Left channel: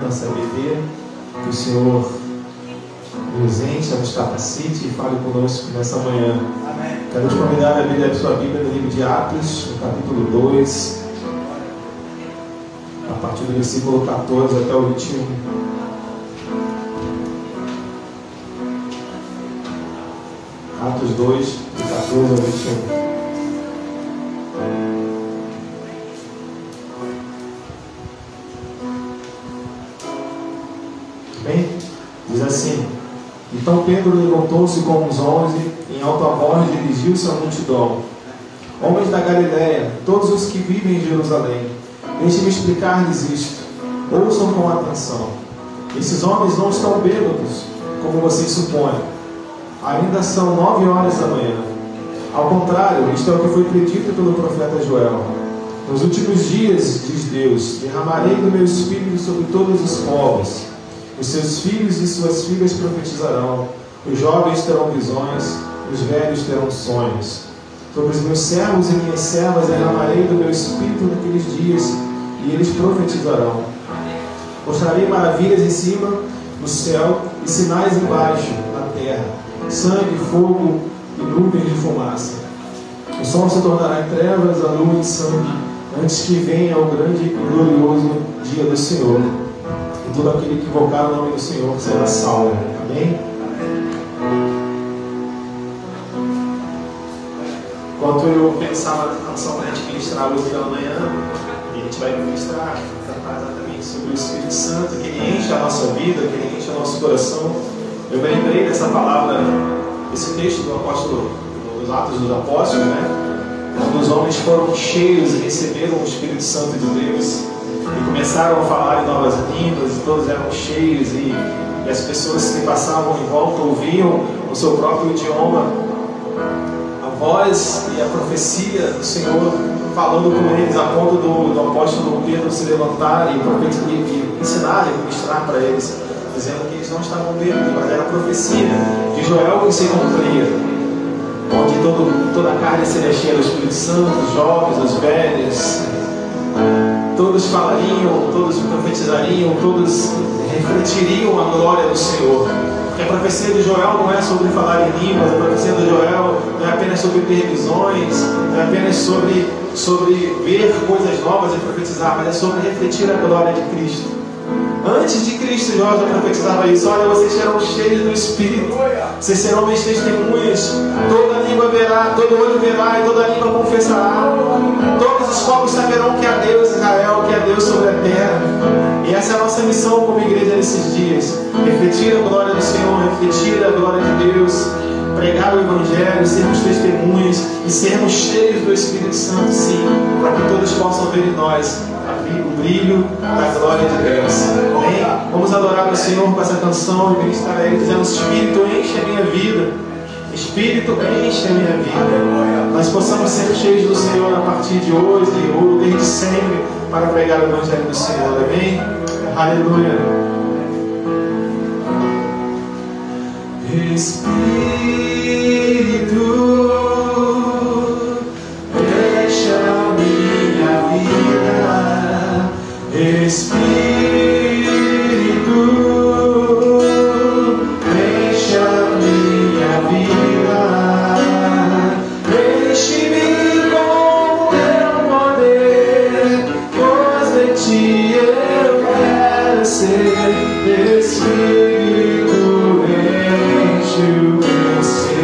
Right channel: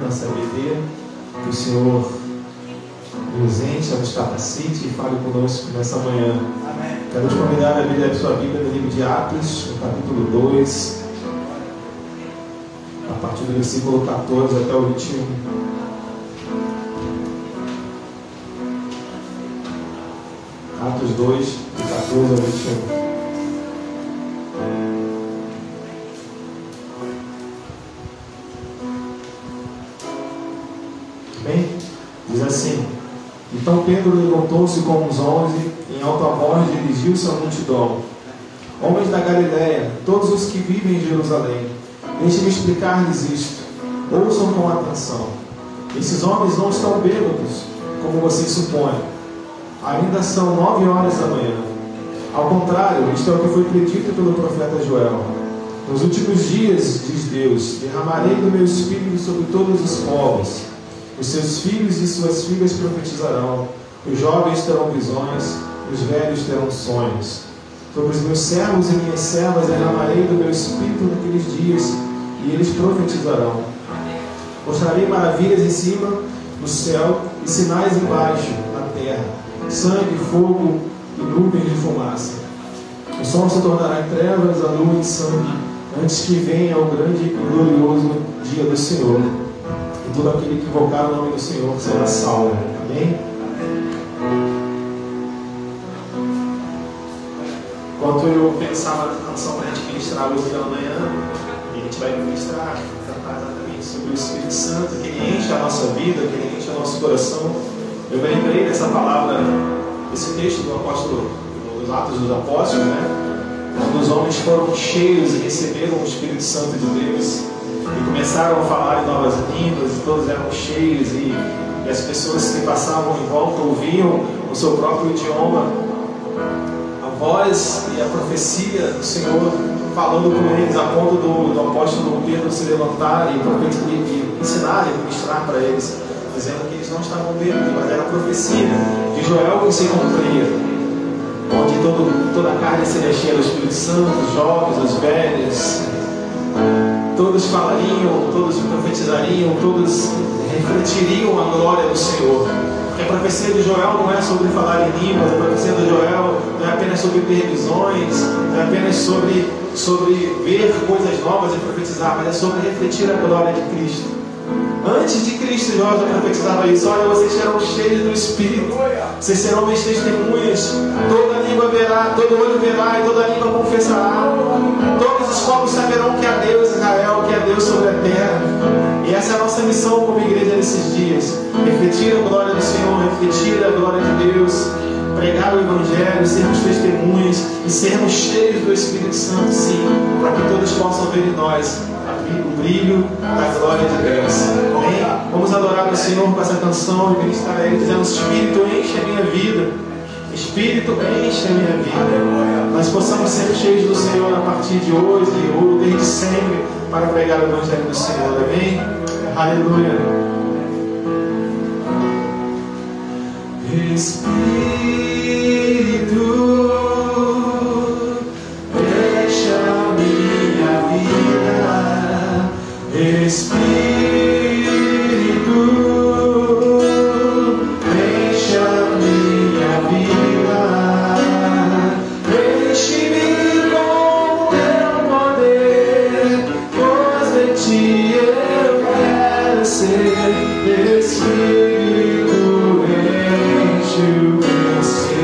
nossa BD, que o Senhor nos encha, nos capacite e fale conosco nessa manhã. Quero te convidar a abrir a sua Bíblia no livro de Atos, no capítulo 2, a partir do versículo 14 até o 21. Atos 2, do 14 ao 21. Diz assim: Então Pedro levantou-se com os 11, em alta voz dirigiu-se à multidão: Homens da Galiléia, todos os que vivem em Jerusalém, deixem-me explicar-lhes isto. Ouçam com atenção. Esses homens não estão bêbados, como vocês supõem. Ainda são 9 horas da manhã. Ao contrário, isto é o que foi predito pelo profeta Joel. Nos últimos dias, diz Deus, derramarei do meu espírito sobre todos os povos. Os seus filhos e suas filhas profetizarão, os jovens terão visões, os velhos terão sonhos. Sobre os meus servos e minhas servas derramarei do meu espírito naqueles dias, e eles profetizarão. Mostrarei maravilhas em cima do céu e sinais embaixo, na terra, sangue, fogo e nuvens de fumaça. O sol se tornará em trevas, a lua em sangue, antes que venha o grande e glorioso dia do Senhor. E todo aquele que invocar o nome do Senhor será salvo. Amém? Enquanto eu pensava na canção para a gente ministrar hoje pela manhã, e a gente vai ministrar, tratar exatamente sobre o Espírito Santo, que ele enche a nossa vida, que ele enche o nosso coração, eu me lembrei dessa palavra, esse texto do apóstolo, dos Atos dos Apóstolos, né? Quando os homens foram cheios e receberam o Espírito Santo de Deus, e começaram a falar em novas línguas, e todos eram cheios, e as pessoas que passavam em volta ouviam o seu próprio idioma, a voz e a profecia do Senhor falando com eles, a ponto do apóstolo Pedro se levantar e ensinar e ministrar para eles, dizendo que eles não estavam bêbados, mas era a profecia de Joel que se cumpria, onde toda a carne seria cheia do Espírito Santo, os jovens, os velhos, todos falariam, todos profetizariam, todos refletiriam a glória do Senhor. Porque a profecia de Joel não é sobre falar em línguas, a profecia de Joel não é apenas sobre ter visões, não é apenas sobre ver coisas novas e profetizar, mas é sobre refletir a glória de Cristo. Antes de Cristo, nós profetizava isso: olha, vocês serão cheios do Espírito, vocês serão minhas testemunhas, toda língua verá, todo olho verá e toda língua confessará. Todos os povos saberão que há Deus em Israel, que há Deus sobre a terra. E essa é a nossa missão como igreja nesses dias: refletir a glória do Senhor, refletir a glória de Deus, pregar o Evangelho, sermos testemunhas e sermos cheios do Espírito Santo, sim, para que todos possam ver em nós o brilho da glória de Deus. Amém? Vamos adorar o Senhor com essa canção e ministrar a Ele, dizendo: Espírito, enche a minha vida. Espírito, enche a minha vida. Nós possamos ser cheios do Senhor a partir de hoje ou desde sempre para pregar o Evangelho do Senhor. Amém? Aleluia. Espírito, enche a minha vida. Espírito, enche a minha vida, enche-me com teu poder, pois de ti eu quero ser. Espírito, enche o meu ser.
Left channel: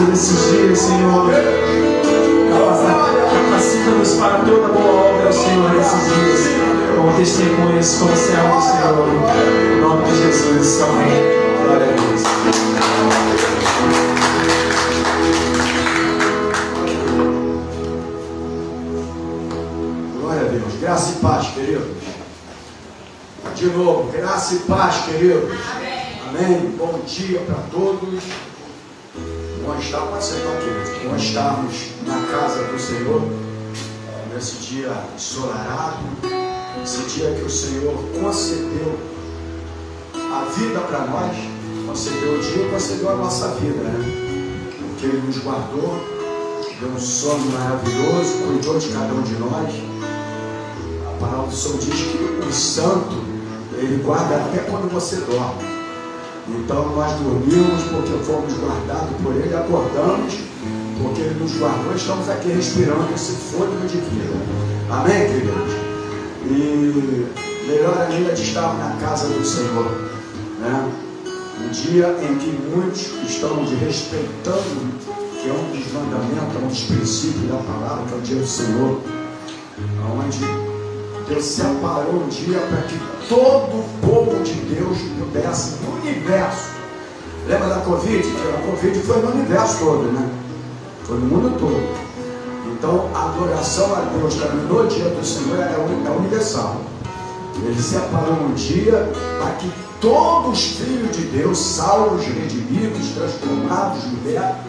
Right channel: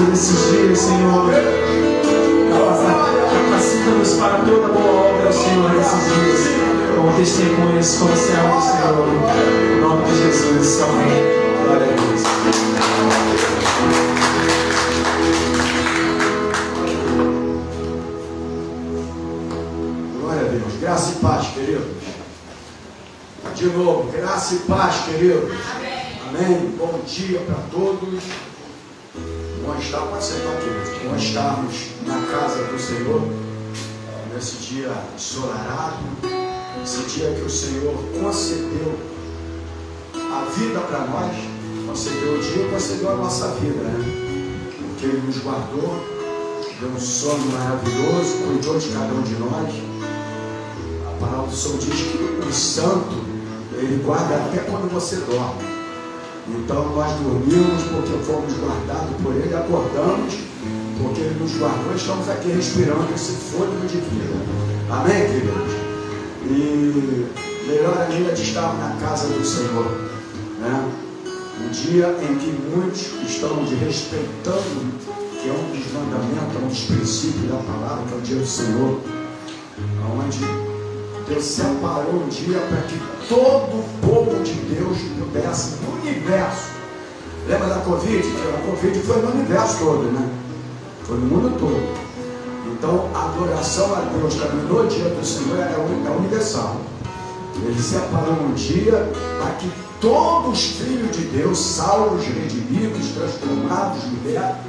Jesus, nesses dias, Senhor. Capacita-nos para toda boa obra, Senhor, nesses dias. Com testemunhas, com servos, Senhor. Em nome de Jesus. Amém. Glória a Deus. Glória a Deus. Graça e paz, queridos. De novo, graça e paz, queridos. Amém. Bom dia para todos. Bom estar, pode sentar aqui. Bom estarmos na casa do Senhor, nesse dia ensolarado, esse dia que o Senhor concedeu a vida para nós, concedeu o dia e concedeu a nossa vida, né? Porque Ele nos guardou, deu um sono maravilhoso, cuidou de cada um de nós. A palavra do Senhor diz que o santo, Ele guarda até quando você dorme. Então nós dormimos porque fomos guardados por Ele, acordamos porque Ele nos guardou, estamos aqui respirando esse fôlego de vida. Amém, queridos? E melhor ainda de estar na casa do Senhor, né? Um dia em que muitos estão desrespeitando, que é um dos mandamentos, um dos princípios da palavra, que é o dia do Senhor, onde Deus separou um dia para que todo o povo de Deus pudesse, no universo. Lembra da Covid? A Covid foi no universo todo, né? Foi no mundo todo. Então, a adoração a Deus também no dia do Senhor é universal. Ele separou um dia para que todos os filhos de Deus, salvos, redimidos, transformados, libertos,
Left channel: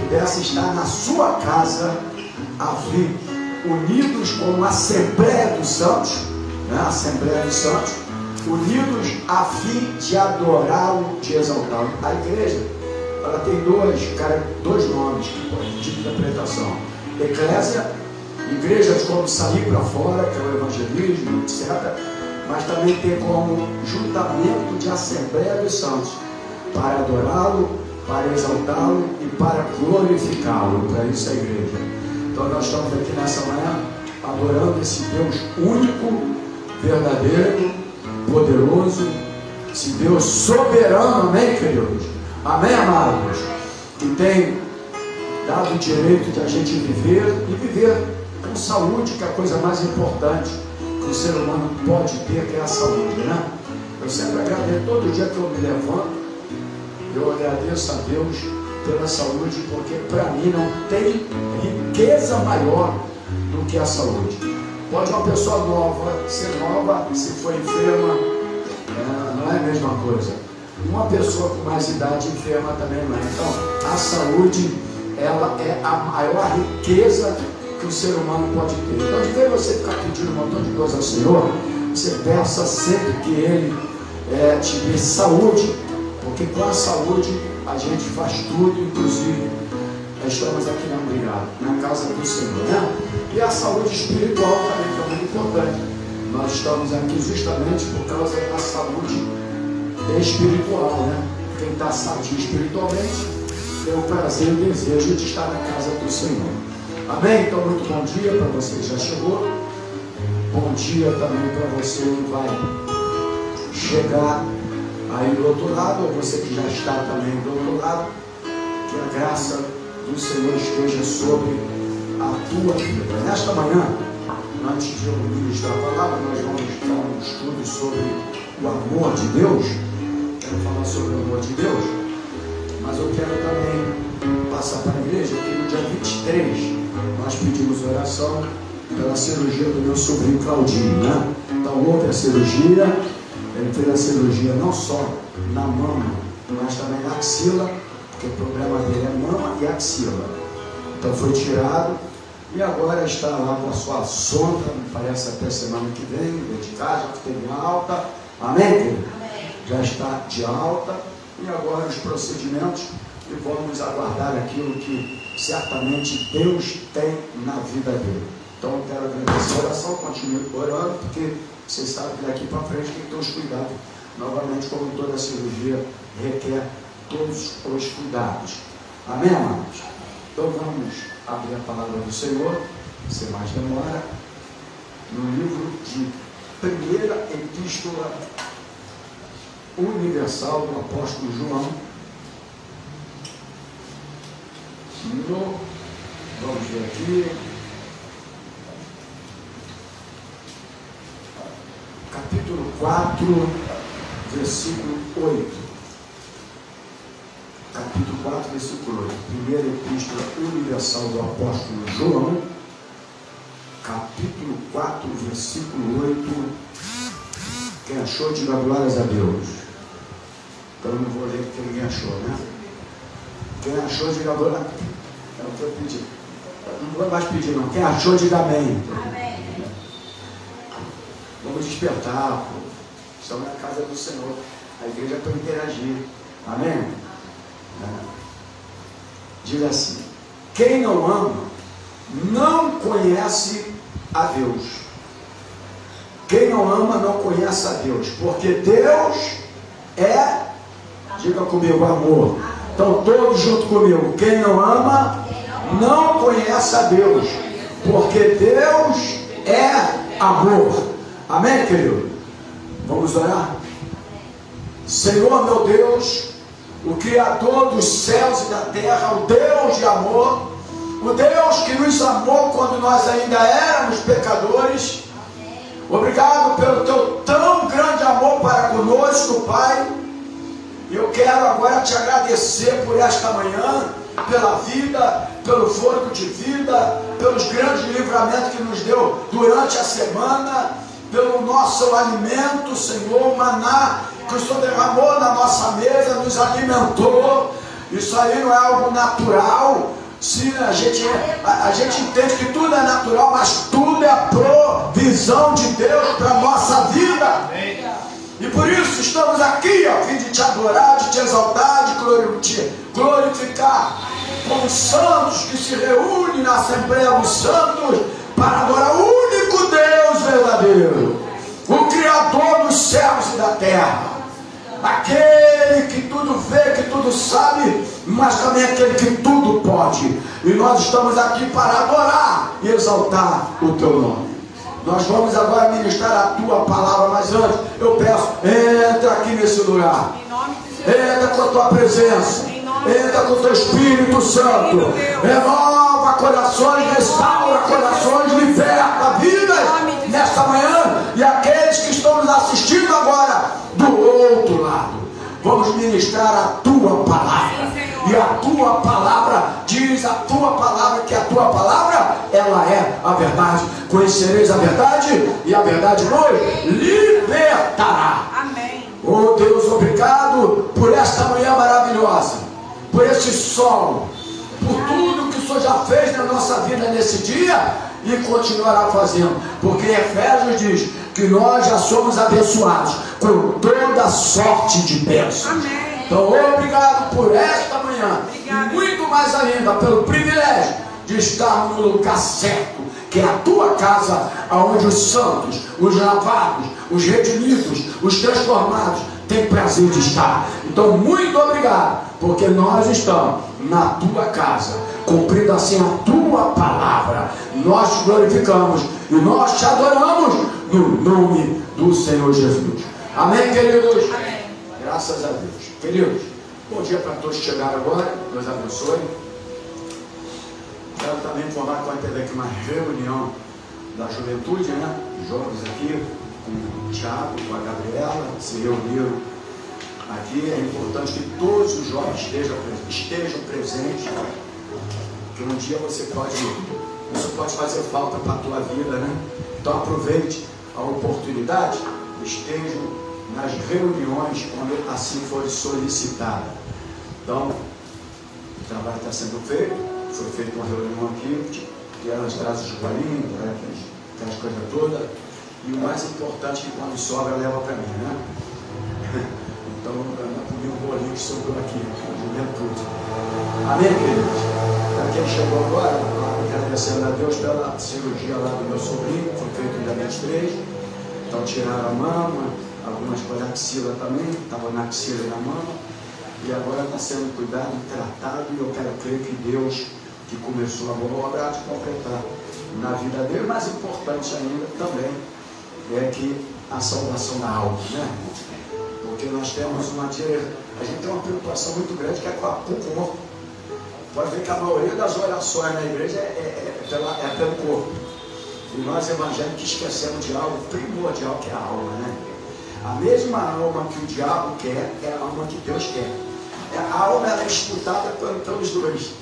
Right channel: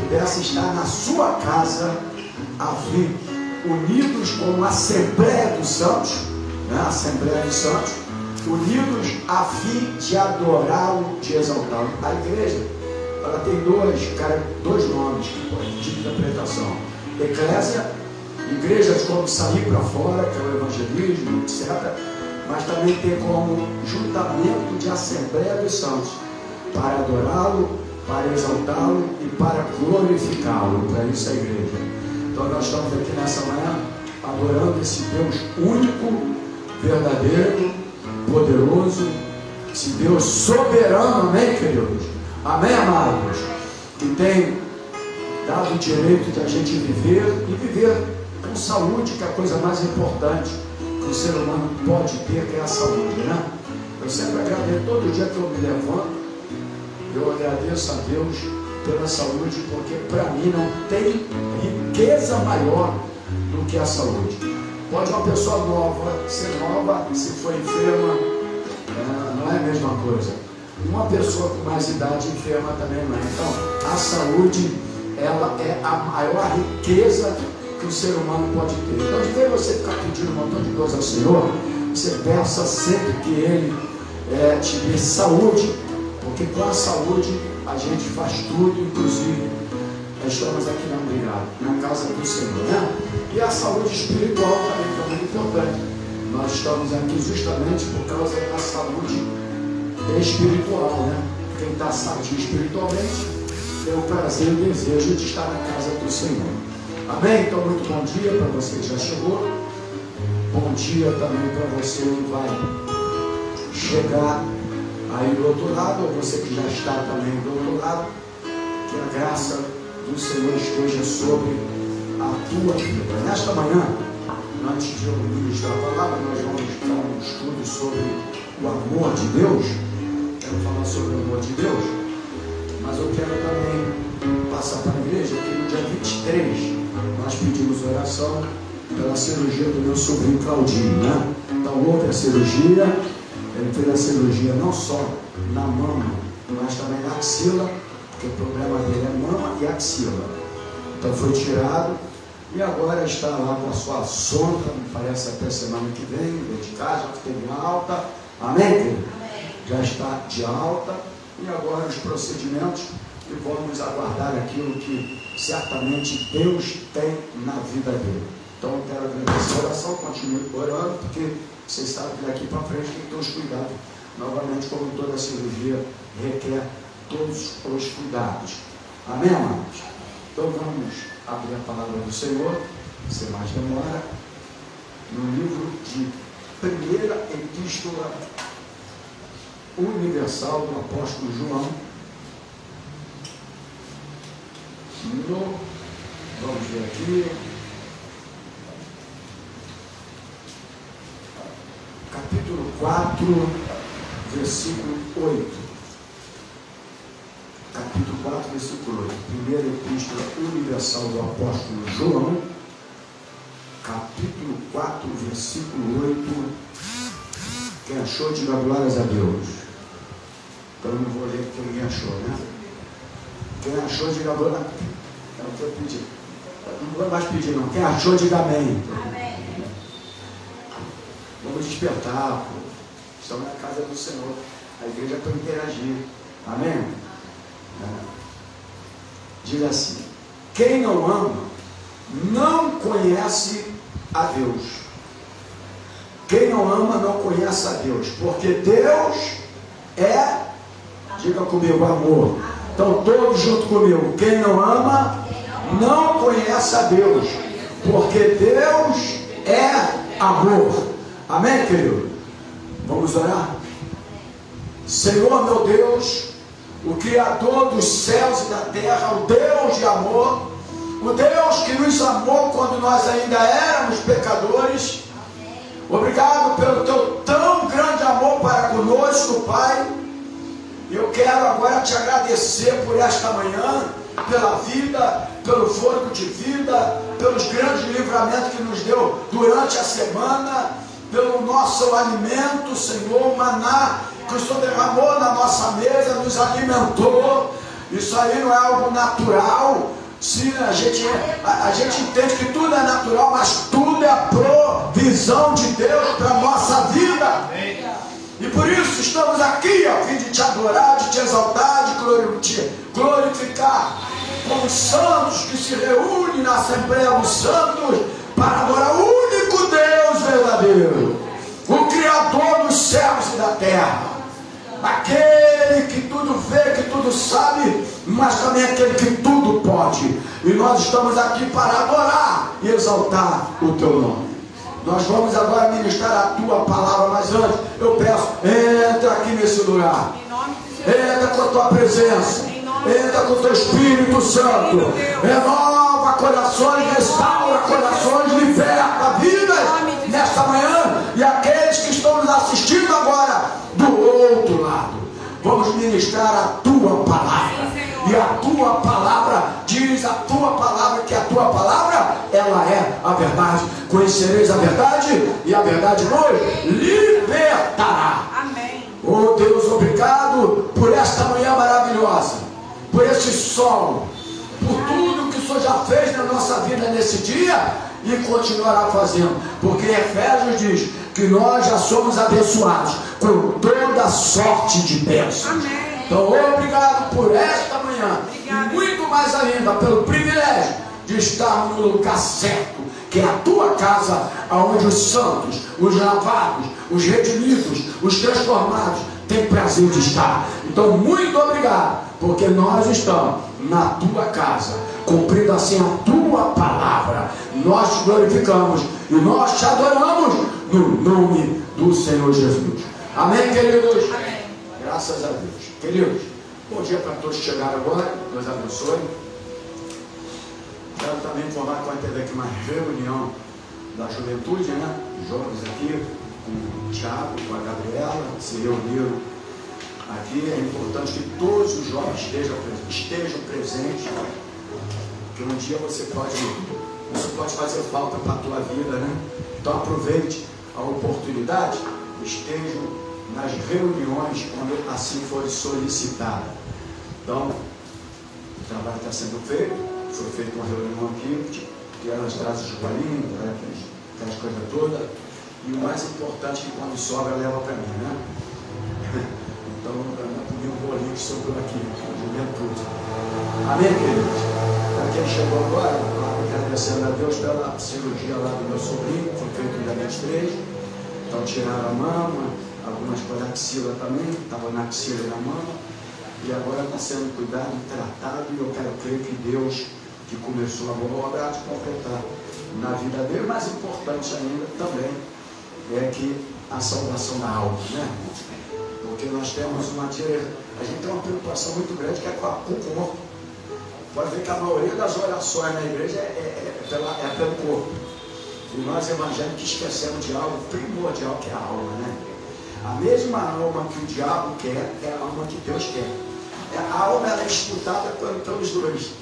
pudessem estar na sua casa a fim, unidos como Assembleia dos Santos, né? Assembleia dos Santos, unidos a fim de adorá-lo, de exaltá-lo. A igreja, ela tem dois nomes de interpretação: eclésia, igrejas como sair para fora, que é o evangelismo, etc. Mas também tem como juntamento de Assembleia dos Santos, para adorá-lo, para exaltá-lo e para glorificá-lo. Para isso a igreja. Então nós estamos aqui nessa manhã adorando esse Deus único, verdadeiro, poderoso, esse Deus soberano, amém, queridos? Amém, amados? Que tem dado o direito da gente viver e viver com saúde, que é a coisa mais importante que o ser humano pode ter, que é a saúde, né? Eu sempre agradeço, todo dia que eu me levanto, eu agradeço a Deus pela saúde, porque para mim não tem riqueza maior do que a saúde. Pode uma pessoa nova ser nova, se for enferma, não é a mesma coisa. Uma pessoa com mais idade enferma também não é. Então, a saúde, ela é a maior riqueza que o ser humano pode ter. Então, de vez você ficar pedindo um montão de coisa ao Senhor, você peça sempre que Ele te dê saúde, porque com a saúde a gente faz tudo, inclusive estamos aqui na casa do Senhor, né? E a saúde espiritual também é muito importante. Nós estamos aqui justamente por causa da saúde espiritual, né? Quem está sadio espiritualmente tem o prazer e o desejo de estar na casa do Senhor. Amém? Então, muito bom dia para você que já chegou. Bom dia também para você que vai chegar aí do outro lado, ou você que já está também do outro lado. Que a graça do Senhor esteja sobre a tua vida. Nesta manhã, antes de eu ministrar a palavra, nós vamos dar um estudo sobre o amor de Deus. Vamos falar sobre o amor de Deus. Mas eu quero também passar para a igreja que no dia 23 nós pedimos oração pela cirurgia do meu sobrinho Claudinho, né? Então houve a cirurgia, ele fez a cirurgia não só na mama, mas também na axila, porque o problema dele é mama e axila. Então foi tirado e agora está lá com a sua sonda, me parece até semana que vem, dedicada, já teve alta. Amém? Já está de alta e agora os procedimentos, e vamos aguardar aquilo que certamente Deus tem na vida dele. Então eu quero agradecer a oração, continue orando, porque vocês sabem que daqui para frente tem que ter os cuidados. Novamente, como toda cirurgia requer todos os cuidados. Amém, amados? Então vamos abrir a palavra do Senhor, sem mais demora, no livro de Primeira Epístola Universal do Apóstolo João, Vamos ver aqui. Capítulo 4, versículo 8. Capítulo 4, versículo 8. Primeira Epístola Universal do Apóstolo João. Capítulo 4, versículo 8. Quem achou, diga glórias a Deus. Então eu não vou ler porque ninguém achou, né? Quem achou, diga glória. Não vou pedir. Não vou mais pedir, não. Quem achou, diga amém. Amém. Vamos despertar, pô. Estamos na casa do Senhor. A igreja é para interagir. Amém? Diga assim: quem não ama, não conhece a Deus. Quem não ama, não conhece a Deus. Porque Deus é, diga comigo, amor. Então todos junto comigo: quem não ama, não conhece a Deus. Porque Deus é amor. Amém, querido? Vamos orar? Senhor, meu Deus, o Criador dos céus e da terra, o Deus de amor, o Deus que nos amou quando nós ainda éramos pecadores. Obrigado pelo teu tão grande amor para conosco, Pai. Eu quero agora te agradecer por esta manhã, pela vida, pelo fôlego de vida, pelos grandes livramentos que nos deu durante a semana, pelo nosso alimento, Senhor, o maná que o Senhor derramou na nossa mesa, nos alimentou. Isso aí não é algo natural. Sim, a gente entende que tudo é natural, mas tudo é provisão de Deus para a nossa vida. E por isso estamos aqui, ó, fim de te adorar, de te exaltar, de te glorificar como santos que se reúnem na Assembleia dos Santos para adorar o único Deus verdadeiro, o Criador dos céus e da terra, aquele que tudo vê, que tudo sabe, mas também aquele que tudo pode. E nós estamos aqui para adorar e exaltar o teu nome. Nós vamos agora ministrar a tua palavra, mas antes eu peço, entra aqui nesse lugar, entra com a tua presença, entra com o teu Espírito Santo, renova corações, restaura corações, liberta vidas nesta manhã, e aqueles que estão nos assistindo agora do outro lado. Vamos ministrar a tua palavra, e a tua palavra diz, a tua palavra, que a tua palavra, ela é a verdade. Conhecereis a verdade, e a verdade vos libertará. Amém. Oh Deus, obrigado por esta manhã maravilhosa, por esse sol, por tudo que o Senhor já fez na nossa vida nesse dia e continuará fazendo, porque Efésios diz que nós já somos abençoados com toda sorte de bênçãos. Então, obrigado por esta manhã, e muito mais ainda pelo privilégio de estar no lugar certo, que é a tua casa, onde os santos, os lavados, os redimidos, os transformados têm prazer de estar. Então, muito obrigado, porque nós estamos na tua casa, cumprindo assim a tua palavra. Nós te glorificamos e nós te adoramos no nome do Senhor Jesus. Amém, queridos? Amém. Graças a Deus. Queridos, bom dia para todos que chegaram agora. Deus abençoe. Quero também informar que vai ter aqui uma reunião da juventude, né? Os jovens aqui, com o Thiago, com a Gabriela, se reuniram aqui. É importante que todos os jovens estejam presentes, porque um dia isso pode fazer falta para a tua vida, né? Então aproveite a oportunidade, estejam nas reuniões quando assim for solicitado. Então, o trabalho está sendo feito, foi feita uma reunião aqui, que elas trazem os bolinhos, aquelas coisas todas, e o mais importante é que quando sobra leva para mim, né? Então, não é comigo o bolinho que sobrou aqui, juventude. Amém, queridos? Para quem chegou agora, agradecendo a Deus pela cirurgia lá do meu sobrinho, foi feita no dia 3. Então, tiraram a mama, algumas foi na axila também, estava na axila e na mama, e agora está sendo cuidado e tratado, e eu quero crer que Deus, que começou a boa obra, de completar na vida dele. O mais importante ainda também é que a salvação da alma, né? Porque nós temos a gente tem uma preocupação muito grande, que é com o corpo. Pode ver que a maioria das orações na igreja é pelo corpo. E nós evangélicos esquecemos de algo primordial, que é a alma, né? A mesma alma que o diabo quer é a alma que Deus quer. A alma é disputada pelos dois.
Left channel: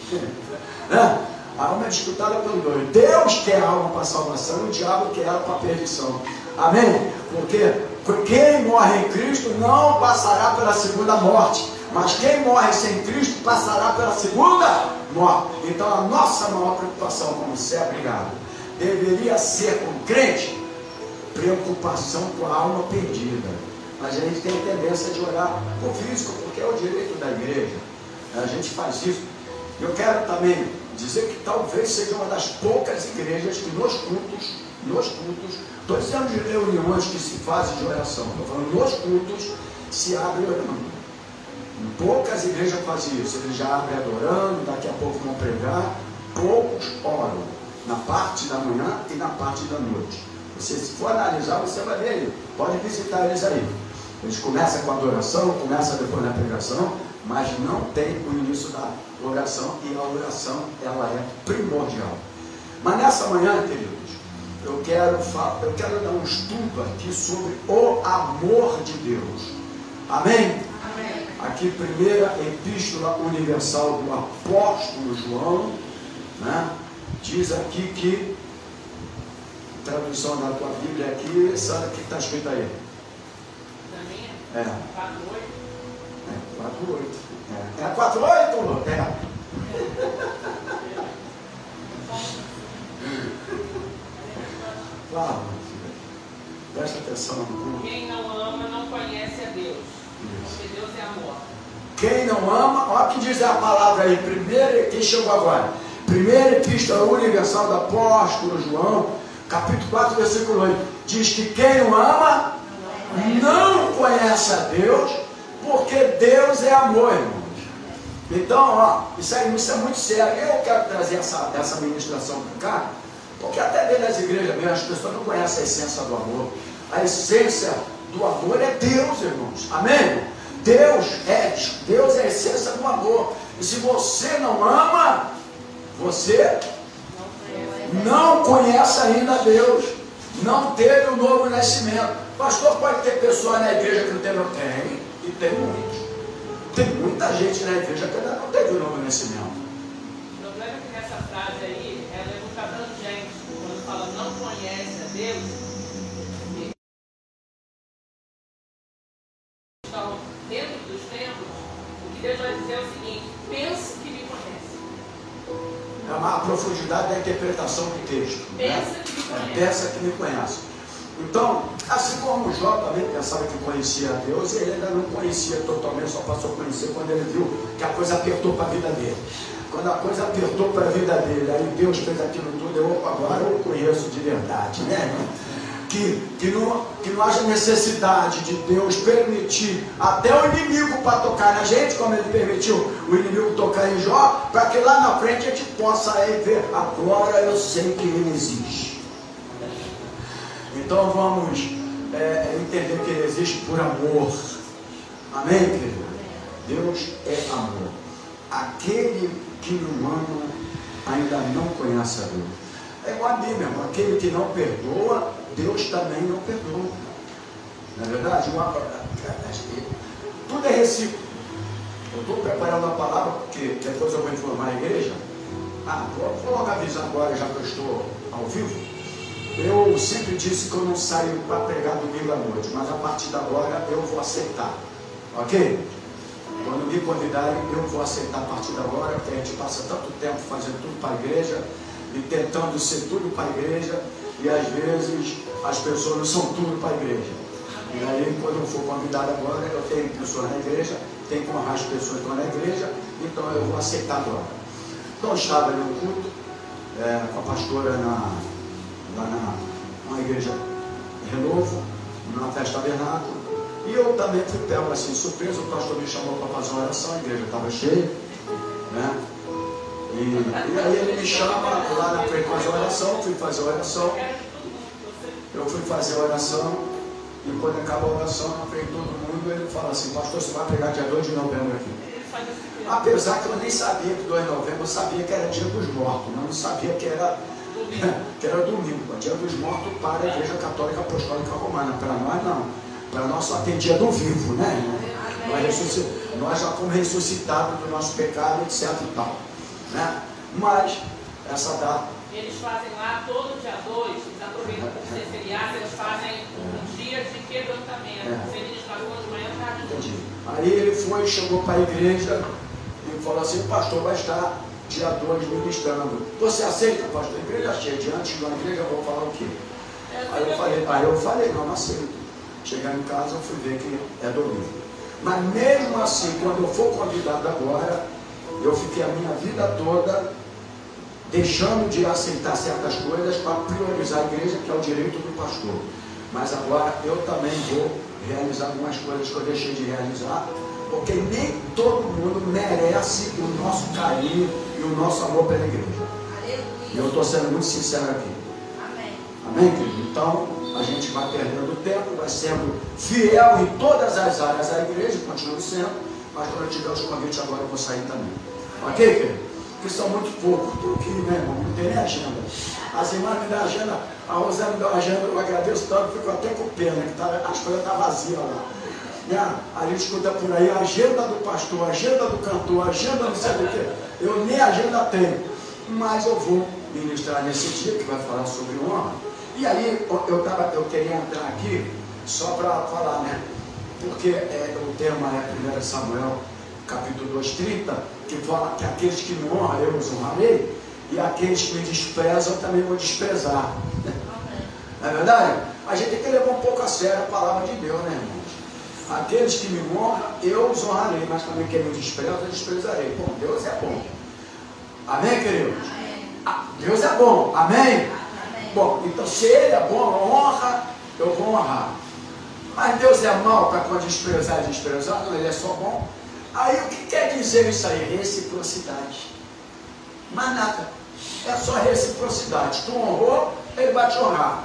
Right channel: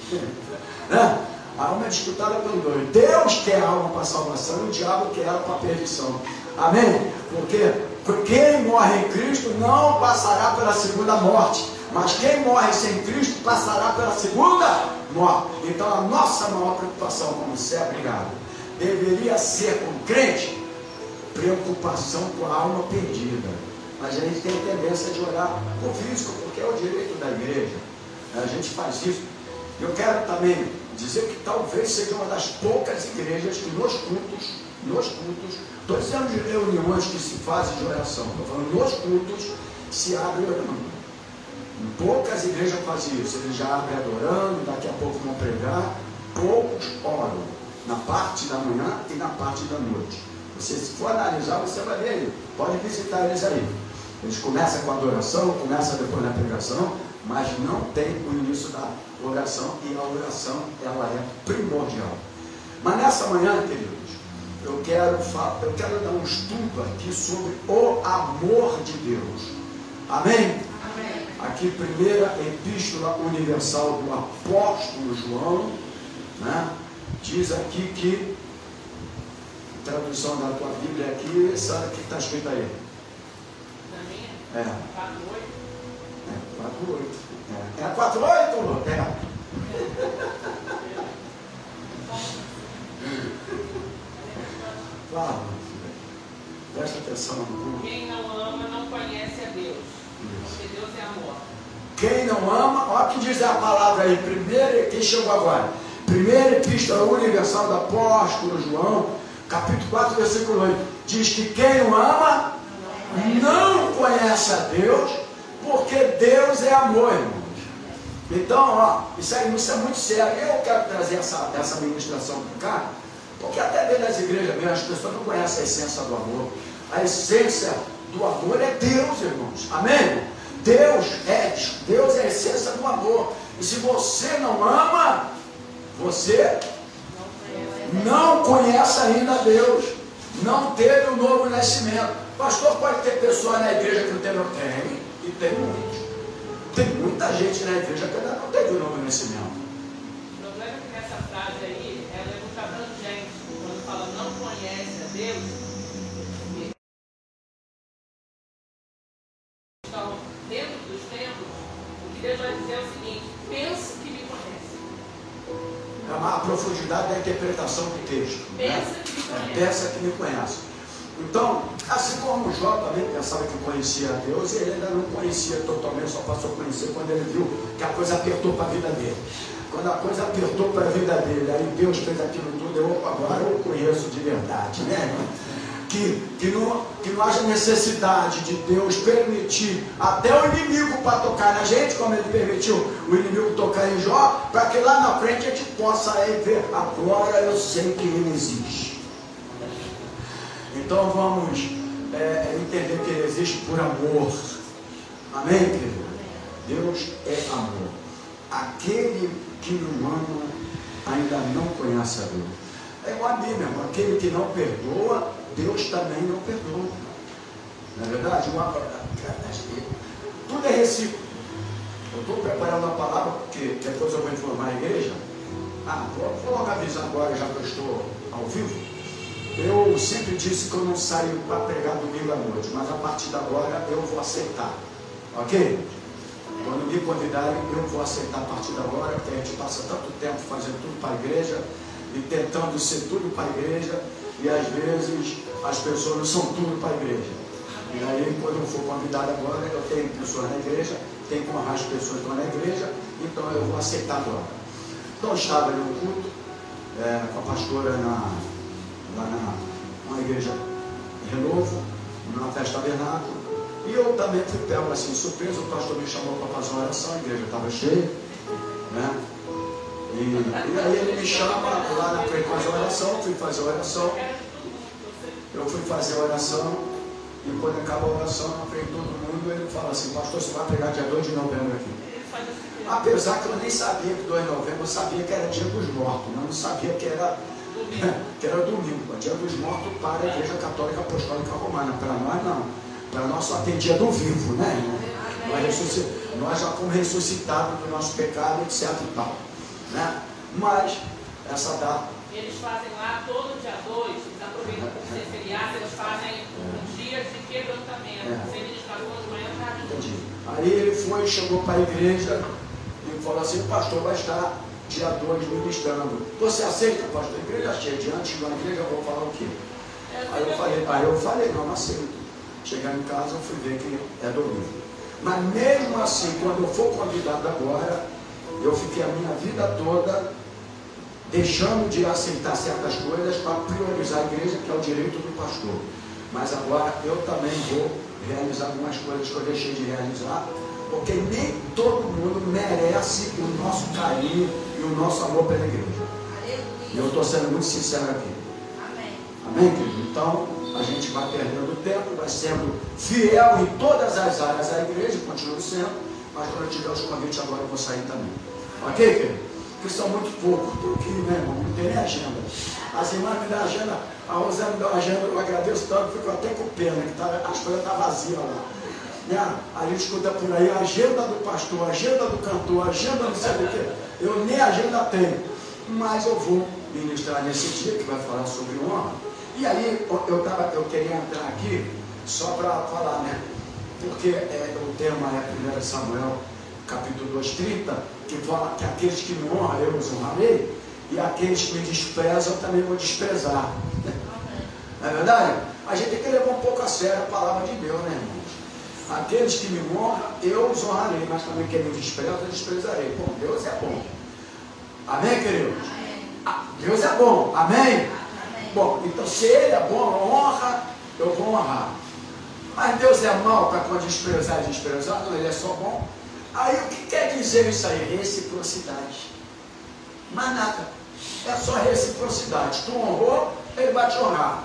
Né? A alma é disputada pelos dois. Deus quer a alma para a salvação e o diabo quer ela para a perdição. Amém? Porque quem morre em Cristo não passará pela segunda morte. Mas quem morre sem Cristo passará pela segunda morte. Então a nossa maior preocupação como ser abrigado deveria ser com o crente preocupação com a alma perdida. Mas a gente tem a tendência de orar por físico, porque é o direito da igreja. A gente faz isso. Eu quero também dizer que talvez seja uma das poucas igrejas que nos cultos, todos temos reuniões que se fazem de oração. Estou falando, nos cultos se abre orando. Poucas igrejas fazem isso. Eles já abrem adorando, daqui a pouco vão pregar. Poucos oram na parte da manhã e na parte da noite. Você, se for analisar, você vai ver aí. Pode visitar eles aí. Eles começam com a adoração, começam depois na pregação, mas não tem o início da oração, e a oração ela é primordial. Mas nessa manhã, queridos, eu quero dar um estudo aqui sobre o amor de Deus. Amém? Amém. Aqui, primeira epístola universal do apóstolo João, né? Diz aqui que, tradução da tua Bíblia aqui, sabe o que está escrito aí? 4:8. É 4:8? É. Claro. Presta atenção. Quem não ama não conhece a Deus. Porque Deus é amor. Quem não ama, olha o que diz a palavra aí. Quem chegou agora? Primeira epístola universal do apóstolo João, capítulo 4, versículo 8. Diz que quem não ama não conhece a Deus, porque Deus é amor, irmãos. Então, ó, isso é muito sério. Eu quero trazer essa ministração para cá, porque até dentro das igrejas mesmo, as pessoas não conhecem a essência do amor. A essência do amor é Deus, irmãos. Amém? Deus é a essência do amor. E se você não ama, você não conhece ainda Deus. Não teve o novo nascimento. Pastor, pode ter pessoa na igreja que não tem? E tem muitos. Tem muita gente na igreja que ainda não teve o novo nascimento. Eu vejo que nessa frase aí, ela é muito abrangente. Quando fala não conhece a Deus, então, dentro dos tempos, o que Deus vai dizer é o seguinte: pensa que me conhece. É a profundidade da interpretação do texto. Pensa que me conhece. Então, assim como Jó também pensava que conhecia a Deus, ele ainda não conhecia totalmente, só passou a conhecer quando ele viu que a coisa apertou para a vida dele. Quando a coisa apertou para a vida dele, aí Deus fez aquilo tudo, agora eu conheço de verdade, né? Que não haja necessidade de Deus permitir até o inimigo para tocar na gente, como ele permitiu o inimigo tocar em Jó, para que lá na frente a gente possa aí ver, agora eu sei que ele existe. Então vamos entender que ele existe por amor. Amém, querido? Deus é amor. Aquele que não ama ainda não conhece a Deus. É igual a Bíblia, irmão. Aquele que não perdoa, Deus também não perdoa. Não é verdade? Tudo é recíproco. Eu estou preparando uma palavra, porque depois eu vou informar a igreja. Vou logo avisar agora, já que eu estou ao vivo. Eu sempre disse que eu não saio para pregar domingo à noite, mas a partir de agora eu vou aceitar. Ok? Quando me convidarem, eu vou aceitar a partir de agora, porque a gente passa tanto tempo fazendo tudo para a igreja e tentando ser tudo para a igreja, e às vezes as pessoas não são tudo para a igreja. E aí, quando eu for convidado agora, eu tenho pessoas na igreja, tenho que honrar as pessoas que estão na igreja, então eu vou aceitar agora. Então, eu estava no culto com a pastora na igreja Renovo, na festa tabernáculo, e eu também fui pego assim, surpresa. O pastor me chamou para fazer uma oração, a igreja estava cheia, né? E aí ele me chama lá para fazer a oração, eu fui fazer a oração, e quando acabou a oração, na frente de todo mundo, ele fala assim: pastor, você vai pregar dia 2 de novembro aqui. fazer esse culto. Apesar que eu nem sabia que 2 de novembro, eu sabia que era dia dos mortos, mas não sabia que era domingo. Dia dos mortos para a Igreja Católica Apostólica Romana. Para nós não. Para nós só tem dia do vivo, né, irmão? Nós já fomos ressuscitados do nosso pecado, etc e tal, né? Mas essa data. Eles fazem lá todo dia 2, eles aproveitam por ser feriado, eles fazem um dia de quebrantamento. Feliz na rua de manhã para Aí ele foi, chegou para a igreja e falou assim: o pastor vai estar dia 2 ministrando. Você aceita, pastor? A igreja cheia, diante da igreja, eu vou falar o quê? Aí eu falei, não aceito. Chegar em casa, eu fui ver que é domingo. Mas mesmo assim, quando eu for convidado agora, eu fiquei a minha vida toda deixando de aceitar certas coisas para priorizar a igreja, que é o direito do pastor. Mas agora eu também vou realizar algumas coisas que eu deixei de realizar, porque nem todo mundo merece o nosso carinho e o nosso amor pela igreja. E eu estou sendo muito sincero aqui. Amém, querido? Então, a gente vai perdendo tempo, vai sendo fiel em todas as áreas da igreja, continua sendo, mas quando eu tiver os convites agora, eu vou sair também. Ok, querido? Porque são muito poucos, porque, meu irmão, não tem nem agenda. As irmãs me dão agenda, a Rosana me dá uma agenda, eu agradeço tanto, fico até com pena, que a agenda está vazia lá. Né? A gente escuta por aí, a agenda do pastor, a agenda do cantor, a agenda não sei do que. Eu nem agenda tenho, mas eu vou ministrar nesse dia, que vai falar sobre honra. E aí, eu queria entrar aqui só para falar, né? Porque o tema é 1 Samuel, capítulo 2:30, que fala que aqueles que me honram, eu os honrarei, e aqueles que me desprezam, eu também vou desprezar. Não é verdade? A gente tem que levar um pouco a sério a palavra de Deus, né, irmãos? Aqueles que me honram, eu os honrarei, mas também quem me despreza, eu desprezarei. Bom, Deus é bom. Amém, queridos? Deus é bom. Amém? Bom, então se Ele é bom, honra, eu vou honrar. Mas Deus é mau para quando desprezar e desprezar, não, Ele é só bom. Aí o que quer dizer isso aí? Reciprocidade. Mais nada. É só reciprocidade. Tu honrou, Ele vai te honrar.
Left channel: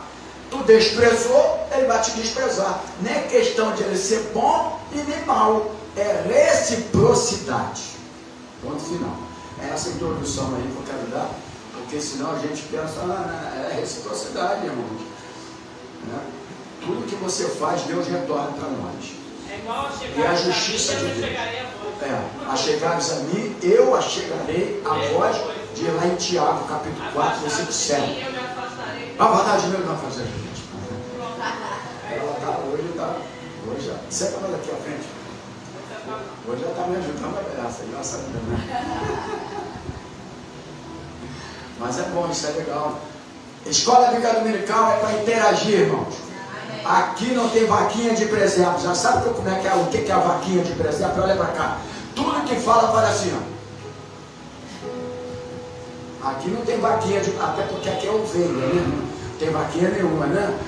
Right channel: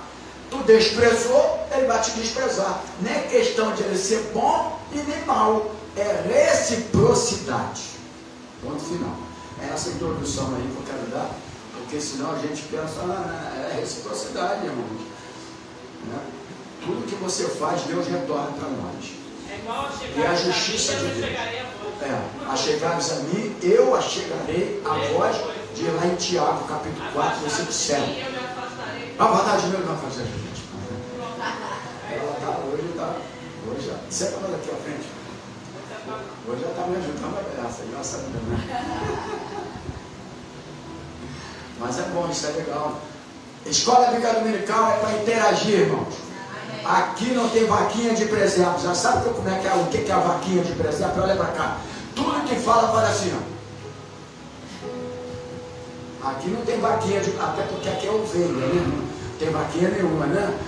Tu desprezou, Ele vai te desprezar. Nem questão de Ele ser bom e nem mau. É reciprocidade. Ponto final. É essa introdução aí que eu quero dar. Porque senão a gente pensa, é reciprocidade, irmãos. Né? Tudo que você faz, Deus retorna para nós. E a justiça de Deus. Achegares a mim, eu achegarei a vós, de lá em Tiago, capítulo 4, versículo 7. A vontade de Deus não fazer isso. Ela hoje, senta nós aqui à frente. Hoje ela está me ajudando a graça, graças a Deus, né? Mas é bom, isso é legal. Escola Bíblica Dominical é para interagir, irmãos. Aqui não tem vaquinha de presépio. Já sabe como é que é, o que é a vaquinha de presépio? Olha para cá. Tudo que fala vai assim, ó. Aqui não tem vaquinha de... Até porque aqui é ovelha, né? Não tem vaquinha nenhuma, né?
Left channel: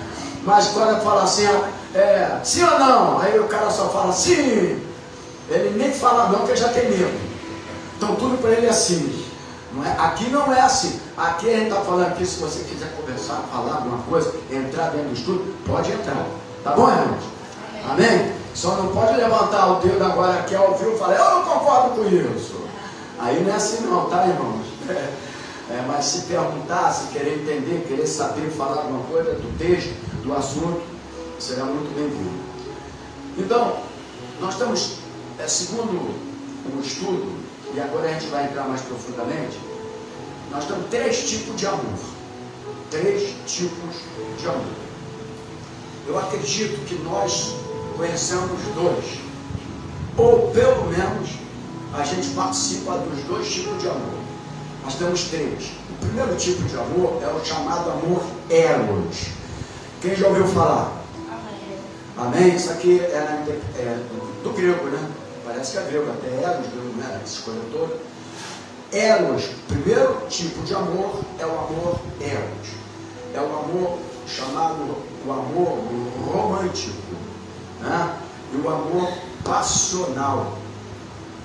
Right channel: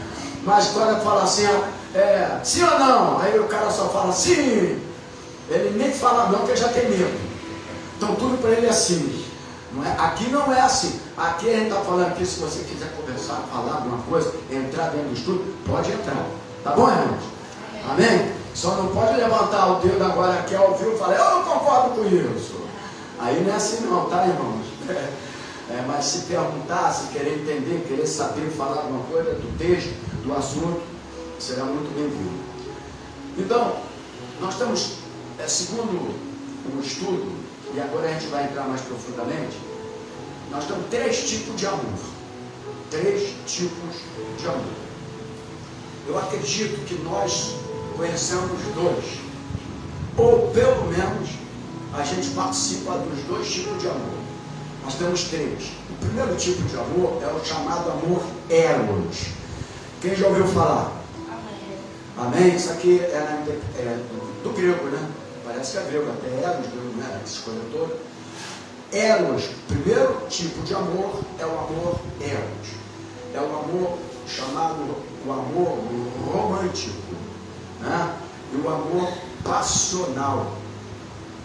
Mas quando fala assim, ó, sim ou não? Aí o cara só fala sim. Ele nem fala não, porque já tem medo. Então tudo para ele é sim. Não é? Aqui não é assim. Aqui a gente está falando aqui, se você quiser conversar, falar alguma coisa, entrar dentro do estudo, pode entrar. Tá bom, irmãos? Amém? Só não pode levantar o dedo agora aqui ao vivo e falar, eu não concordo com isso. Aí não é assim não, tá, irmãos? Mas se perguntar, se querer entender, querer saber, falar alguma coisa do texto, do assunto, será muito bem-vindo. Então, nós estamos, segundo um estudo, e agora a gente vai entrar mais profundamente, nós temos 3 tipos de amor. 3 tipos de amor. Eu acredito que nós conhecemos 2. Ou pelo menos a gente participa dos 2 tipos de amor. Nós temos 3. O primeiro tipo de amor é o chamado amor eros. Quem já ouviu falar? Amém? Isso aqui é do grego, né? Parece que é grego, até eros, não é? Essa coisa toda. Eros, primeiro tipo de amor é o amor eros. É o amor chamado o amor romântico, né? E o amor passional,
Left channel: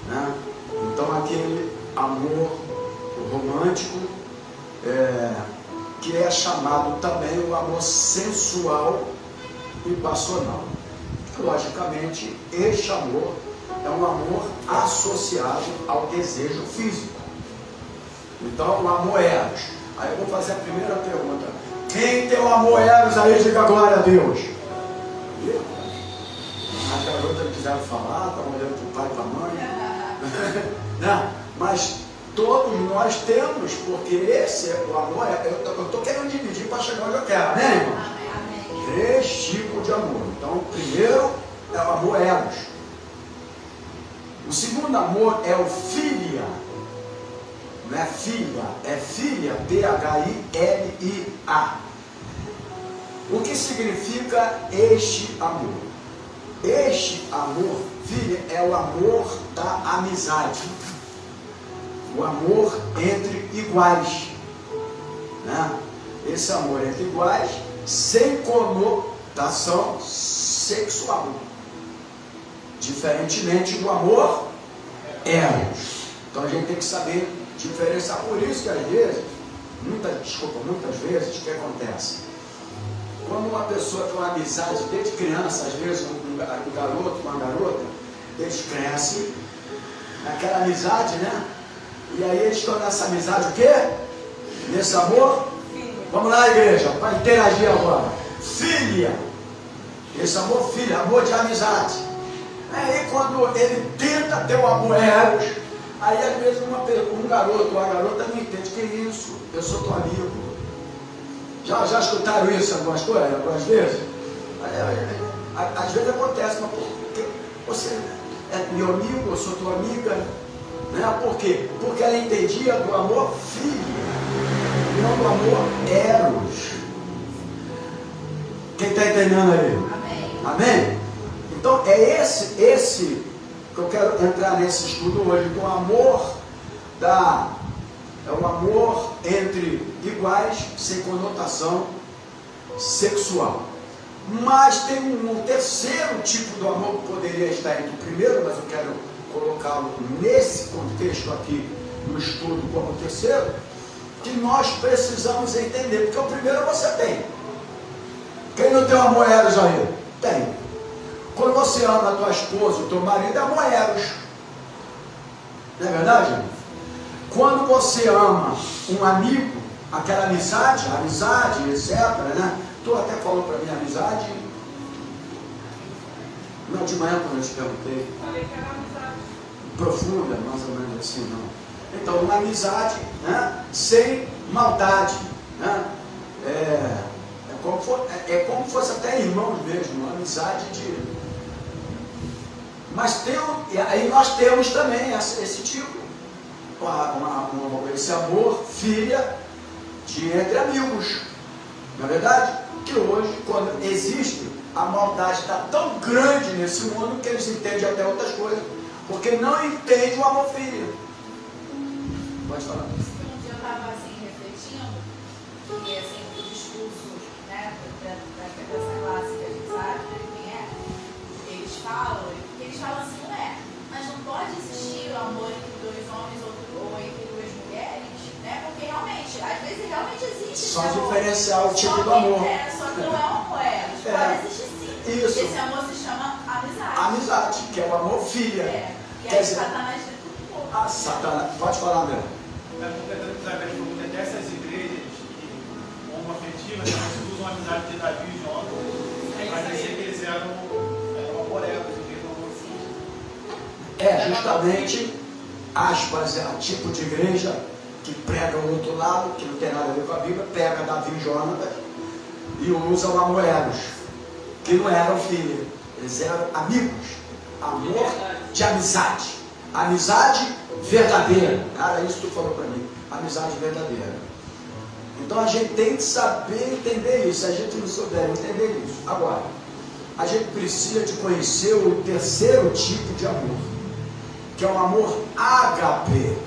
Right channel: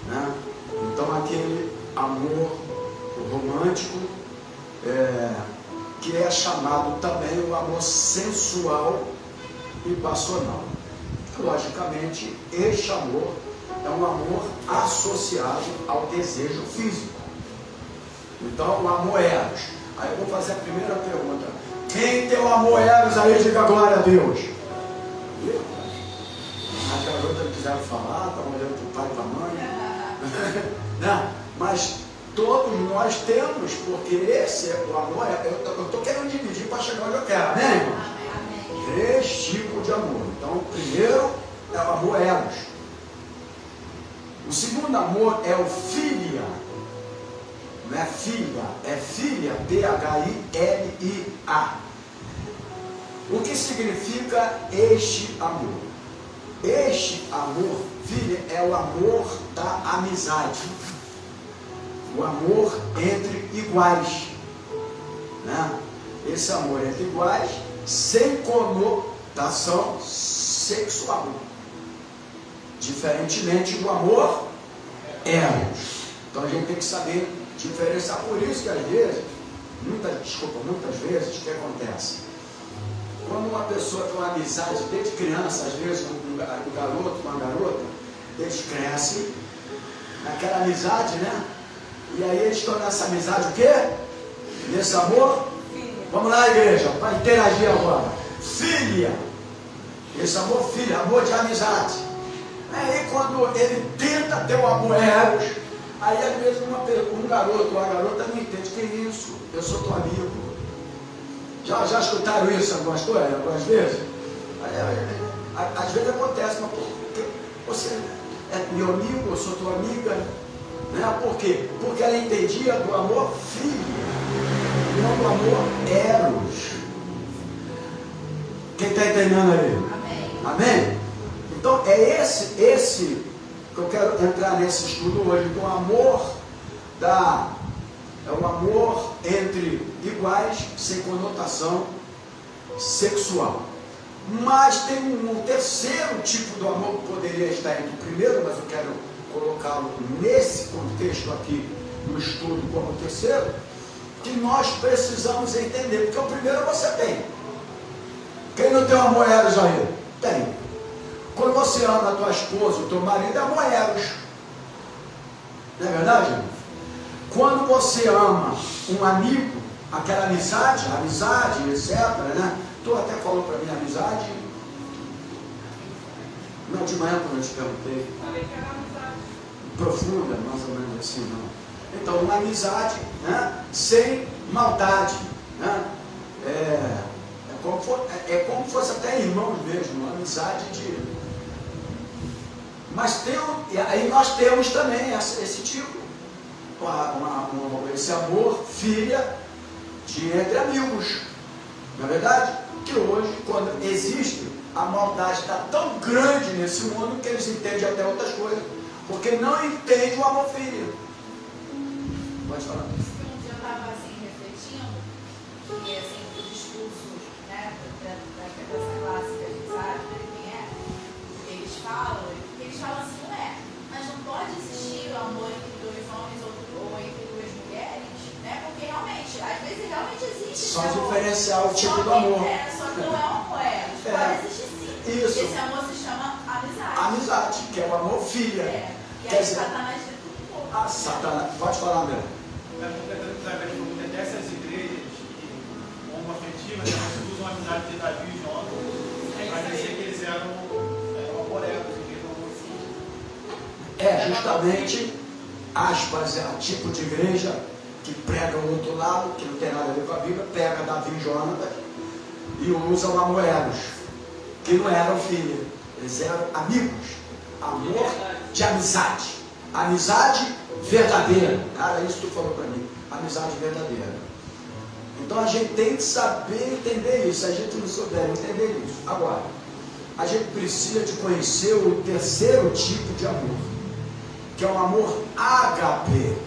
né? Então aquele amor romântico que é chamado também o amor sensual e passional. Logicamente, este amor é um amor associado ao desejo físico. Então, o amor eros. Aí eu vou fazer a primeira pergunta. Quem tem o amor eros aí, diga glória a Deus. A garota quiser falar, está olhando para o pai e para a mãe. Mas todos nós temos, porque esse é o amor. Eu estou querendo dividir para chegar onde eu quero. Amém? 3 tipos de amor. Então, o primeiro é o amor eros. O segundo amor é o filia. Não é filha, é filha, T-H-I-L-I-A. O que significa este amor? Este amor, filha, é o amor da amizade. O amor entre iguais. Né? Esse amor entre iguais, sem conotação sexual. Diferentemente do amor eros. Então a gente tem que saber diferenciar. Por isso que às vezes, muitas vezes, o que acontece? Quando uma pessoa tem uma amizade desde criança, às vezes um garoto, uma garota, eles crescem naquela amizade, né? E aí eles estão nessa amizade o quê? Nesse amor? Vamos lá, igreja, para interagir agora. Filha. Esse amor filha, amor de amizade. Aí quando ele tenta ter o amor eros, aí às vezes um garoto ou uma garota não entende que é isso. Eu sou teu amigo. Já escutaram isso algumas vezes? Às vezes acontece, mas porque você é meu amigo, eu sou tua amiga. Né? Por quê? Porque ela entendia do amor filho, não do amor eros. Quem está entendendo aí? Amém? Então é esse que eu quero entrar nesse estudo hoje, do amor é um amor entre iguais, sem conotação sexual. Mas tem um terceiro tipo de amor que poderia estar entre o primeiro, mas eu quero colocá-lo nesse contexto aqui, no estudo como terceiro, que nós precisamos entender, porque o primeiro você tem. Quem não tem amor eros aí? Tem. Quando você ama a tua esposa, o teu marido, é amor eros. Não é verdade? Quando você ama um amigo, aquela amizade, etc., né? Tu até falou para mim amizade. Não, de manhã quando eu te perguntei. Profunda, mais ou menos assim, não. Então, uma amizade, né? Sem maldade, né? É como se fosse até irmão mesmo, uma amizade de... Mas aí nós temos também esse tipo, esse amor, filha, entre amigos. Não é verdade? Que hoje, quando existe, a maldade está tão grande nesse mundo que eles entendem até outras coisas, porque não entendem o amor filho. Pode falar. Eu estava assim, refletindo, e assim, o discurso, né, dessa classe que a gente sabe, né, eles falam assim, mas não pode existir o amor entre 2 homens ou entre 2 mulheres, né, porque realmente, às vezes realmente existe. Só diferenciar o tipo do amor. Só que não é um amor, pode existir sim. Isso. Esse amor se chama amizade. Amizade, que é o amor filha. Que é Satanás de tudo pouco. Ah, Satanás, pode falar, meu. Eu estou tentando saber que essas igrejas homoafetivas, elas usam a amizade de Davi e Jó, mas dizer que eles eram amorelos, eles eram mocinhos. Justamente, aspas, é o tipo de igreja que pega o outro lado, que não tem nada a ver com a Bíblia, pega Davi e Jonatas e usa o amorelos, que não eram filhos, eles eram amigos, amor de amizade, amizade verdadeira. Cara, isso que tu falou para mim, amizade verdadeira. Então a gente tem que saber entender isso. Se a gente não souber entender isso, agora a gente precisa de conhecer o terceiro tipo de amor, que é o amor ágape.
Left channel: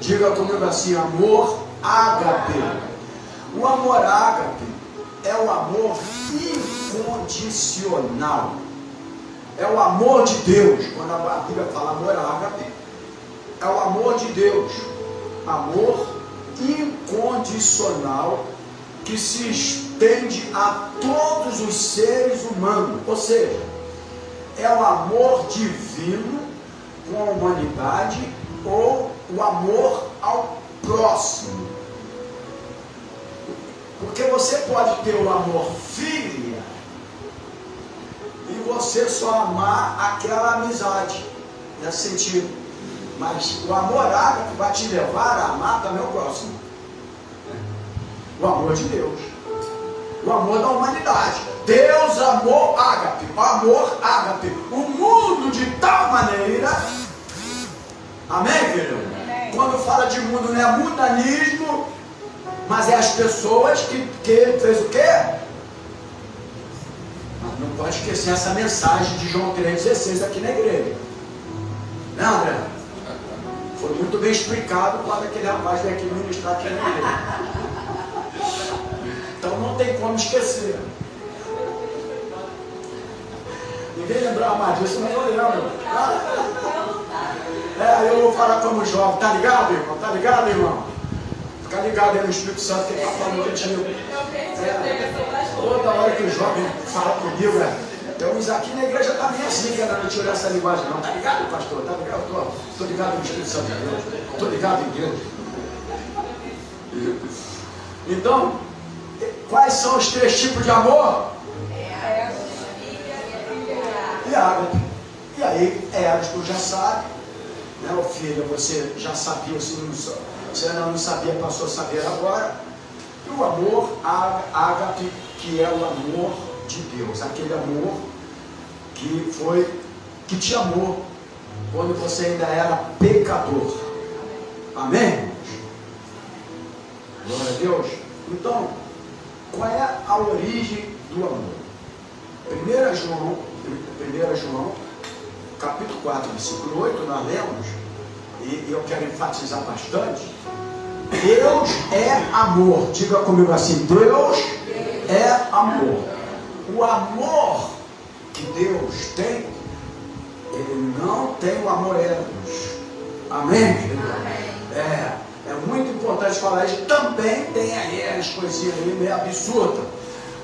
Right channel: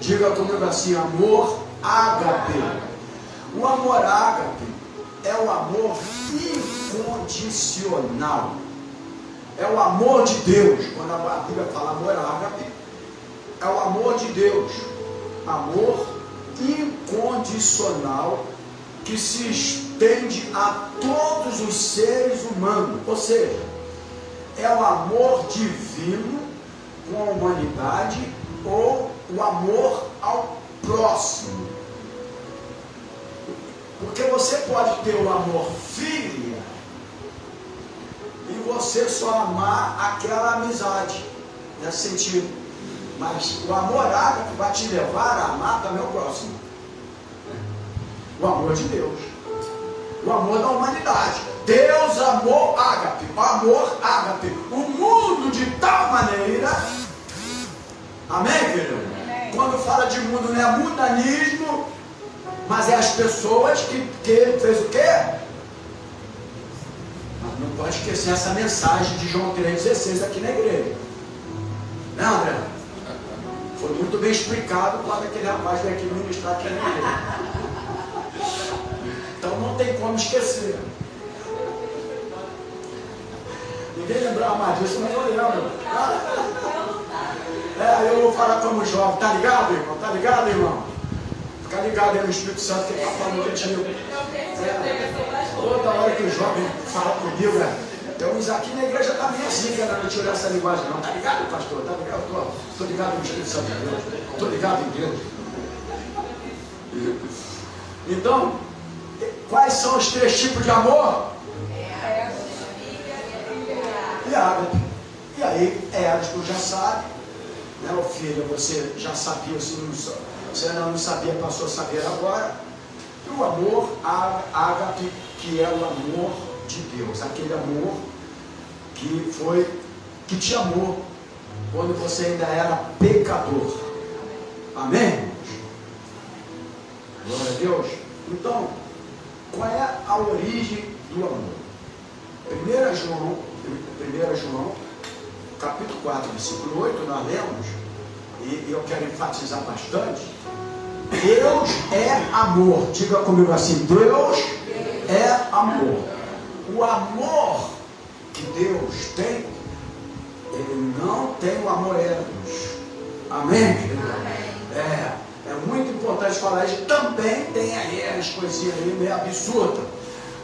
Diga comigo assim, amor ágape. O amor ágape é o amor incondicional. É o amor de Deus. Quando a Bíblia fala amor ágape, é o amor de Deus. Amor incondicional que se estende a todos os seres humanos. Ou seja, é o amor divino com a humanidade ou o amor ao próximo. Porque você pode ter o amor filial e você só amar aquela amizade, nesse sentido. Mas o amor ágape vai te levar a amar também o próximo. O amor de Deus. O amor da humanidade. Deus amou ágape. O amor ágape. O mundo de tal maneira. Amém, querido? Quando fala de mundo, não é mundanismo, mas é as pessoas que ele fez o quê? Mas não pode esquecer essa mensagem de João 3,16 aqui na igreja. Não, André? Foi muito bem explicado quando aquele rapaz veio aqui ministrar aqui na igreja. Então não tem como esquecer. Ninguém lembrava mais disso, nem eu lembro. Eu vou falar como jovem. Tá ligado, irmão? Tá ligado, irmão? Fica ligado aí no Espírito Santo que ele está falando contigo. Toda hora que o jovem fala comigo, tem uns aqui na igreja também assim, que ainda não tirou essa linguagem, não. Tá ligado, pastor? Tá ligado? Tô ligado no Espírito Santo de Deus. Tô ligado em Deus. Então, quais são os 3 tipos de amor? E ágape. E aí, Eros, tu já sabe, né, o filho, você já sabia, se não sabia, passou a saber agora. E o amor ágape, que é o amor de Deus, aquele amor que te amou quando você ainda era pecador. Amém? Glória a Deus. Então, qual é a origem do amor? 1 João, capítulo 4, versículo 8, nós lemos, e eu quero enfatizar bastante. Deus é amor. Diga comigo assim: Deus é amor. O amor que Deus tem, Ele não tem o amor eros. Amém? É muito importante falar isso. Também tem a eros, coisinha meio absurda,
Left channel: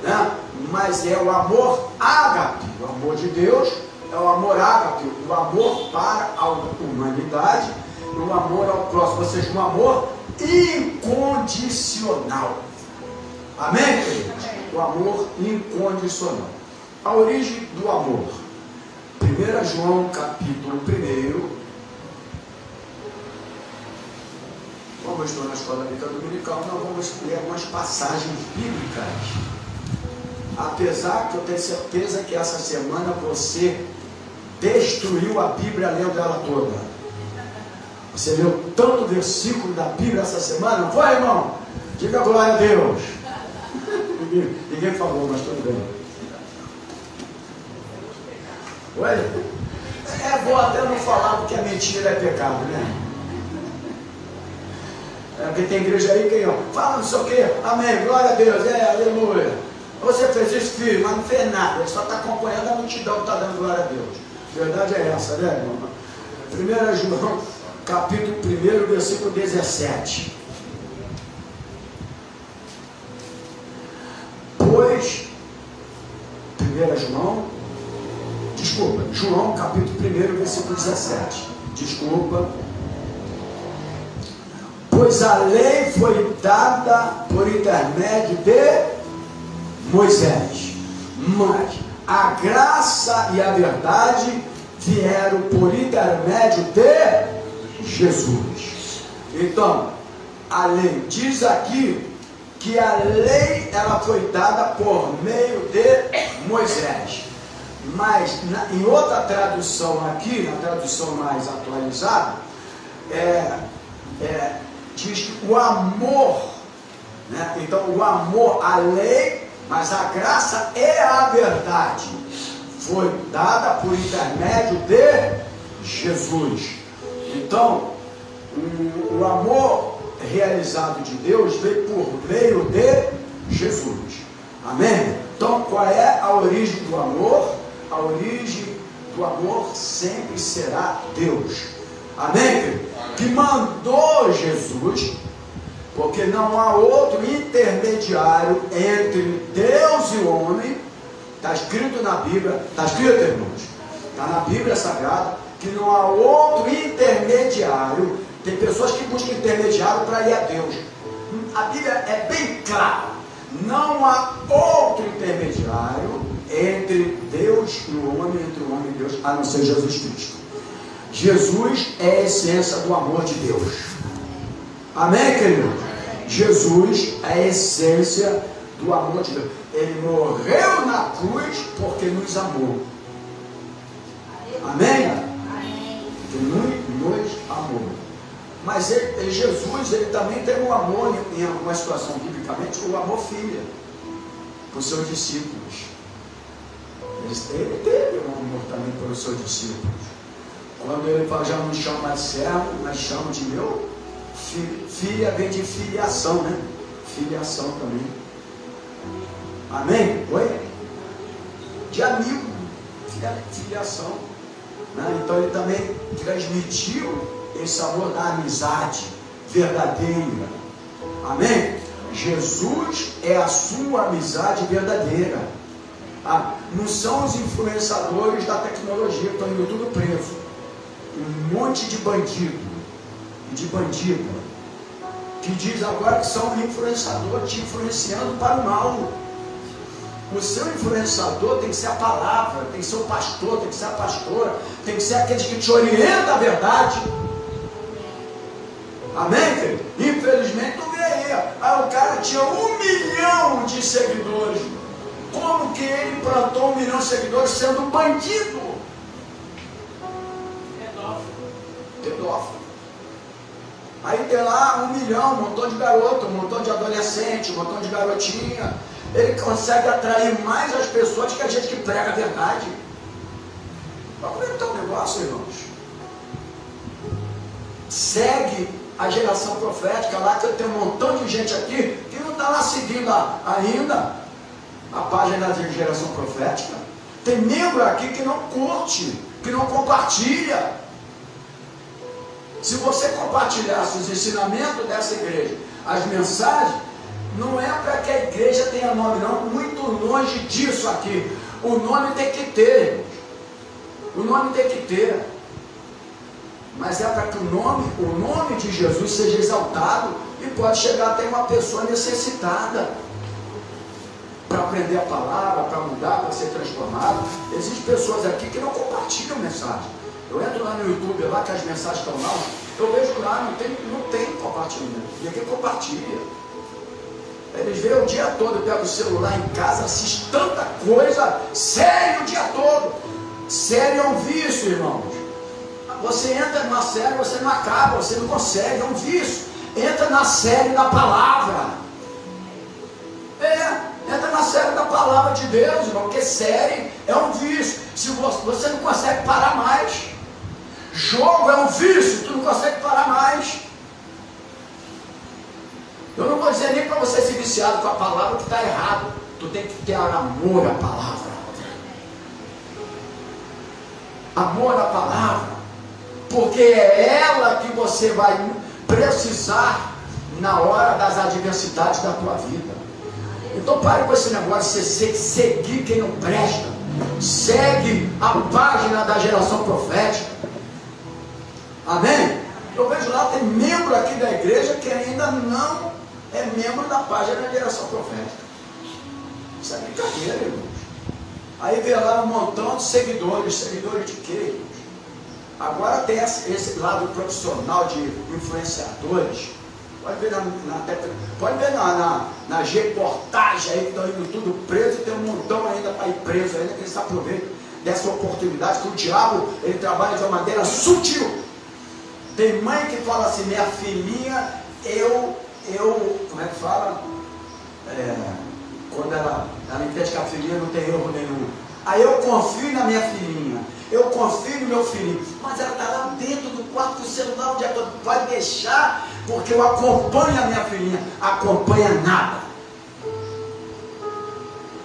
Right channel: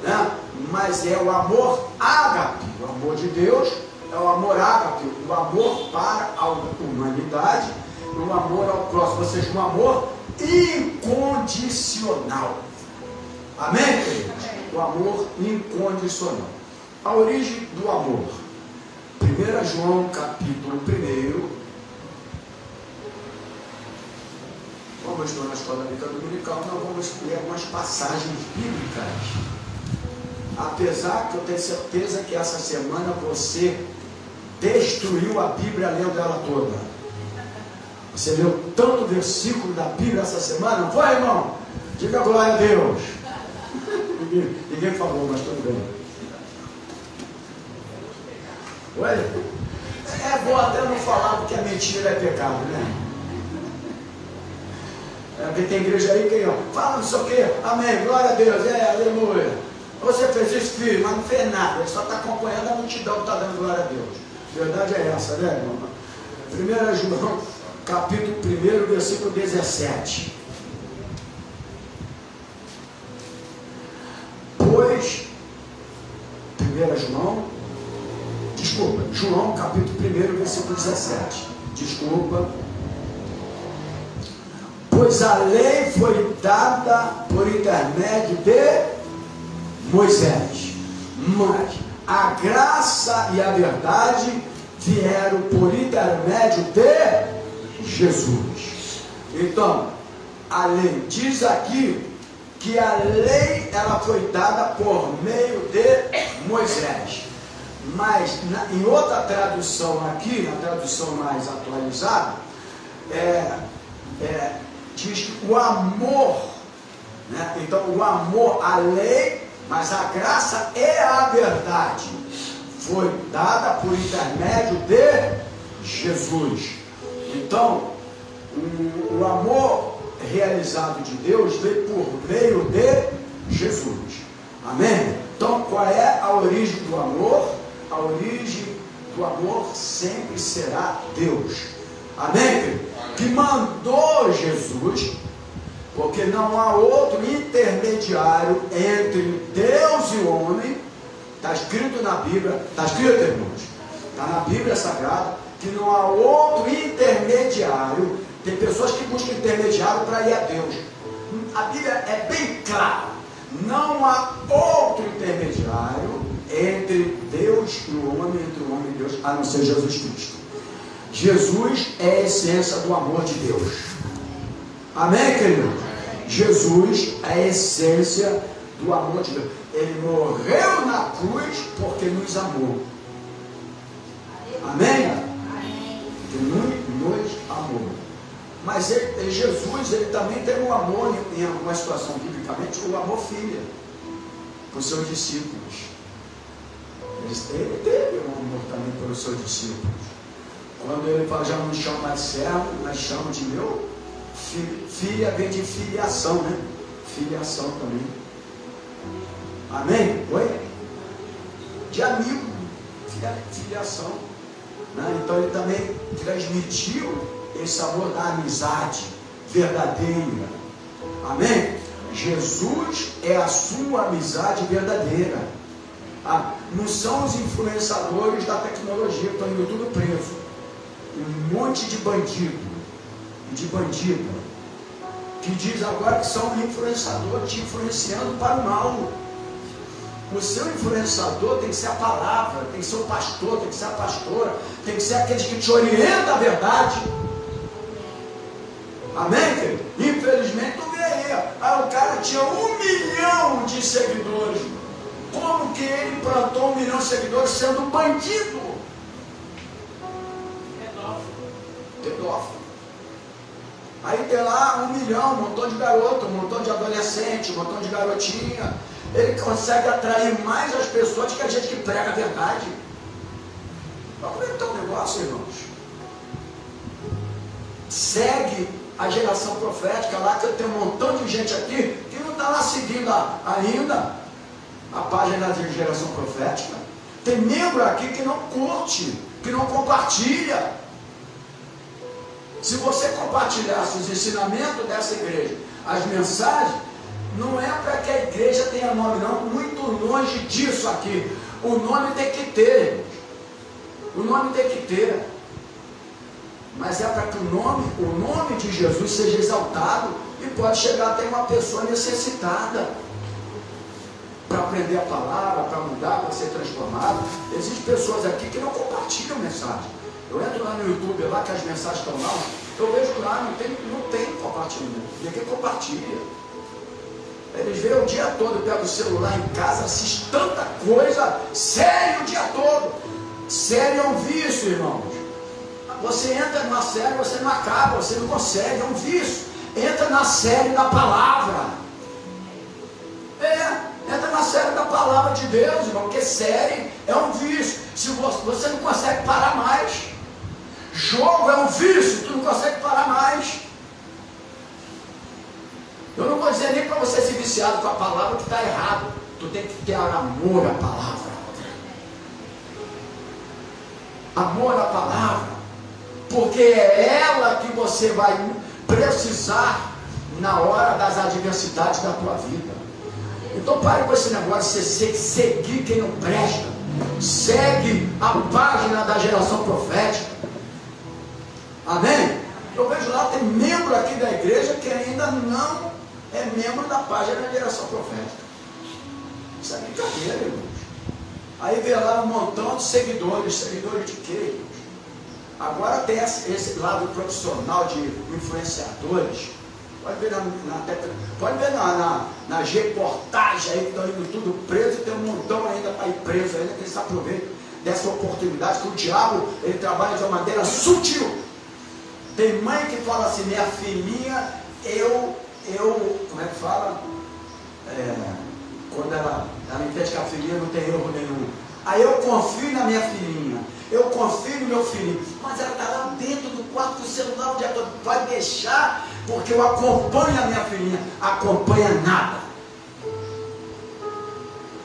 né? Mas é o amor ágape. O amor de Deus é o amor ágape, o amor para a humanidade, e o amor ao próximo, ou seja, um amor incondicional. Amém, queridos? O amor incondicional. A origem do amor. 1 João, capítulo 1. Como eu estou na escola bíblica dominical, nós vamos ler algumas passagens bíblicas. Apesar que eu tenho certeza que essa semana você destruiu a Bíblia lendo ela toda. Você leu tanto versículo da Bíblia essa semana, não foi, irmão? Diga glória a Deus. Ninguém falou, mas tudo bem. Oi? É bom até não falar porque a mentira é pecado, né? Porque tem igreja aí que fala não sei o quê, amém, glória a Deus, aleluia. Você fez isso, filho, mas não fez nada, ele só está acompanhando a multidão que está dando glória a Deus. A verdade é essa, né, irmão? 1 João, capítulo 1, versículo 17. Pois, João, capítulo 1, versículo 17. Pois a lei foi dada por intermédio de Moisés, mas a graça e a verdade vieram por intermédio de Jesus. Então, a lei diz aqui que a lei ela foi dada por meio de Moisés, mas em outra tradução aqui, na tradução mais atualizada, diz que o amor, né? Então o amor, a lei, mas a graça e a verdade foi dada por intermédio de Jesus. Então o amor realizado de Deus veio por meio de Jesus. Amém? Então qual é a origem do amor? A origem do amor sempre será Deus. Amém? Que mandou Jesus, porque não há outro intermediário entre Deus e o homem. Está escrito na Bíblia, está escrito, irmãos? Está na Bíblia Sagrada, que não há outro intermediário. Tem pessoas que buscam intermediário para ir a Deus. A Bíblia é bem clara. Não há outro intermediário entre Deus e o homem, entre o homem e Deus, a não ser Jesus Cristo. Jesus é a essência do amor de Deus. Amém, querido? Jesus é a essência do amor de Deus. Ele morreu na cruz porque nos amou. Amém? Porque nos amou. Mas Jesus, ele também tem um amor, em alguma situação biblicamente, o amor filha para os seus discípulos. Ele teve um amor também pelos seus discípulos. Quando ele fala, já não chama mais servo, mas chama de meu filho. Filha vem de filiação, né? Filiação também. Amém? Oi? De amigo. Filiação. Né? Então ele também transmitiu esse amor da amizade verdadeira. Amém? Jesus é a sua amizade verdadeira. Não são os influenciadores da tecnologia que estão indo tudo preso. Um monte de bandido e de bandida que diz agora que são influenciadores te influenciando para o mal. O seu influenciador tem que ser a palavra, tem que ser o pastor, tem que ser a pastora, tem que ser aqueles que te orientam a verdade. Amém, querido? Infelizmente não vê aí. Aí o cara tinha 1 milhão de seguidores. Como que ele plantou 1 milhão de seguidores sendo um bandido? Pedófilo. Aí tem lá 1 milhão, um montão de garoto, um montão de adolescente, um montão de garotinha. Ele consegue atrair mais as pessoas que a gente que prega a verdade. Mas como é que está o negócio, irmãos? Segue a geração profética lá, que eu tenho um montão de gente aqui que não está lá seguindo ainda a página da geração profética. Tem membro aqui que não curte, que não compartilha. Se você compartilhasse os ensinamentos dessa igreja, as mensagens, não é para que a igreja tenha nome, não. Muito longe disso aqui. O nome tem que ter. O nome tem que ter. Mas é para que o nome de Jesus seja exaltado e pode chegar até uma pessoa necessitada para aprender a palavra, para mudar, para ser transformado. Existem pessoas aqui que não compartilham mensagem. Eu entro lá no YouTube, lá que as mensagens estão lá, eu vejo lá, não tem compartilhamento. Ninguém compartilha. Eles veem o dia todo, pegam o celular em casa, assistem tanta coisa, sério o dia todo. Sério é um vício, irmãos. Você entra numa série, você não acaba, você não consegue, é um vício. Entra na série da palavra. Entra na série da palavra de Deus, irmão, porque série é um vício. Se você não consegue parar mais. Jogo é um vício, tu não consegue parar mais. Eu não vou dizer nem para você ser viciado com a palavra que está errado. Tu tem que ter amor à palavra. Amor à palavra. Porque é ela que você vai precisar na hora das adversidades da tua vida. Então pare com esse negócio de você seguir quem não presta. Segue a página da geração profética. Amém? Eu vejo lá, tem membro aqui da igreja que ainda não é membro da página da geração profética. Isso é brincadeira, irmãos. Aí vê lá um montão de seguidores. Seguidores de quê? Agora tem esse lado profissional de influenciadores. Pode ver nas reportagens aí que estão indo tudo preso. Tem um montão ainda para ir preso ainda, que eles aproveitam dessa oportunidade, que o diabo ele trabalha de uma maneira sutil. Tem mãe que fala assim, minha filhinha, como é que fala? Quando ela entende que a filhinha não tem erro nenhum. Aí eu confio na minha filhinha, eu confio no meu filho, mas ela está lá dentro do quarto do celular, onde ela vai deixar, porque eu acompanho a minha filhinha. Acompanha nada.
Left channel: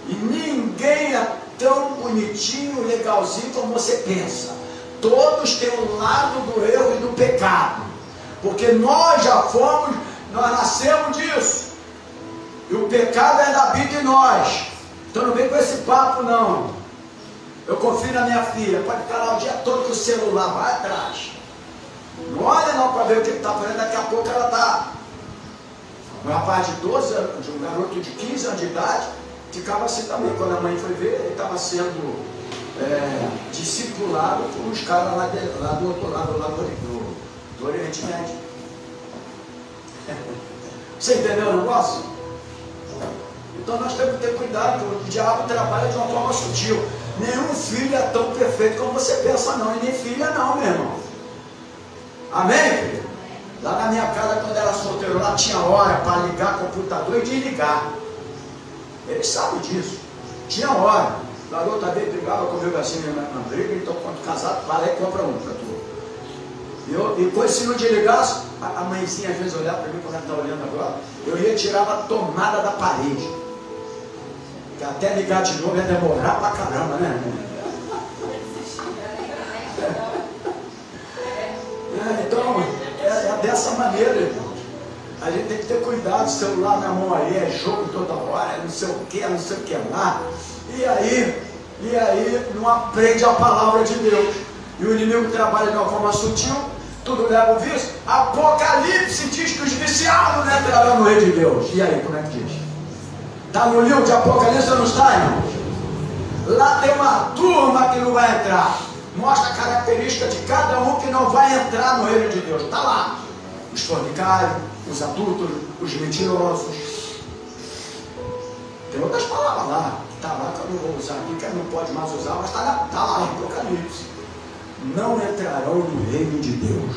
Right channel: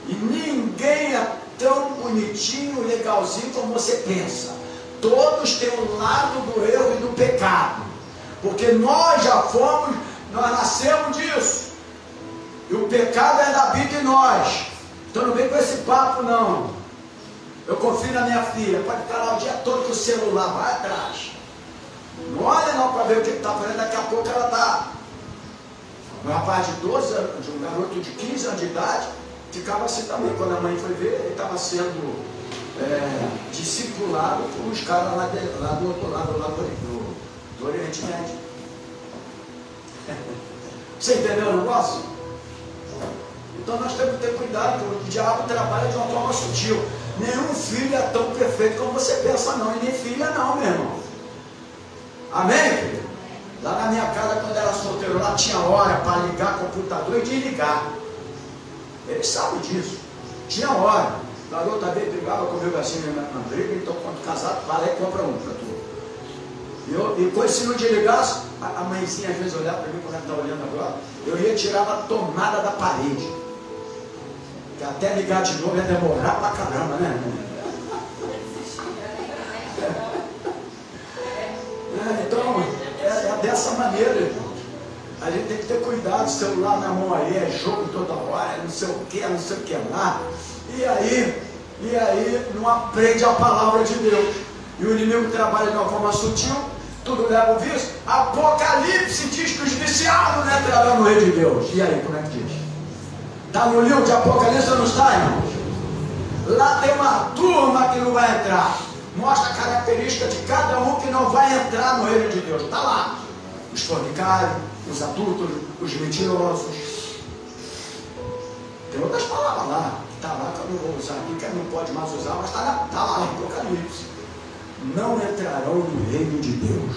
E ninguém é tão bonitinho, legalzinho como você pensa. Todos têm um lado do erro e do pecado. Porque nós nascemos disso. E o pecado ainda habita em nós. Então não vem com esse papo não. Eu confio na minha filha, pode estar lá o dia todo com o celular, vai atrás. Não olha não para ver o que está fazendo, daqui a pouco ela está. Um rapaz de 12 anos, um garoto de 15 anos de idade, ficava assim também. Quando a mãe foi ver, ele estava sendo discipulado por uns caras lá do outro lado, lá do Oriente Médio. Você entendeu o negócio? Então nós temos que ter cuidado, o diabo trabalha de uma forma sutil. Nenhum filho é tão perfeito como você pensa, não. E nem filha não, meu irmão. Amém? Lá na minha casa, quando era solteiro, lá tinha hora para ligar o computador e desligar. Ele sabe disso. Tinha hora. O garoto também brigava comigo assim na briga, então quando casado, vai lá e compra um para tu. E depois, se não desligasse, a mãezinha às vezes olhava para mim, quando ela está olhando agora, eu ia tirar a tomada da parede. Que até ligar de novo ia demorar pra caramba, né, irmão? Então, é dessa maneira, irmão. A gente tem que ter cuidado, o celular na mão aí, é jogo toda hora, não sei o que lá. E aí não aprende a palavra de Deus. E o inimigo trabalha de uma forma sutil, tudo leva o vício. Apocalipse diz que os viciados não entrarão no reino de Deus. E aí, como é que diz? Está no livro de Apocalipse ou não está, irmão? Lá tem uma turma que não vai entrar. Mostra a característica de cada um que não vai entrar no reino de Deus. Está lá. Os fornicários, os adúlteros, os mentirosos. Tem outras palavras lá. Está lá que eu não vou usar, porque não pode mais usar, mas está lá no Apocalipse. Não entrarão no reino de Deus.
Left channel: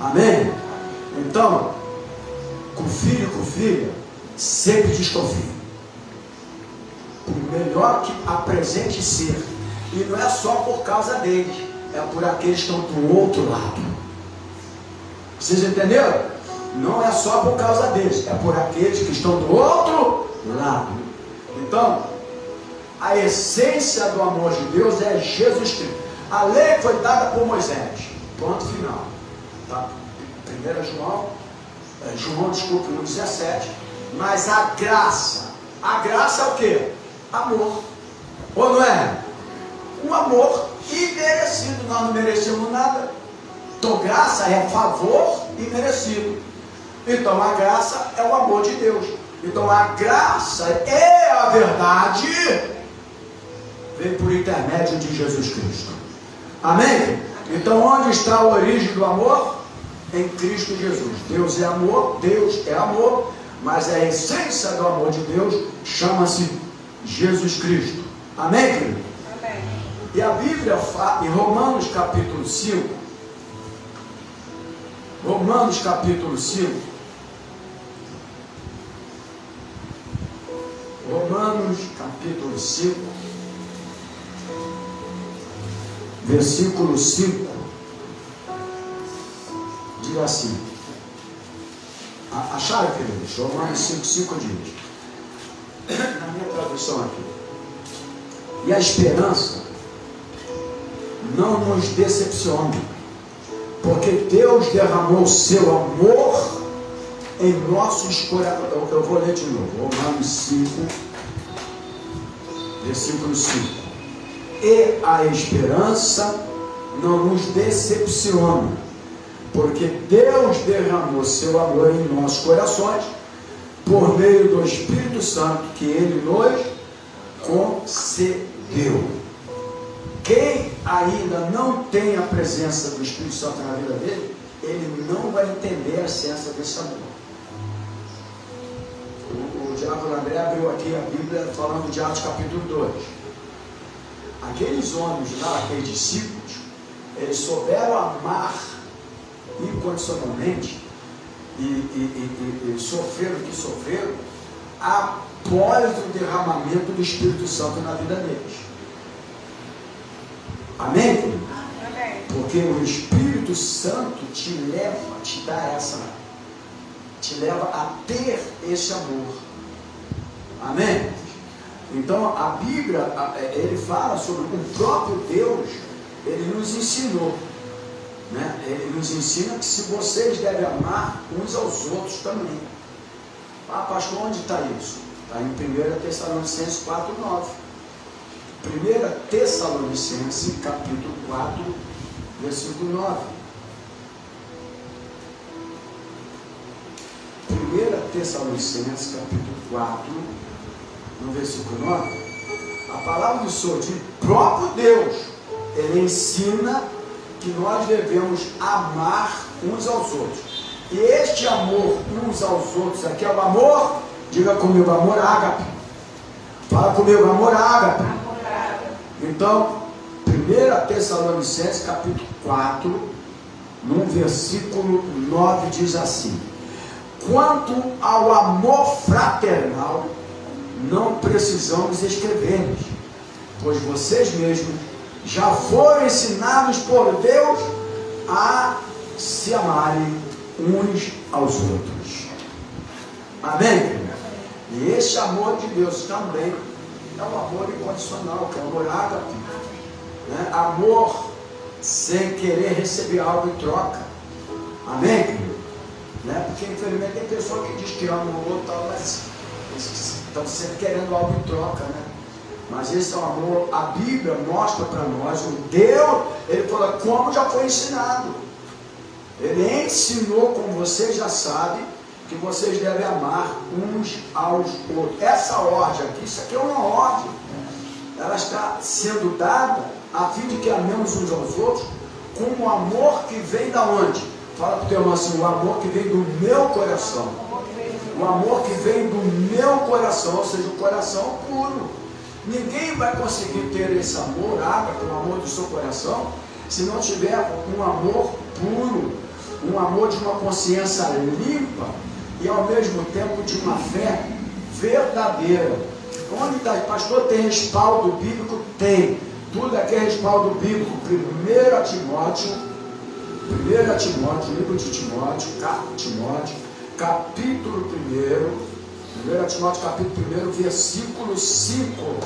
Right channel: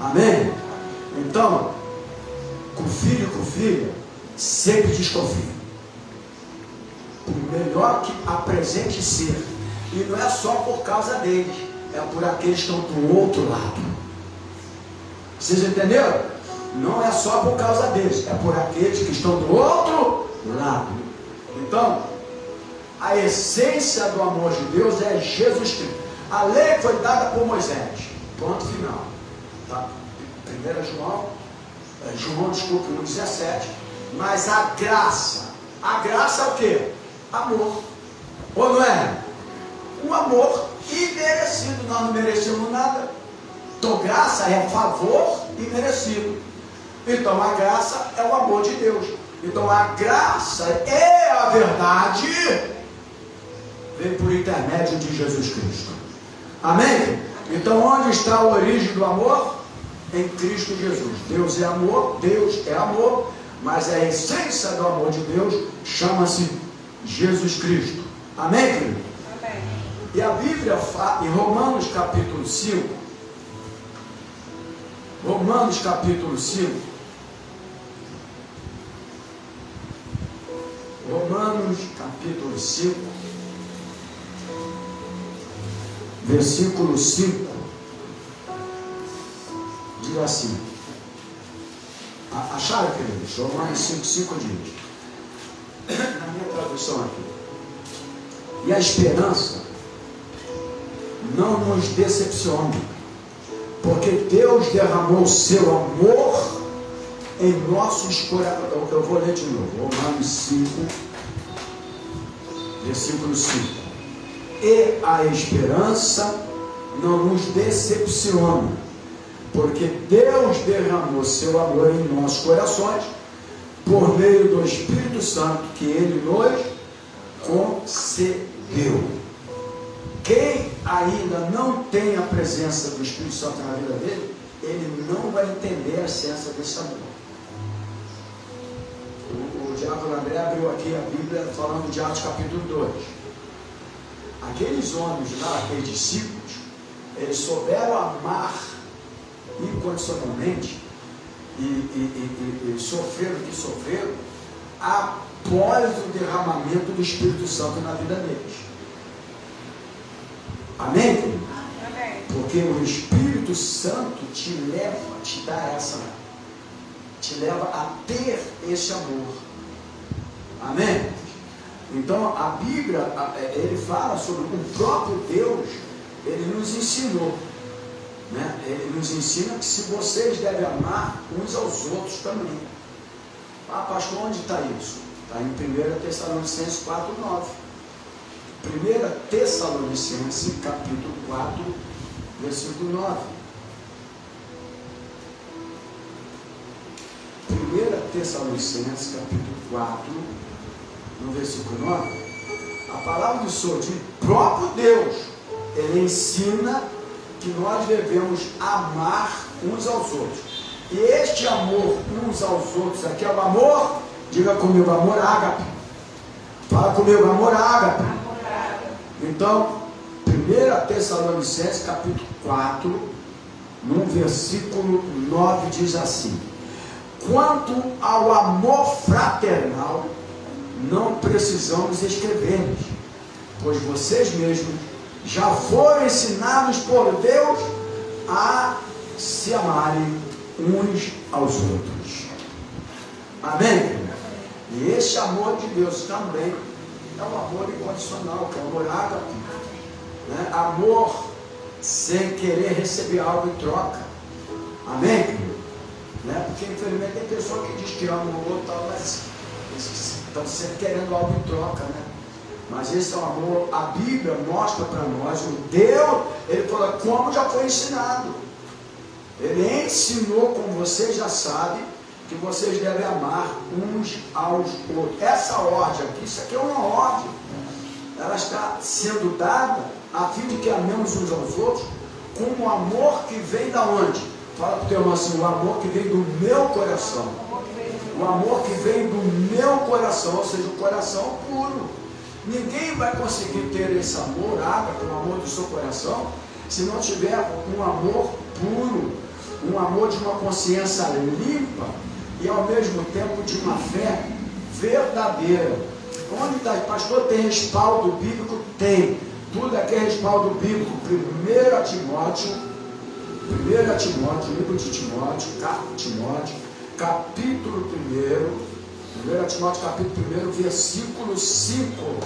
Amém? Então, com filho, sempre desconfie. Por melhor que apresente ser. E não é só por causa deles, é por aqueles que estão do outro lado. Vocês entenderam? Não é só por causa deles, é por aqueles que estão do outro lado. Então, a essência do amor de Deus é Jesus Cristo. A lei foi dada por Moisés. Ponto final. Tá? 1 João 1,17. Mas a graça é o quê? Amor. Ou não é? Um amor imerecido. Nós não merecemos nada. Então graça é favor imerecido. Então a graça é o amor de Deus. Então a graça é a verdade, vem por intermédio de Jesus Cristo. Amém? Então onde está a origem do amor? Em Cristo Jesus. Deus é amor, mas a essência do amor de Deus chama-se Jesus Cristo. Amém, querido? Amém. E a Bíblia fala em Romanos capítulo 5, versículo 5, diz assim, acharam, queridos? Romanos 5 diz, na minha tradução aqui, e a esperança não nos decepciona, porque Deus derramou o seu amor em nossos corações. Eu vou ler de novo, Romanos 5, versículo 5. E a esperança não nos decepciona, porque Deus derramou seu amor em nossos corações, por meio do Espírito Santo que Ele nos concedeu. Quem ainda não tem a presença do Espírito Santo na vida dele, ele não vai entender a essência desse amor. O diácono André abriu aqui a Bíblia falando de Atos capítulo 2. Aqueles homens lá, aqueles discípulos, eles souberam amar incondicionalmente e sofreram o que sofreram após o derramamento do Espírito Santo na vida deles. Amém? Amém. Porque o Espírito Santo te leva a ter esse amor. Amém? Então a Bíblia, ele fala sobre o próprio Deus, ele nos ensinou, né? Ele nos ensina que se vocês devem amar uns aos outros também. Ah, pastor, onde está isso? Está em 1 Tessalonicenses 4:9. 1 Tessalonicenses, capítulo 4, versículo 9. 1 Tessalonicenses, capítulo 4, no versículo 9. A palavra do Senhor, de próprio Deus, ele ensina que nós devemos amar uns aos outros. E este amor uns aos outros aqui é o amor, diga comigo, amor ágape. Fala comigo, amor ágape. Então, 1 Tessalonicenses, capítulo 4, no versículo 9, diz assim: quanto ao amor fraternal, não precisamos escrever, pois vocês mesmos já foram ensinados por Deus a se amarem uns aos outros. Amém? E esse amor de Deus também é um amor incondicional, que é um amor ágape, né? Amor sem querer receber algo em troca. Amém? Né? Porque infelizmente tem pessoa que diz que ama o outro, mas estão sempre querendo algo em troca, né? Mas esse é um amor. A Bíblia mostra para nós o Deus, ele fala como já foi ensinado. Ele ensinou, como vocês já sabem, que vocês devem amar uns aos outros. Essa ordem aqui, isso aqui é uma ordem, ela está sendo dada a fim de que amemos uns aos outros com o amor que vem da onde? Fala para o teu irmão assim: o amor que vem do meu coração. O amor que vem do meu coração, ou seja, o coração puro. Ninguém vai conseguir ter esse amor, o amor do seu coração, se não tiver um amor puro, um amor de uma consciência limpa e ao mesmo tempo de uma fé verdadeira. Onde está? Pastor, tem respaldo bíblico? Tem. Tudo aqui é respaldo bíblico. 1 Timóteo, livro de Timóteo, capítulo 1 Timóteo, capítulo 1, versículo 5.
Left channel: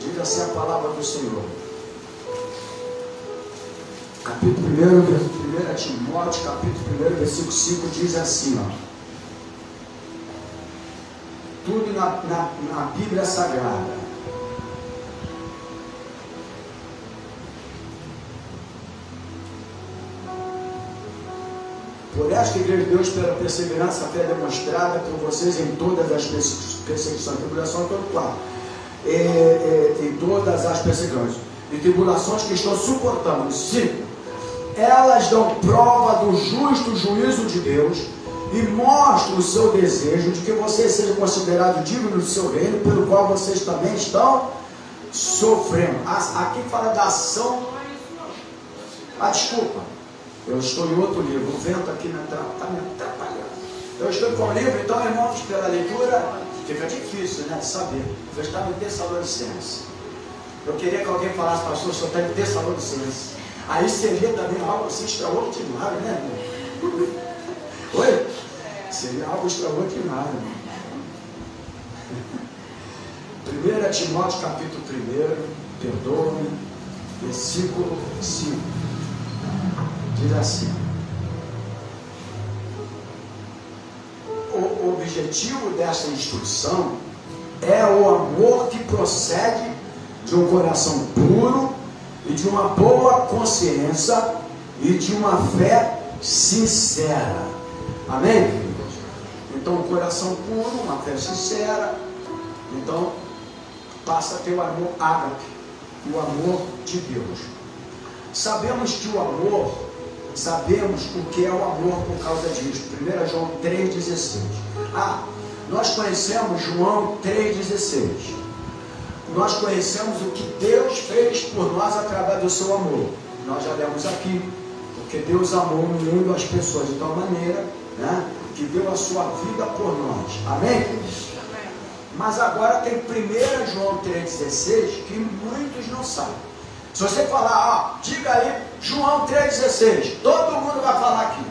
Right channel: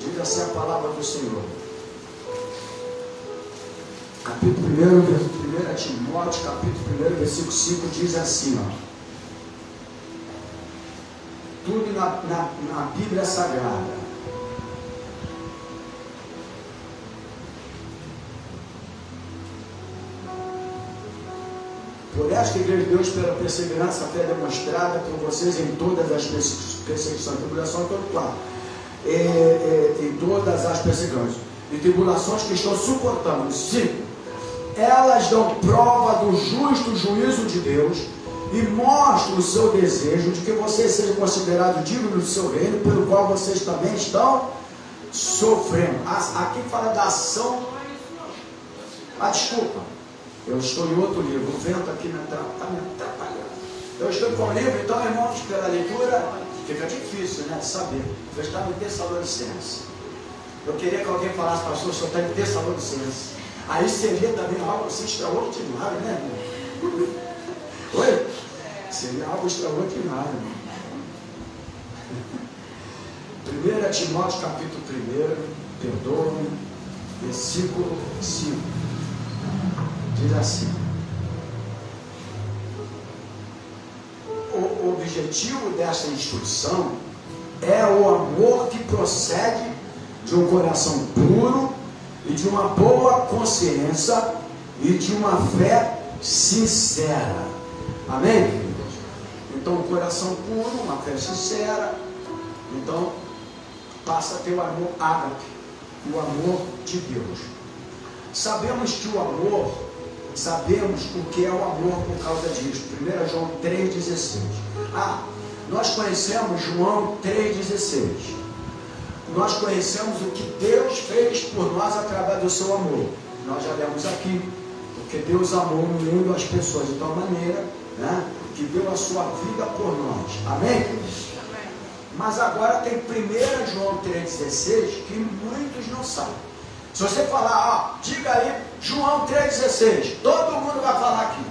Diz assim a palavra do Senhor. Capítulo 1 Timóteo, capítulo 1, versículo 5, diz assim, ó. Tudo na Bíblia Sagrada. Por esta igreja de Deus, pela perseverança, a fé demonstrada por vocês em todas as perseguições, tribulação, todo qual, em todas as perseguições e tribulações que estão suportando. 5. Elas dão prova do justo juízo de Deus e mostram o seu desejo de que vocês sejam considerados dignos do seu reino, pelo qual vocês também estão sofrendo. Aqui fala da ação. Desculpa, eu estou em outro livro, o vento aqui está me atrapalhando. Eu estou em qual livro? Então, irmãos, pela leitura fica difícil, né, de saber. Eu estava em Tessalonicenses. Eu queria que alguém falasse, pastor, o senhor está em Tessalonicenses. Aí seria também algo assim extraordinário, né, irmão? Oi? Seria algo extraordinário. 1 Timóteo, capítulo 1, perdoa-me, versículo 5. Diz assim: o objetivo dessa instrução é o amor que procede de um coração puro e de uma boa consciência e de uma fé sincera. Amém, queridos? Então, um coração puro, uma fé sincera, então passa a ter o amor ágape, o amor de Deus. Sabemos que o amor, sabemos o que é o amor por causa disso. 1 João 3,16. Nós conhecemos João 3,16. Nós conhecemos o que Deus fez por nós através do seu amor. Nós já lemos aqui, porque Deus amou o mundo, as pessoas de tal maneira, né, que deu a sua vida por nós. Amém? Mas agora tem 1 João 3,16 que muitos não sabem. Se você falar, diga aí, João 3,16, todo mundo vai falar aqui.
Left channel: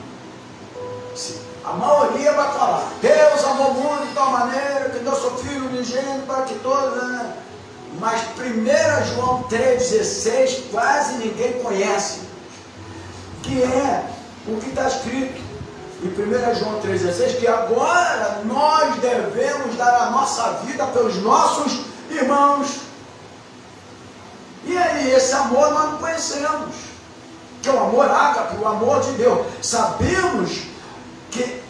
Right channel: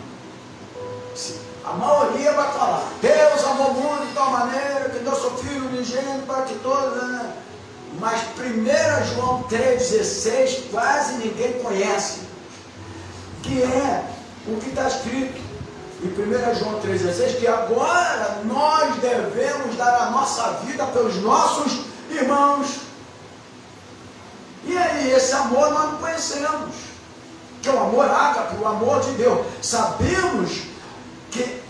A maioria vai falar, Deus amou o mundo de tal maneira que deu seu Filho unigênito para que todos, né? Mas 1 João 3,16 quase ninguém conhece, que é o que está escrito em 1 João 3,16, que agora nós devemos dar a nossa vida pelos nossos irmãos. E aí, esse amor nós não conhecemos, que é o amor ágape, o amor de Deus. Sabemos que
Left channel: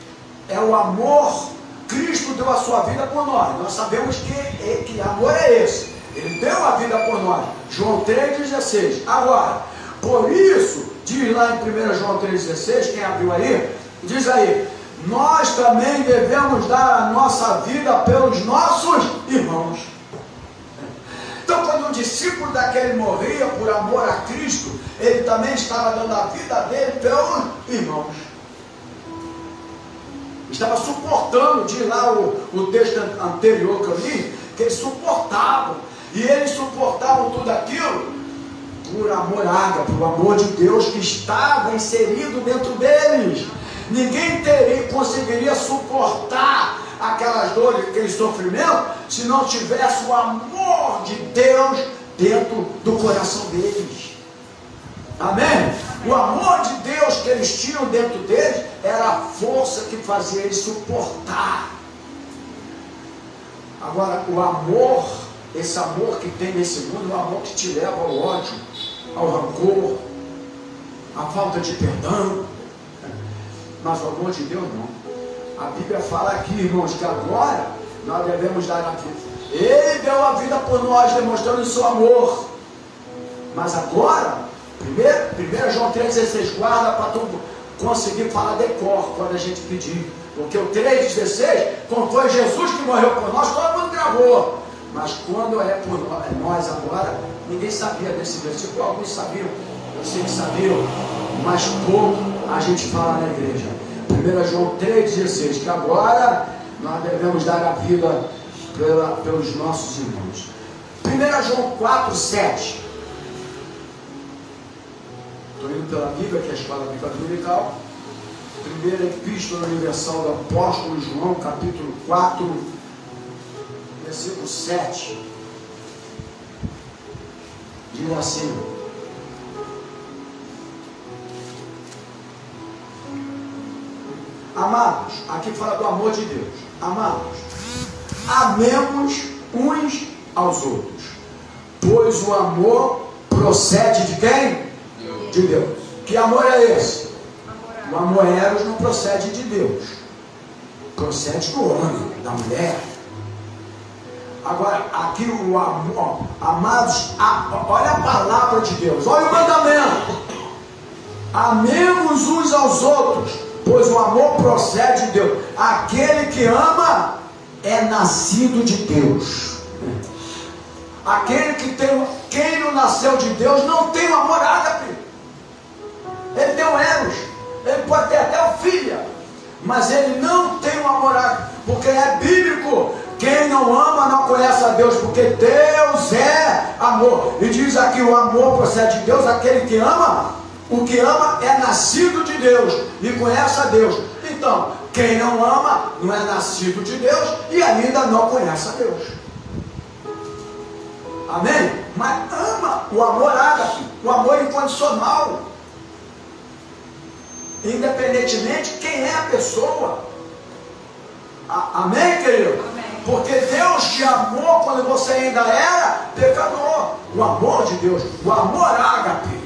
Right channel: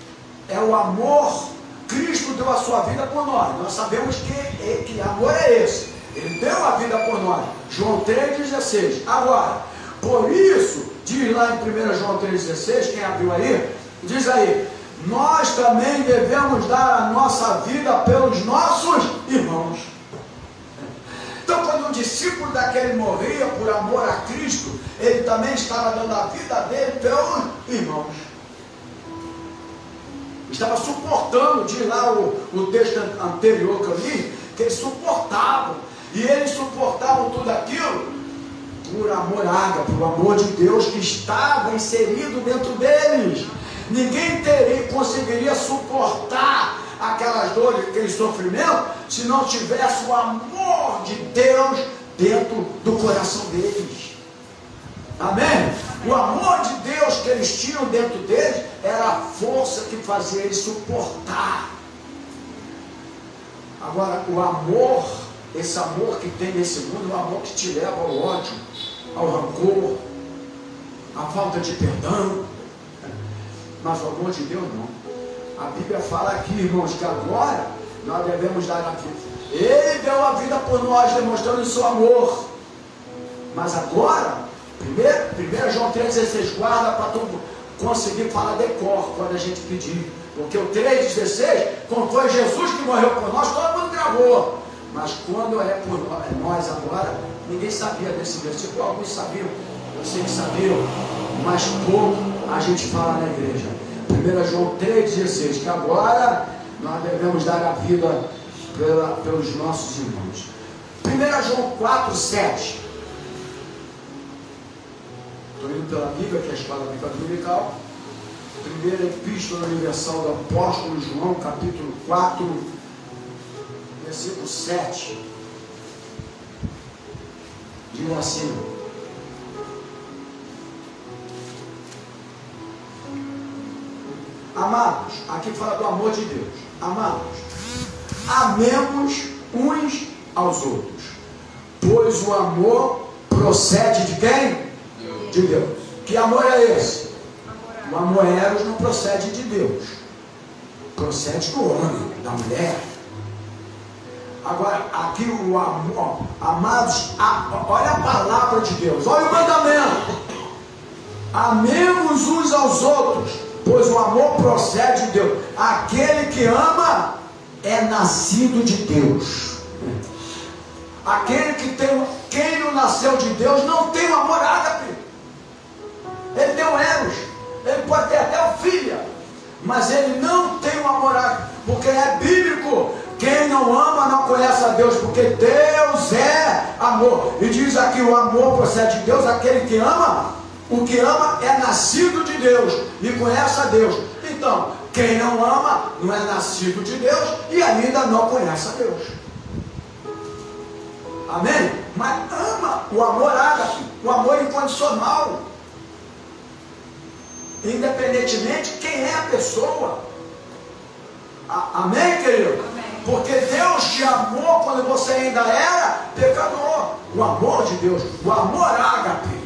é o amor, Cristo deu a sua vida por nós. Nós sabemos que amor é esse. Ele deu a vida por nós. João 3,16. Agora, por isso, diz lá em 1 João 3,16, quem abriu aí, diz aí, nós também devemos dar a nossa vida pelos nossos irmãos. Então, quando o discípulo daquele morria por amor a Cristo, ele também estava dando a vida dele pelos irmãos. Estava suportando, diz lá o texto anterior que eu li, que eles suportavam. E eles suportavam tudo aquilo por amor ágape, por amor de Deus que estava inserido dentro deles. Ninguém conseguiria suportar aquelas dores, aquele sofrimento, se não tivesse o amor de Deus dentro do coração deles. Amém? O amor de Deus que eles tinham dentro deles era a força que fazia eles suportar. Agora, o amor, esse amor que tem nesse mundo, é o amor que te leva ao ódio, ao rancor, à falta de perdão. Mas o amor de Deus não. A Bíblia fala aqui, irmãos, que agora nós devemos dar a vida. Ele deu a vida por nós, demonstrando o seu amor. Mas agora, 1 João 3,16, guarda para tu conseguir falar de cor quando a gente pedir. Porque o 3,16, como foi Jesus que morreu por nós, todo mundo gravou. Mas quando é por nós agora, ninguém sabia desse versículo. Alguns sabiam, eu sei que sabiam, mas pouco a gente fala na igreja. 1 João 3,16, que agora nós devemos dar a vida pelos nossos irmãos. 1 João 4,7. Estou indo pela Bíblia, que é a escola bíblica dominical. Primeira Epístola Universal do Apóstolo João, capítulo 4, versículo 7. Diz assim: amados, aqui fala do amor de Deus. Amados, amemos uns aos outros, pois o amor procede de quem? De Deus. Que amor é esse? O amor eros não procede de Deus, procede do homem, da mulher. Agora, aqui o amor, amados, olha a palavra de Deus, olha o mandamento: amemos uns aos outros, pois o amor procede de Deus. Aquele que ama é nascido de Deus. Aquele que tem, quem não nasceu de Deus não tem o amor ágape. Ele tem o eros, ele pode ter até o filho, mas ele não tem o amor ágape, porque é bíblico. Quem não ama não conhece a Deus, porque Deus é amor. E diz aqui: o amor procede de Deus. Aquele que ama, o que ama é nascido de Deus e conhece a Deus. Então, quem não ama não é nascido de Deus e ainda não conhece a Deus. Amém? Mas ama o amor ágape, o amor incondicional, independentemente de quem é a pessoa. Amém, querido? Amém. Porque Deus te amou quando você ainda era pecador. O amor de Deus, o amor ágape.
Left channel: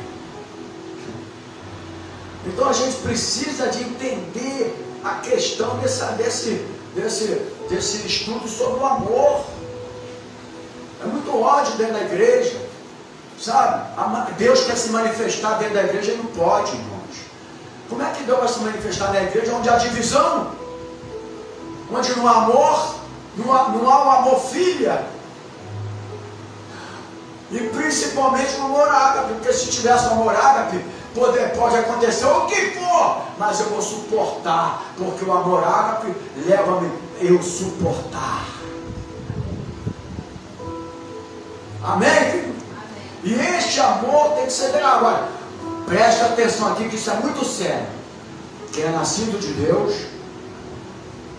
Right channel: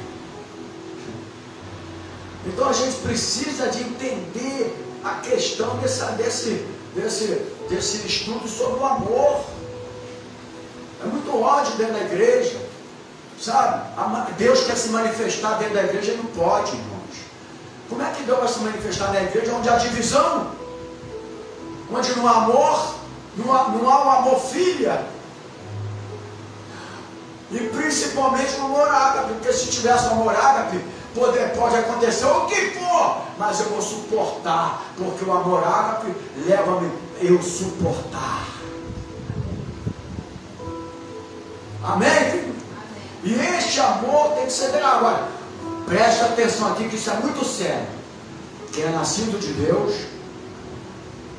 Então a gente precisa de entender a questão desse estudo sobre o amor. É muito ódio dentro da igreja, sabe? Deus quer se manifestar dentro da igreja e não pode, irmãos. Como é que Deus vai se manifestar na igreja onde há divisão? Onde no amor, não há o amor filha? E principalmente no amor ágape, porque se tivesse um amor ágape, pode acontecer o que for, mas eu vou suportar, porque o amor ágape leva-me a eu suportar. Amém, querido? E este amor tem que ser grave. Agora, preste atenção aqui, que isso é muito sério. Quem é nascido de Deus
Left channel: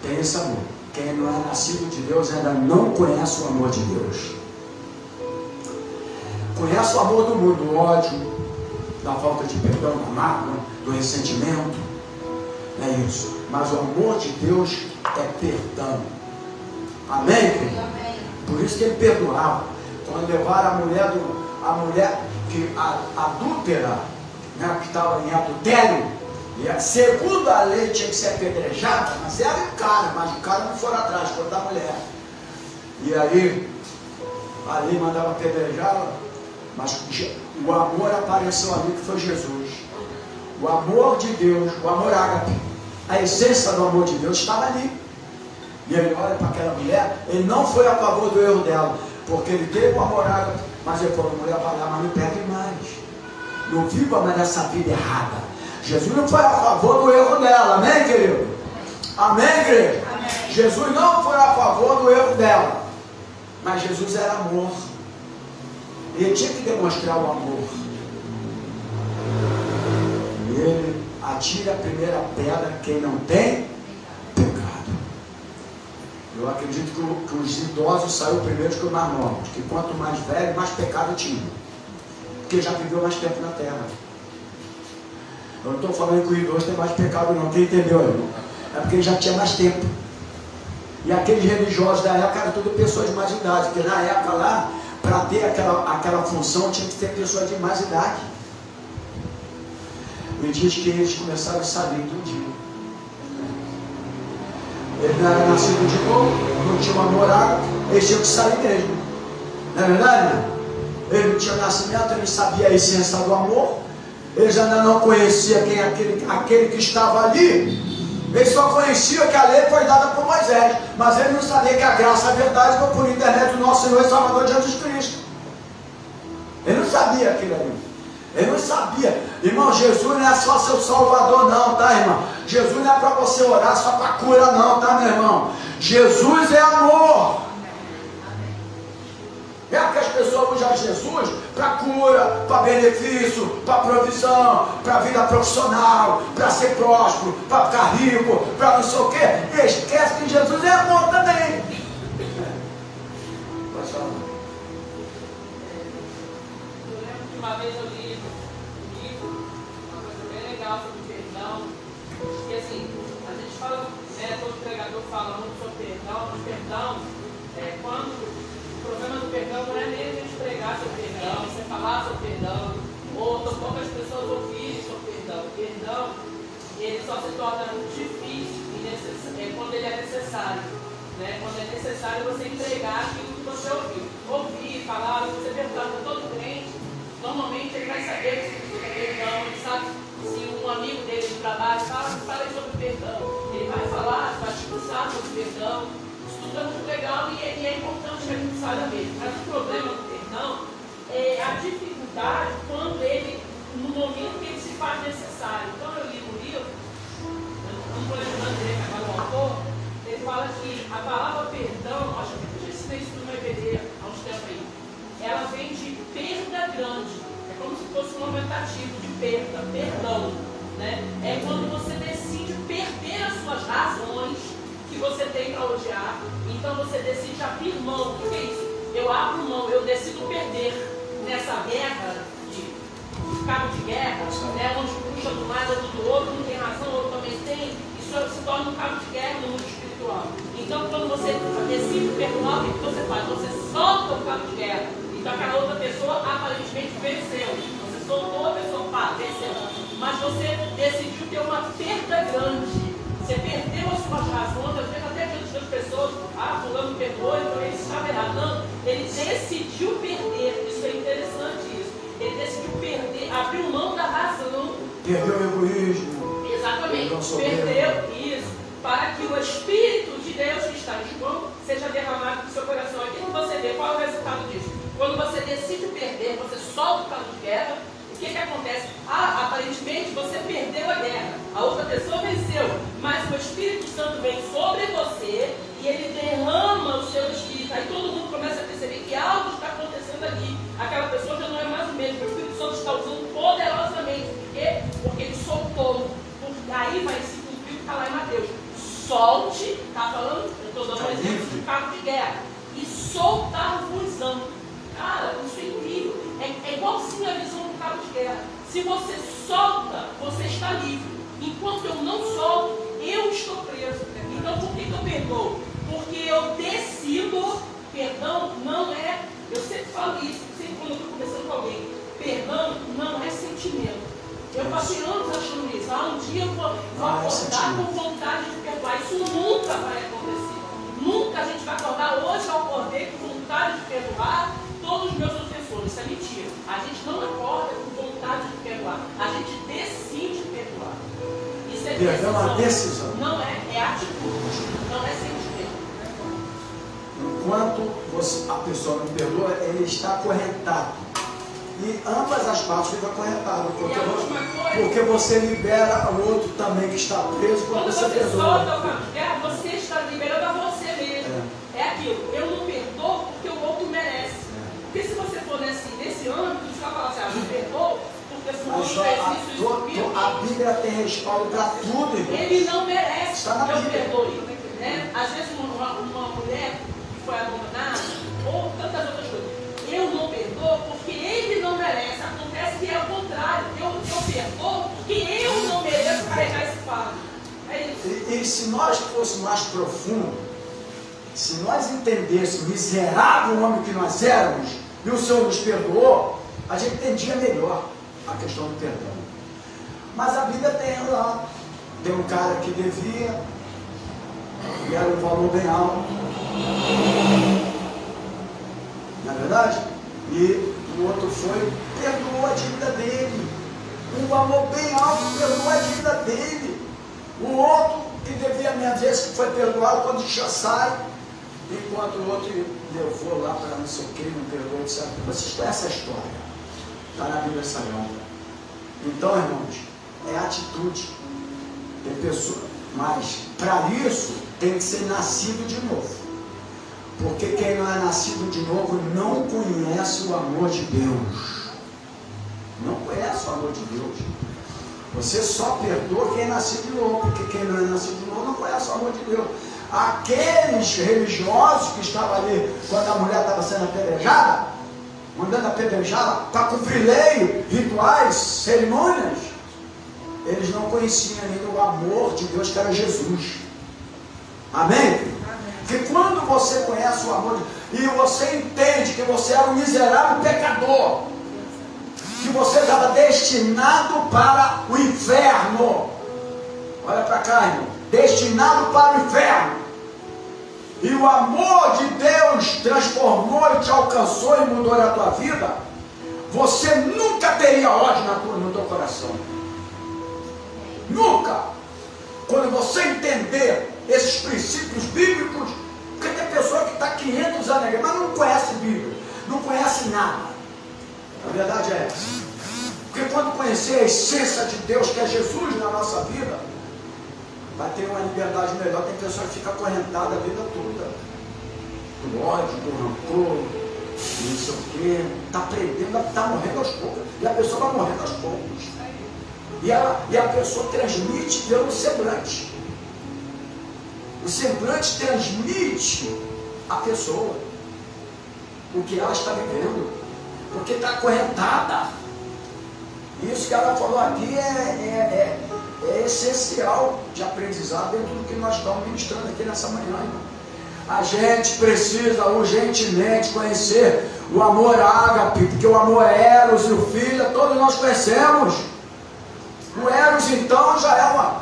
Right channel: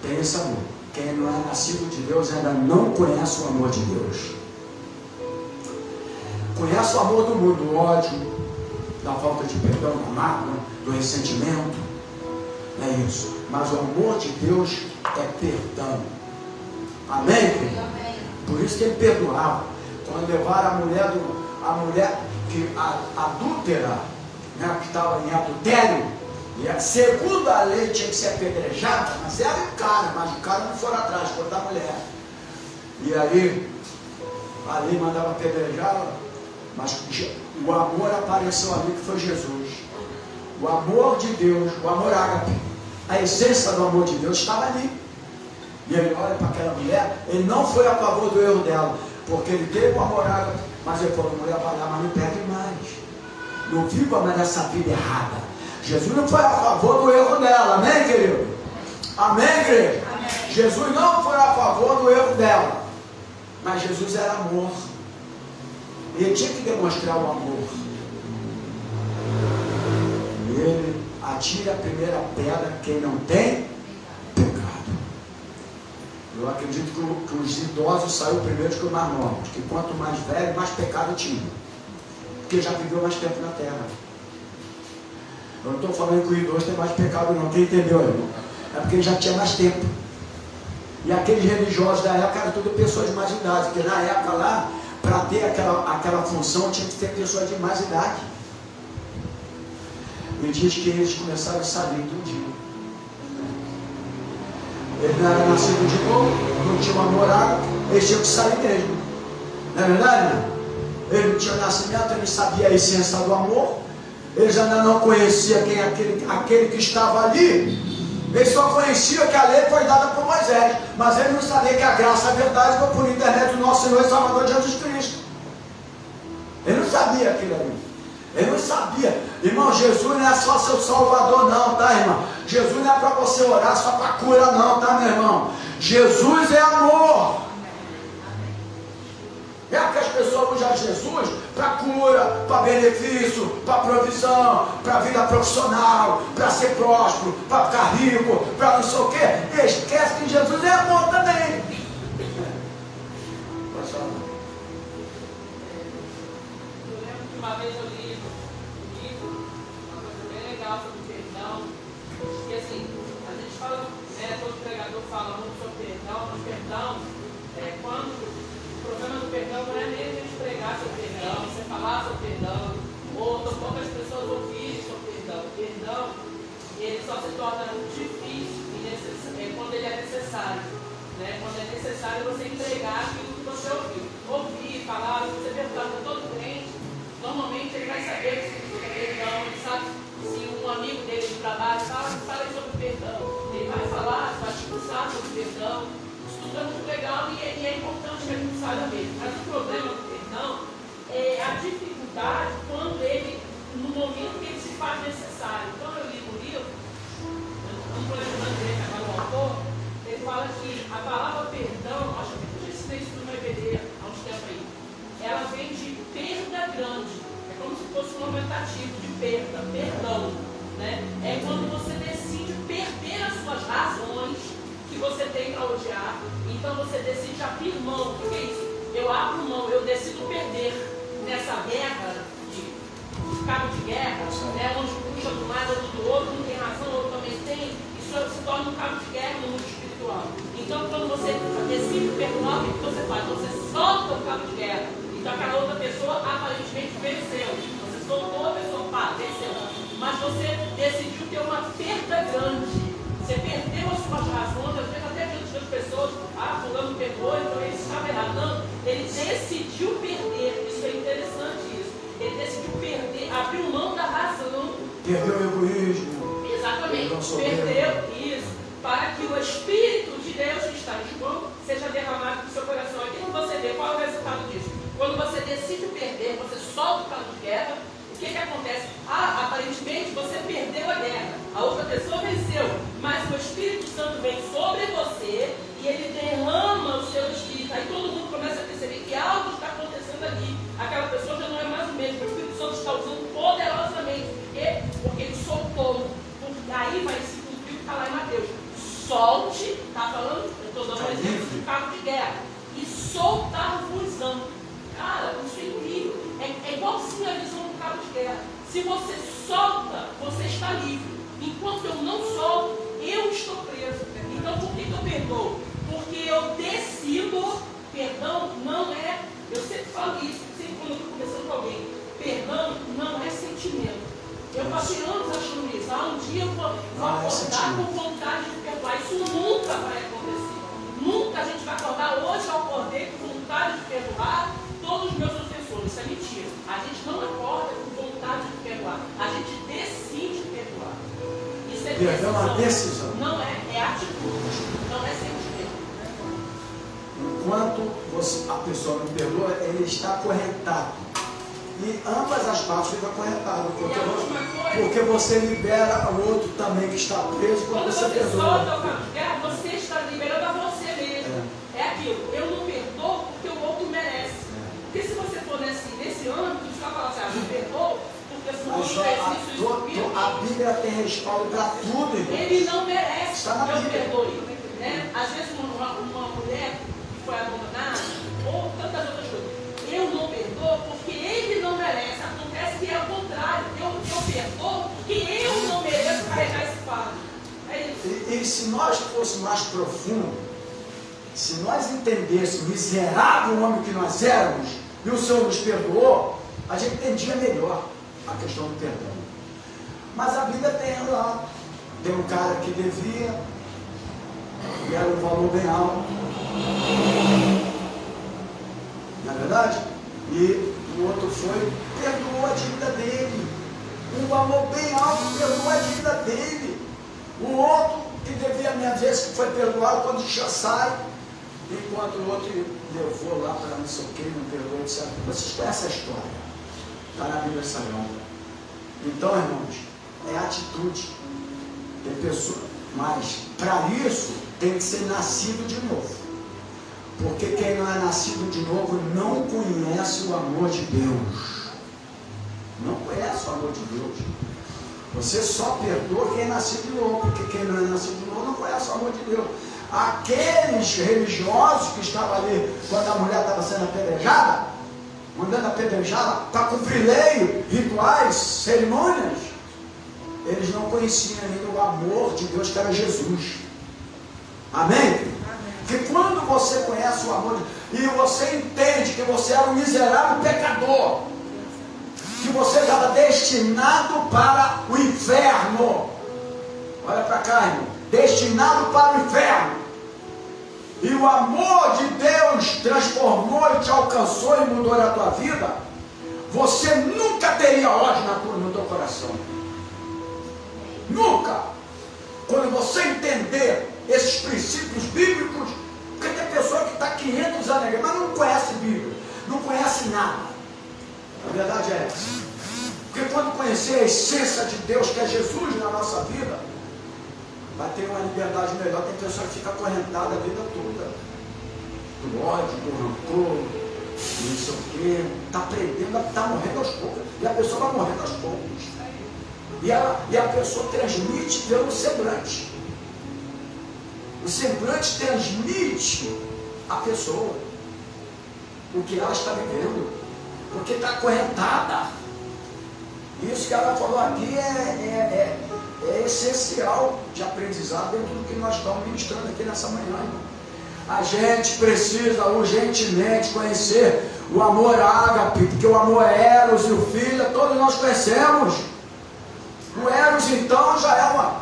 tem esse amor. Quem não é nascido de Deus ainda não conhece o amor de Deus. Conhece o amor do mundo, do ódio, da falta de perdão, da mágoa, do ressentimento. É isso. Mas o amor de Deus é perdão. Amém, querido? Por isso que ele perdoava. Quando levaram a mulher a mulher que adúltera, né, que estava em adultério, segundo a lei tinha que ser apedrejada, mas era o cara, mas o cara não foi atrás, foi da mulher. E aí, ali mandava apedrejá-la, mas o amor apareceu ali, que foi Jesus. O amor de Deus, o amor ágape, a essência do amor de Deus estava ali. E ele olha para aquela mulher, ele não foi a favor do erro dela, porque ele teve o amor ágape, mas ele falou: mulher, vai lá, mas não pegue mais. Não viva mais essa vida errada. Jesus não foi a favor do erro dela, amém, querido? Amém, querido? Amém. Jesus não foi a favor do erro dela, mas Jesus era amor. E ele tinha que demonstrar o amor. E ele atira a primeira pedra quem não tem pecado. Eu acredito que os idosos saíram primeiro que os mais novos, que quanto mais velho, mais pecado tinha, porque já viveu mais tempo na terra. Eu não estou falando que o idoso tem mais pecado não, quem entendeu, irmão? É porque ele já tinha mais tempo. E aqueles religiosos da época eram tudo pessoas de mais idade, porque na época lá, para ter aquela função, tinha que ter pessoas de mais idade. E diz que eles começaram a saber tudinho. Ele não era nascido de novo, não tinha uma morada, eles tinham que saber mesmo. Não é verdade? Ele não tinha nascimento, ele sabia a essência do amor. Eles ainda não conheciam quem é aquele que estava ali. Ele só conhecia que a lei foi dada por Moisés, mas ele não sabia que a graça, a verdade, foi por internet do nosso Senhor e Salvador Jesus Cristo. Ele não sabia aquilo ali. Ele não sabia. Irmão, Jesus não é só seu Salvador não, tá, irmão? Jesus não é para você orar só para cura não, tá, meu irmão? Jesus é amor. É que as pessoas usam Jesus para cura, para benefício, para provisão, para vida profissional, para ser próspero, para ficar rico, para não sei o quê. E esquece que Jesus é amor também. Uma vez eu li um livro bem legal sobre perdão, porque assim, a gente fala, todo pregador fala muito sobre perdão, mas perdão é quando o problema do perdão não é nem a gente pregar sobre perdão, você falar sobre perdão, ou poucas pessoas ouvirem sobre perdão. Perdão, ele só se torna difícil quando ele é necessário, né? Quando é necessário você entregar aquilo que você ouvir, falar, você perguntar para todo crente, normalmente ele vai saber sobre perdão, ele sabe se um amigo dele de trabalho fala sobre perdão, ele vai falar, vai discursar sobre perdão. Isso é muito legal e é importante que a gente saiba mesmo. Mas o problema do perdão é a dificuldade quando ele, no momento que ele se faz necessário. Então eu li no livro, um conhecimento do autor, ele fala que a palavra perdão, acho que eu ensinei isso no EBD há uns tempos aí, ela vem de perda grande. É como se fosse um aumentativo de perda, perdão. Né? É quando você decide perder as suas razões que você tem para odiar. Então você decide abrir mão, que é isso? Eu abro mão, eu decido perder nessa guerra de cabo de guerra, né? Onde um puxa do lado, outro do outro, um tem razão, outro também tem. Isso se torna um cabo de guerra no mundo espiritual. Então quando você decide perdoar, o que você faz? Você solta o cabo de guerra. Então aquela outra pessoa aparentemente venceu. Você soltou, a pessoa venceu. Mas você decidiu ter uma perda grande. Você perdeu as suas razões, às vezes até diante das pessoas, fulano perdoou, então ele estava errado. Não, ele decidiu perder. Isso é interessante isso. Ele decidiu perder, abriu mão da razão. Perdeu o egoísmo. Exatamente. Perdeu isso. Para que o Espírito de Deus que está em mão seja derramado no seu coração. Aqui você vê qual é o resultado disso. Quando você decide perder, você solta o cabo de guerra, o que acontece? Aparentemente você perdeu a guerra, a outra pessoa venceu, mas o Espírito Santo vem sobre você e ele derrama o seu Espírito. Aí todo mundo começa a perceber que algo está acontecendo ali. Aquela pessoa já não é mais o mesmo, o Espírito Santo está usando poderosamente. Porque ele soltou. Aí vai se cumprir o que está lá em Mateus. Solte, está falando? Eu estou dando um exemplo de cabo de guerra. E soltar-vos-ão. Cara, isso é incrível. É igualzinho a visão do cabo de guerra. Se você solta, você está livre. Enquanto eu não solto, eu estou preso. Então por que eu perdoo? Porque eu decido, perdão não é, eu sempre falo isso, sempre quando eu estou conversando com É uma decisão. Não é atitude, não é sentimento. Enquanto a pessoa não perdoa, ele está acorrentado. E ambas as partes ficam acorrentadas. Porque você libera o outro também que está preso quando você perdoa. Você está liberando a você mesmo. É aquilo. Eu não perdoo porque o outro merece. Porque se você for nesse âmbito, você vai falar assim, eu não perdoo porque se o outro merece isso. A Bíblia tem respaldo para tudo, irmão. Ele não merece Está na que eu Bíblia. perdoe. Né? Às vezes uma mulher que foi abandonada, ou tantas outras coisas, eu não perdoo porque ele não merece. Acontece que é o contrário. Eu perdoo porque eu não mereço carregar esse fardo. É isso. E se nós fôssemos mais profundo, se nós entendêssemos o miserável homem que nós éramos, e o Senhor nos perdoou, a gente entendia melhor a questão do perdão. Mas a Bíblia tem lá, tem um cara que devia, e era um valor bem alto. Não é verdade? E o outro foi, perdoou a dívida dele. Um valor bem alto, perdoou a dívida dele. O outro que devia meia vez que foi perdoado, quando já sai, enquanto o outro levou lá para não sei o que, não perdoou, etc. Vocês conhecem essa história? Está na Bíblia Sagrada. Então, irmãos, é atitude. Tem pessoa, mas para isso tem que ser nascido de novo. Porque quem não é nascido de novo não conhece o amor de Deus. Não conhece o amor de Deus. Você só perdoa quem é nascido de novo, porque quem não é nascido de novo não conhece o amor de Deus. Aqueles religiosos que estavam ali quando a mulher estava sendo apedrejada, mandando apedrejá-la para cumprir lei, rituais, cerimônias, eles não conheciam ainda o amor de Deus que era Jesus. Amém? Porque quando você conhece o amor de Deus e você entende que você era um miserável pecador, que você estava destinado para o inferno, olha para cá, irmão, destinado para o inferno, e o amor de Deus transformou e te alcançou e mudou a tua vida, você nunca teria ódio no teu coração. Nunca. Quando você entender esses princípios bíblicos, porque tem pessoa que está 500 anos, mas não conhece Bíblia, não conhece nada. A verdade é essa. Porque quando conhecer a essência de Deus, que é Jesus na nossa vida, vai ter uma liberdade melhor. Tem pessoa que fica acorrentada a vida toda. Do ódio, do rancor, não sei o quê. Está aprendendo, está morrendo aos poucos. E a pessoa vai morrendo aos poucos. E a pessoa transmite pelo semblante. O semblante transmite a pessoa o que ela está vivendo. Porque está acorrentada. Isso que ela falou aqui é essencial de aprendizado dentro do que nós estamos ministrando aqui nessa manhã. A gente precisa urgentemente conhecer o amor ágape, porque o amor Eros e o Filho, todos nós conhecemos. O Eros, então, já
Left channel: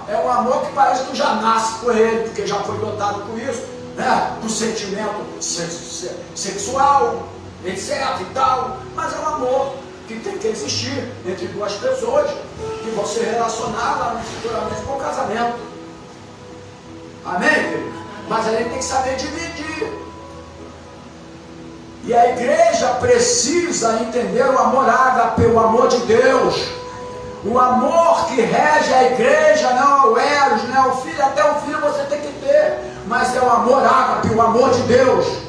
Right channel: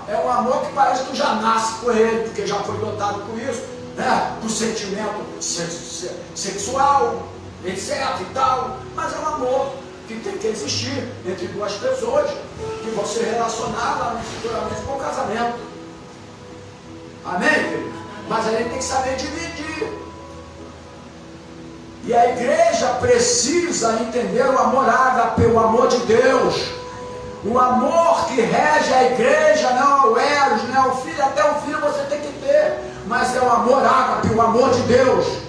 é um amor que parece que já nasce com ele, porque já foi dotado com isso, né? Do sentimento sexual, etc e tal, mas é um amor que tem que existir entre duas pessoas que vão se relacionar futuramente com o casamento. Amém, querido? Mas a gente tem que saber dividir. E a igreja precisa entender o amor ágape, o amor de Deus. O amor que rege a igreja não é o Eros, não é o Filho. Até o Filho você tem que ter, mas é o amor ágape, o amor de Deus.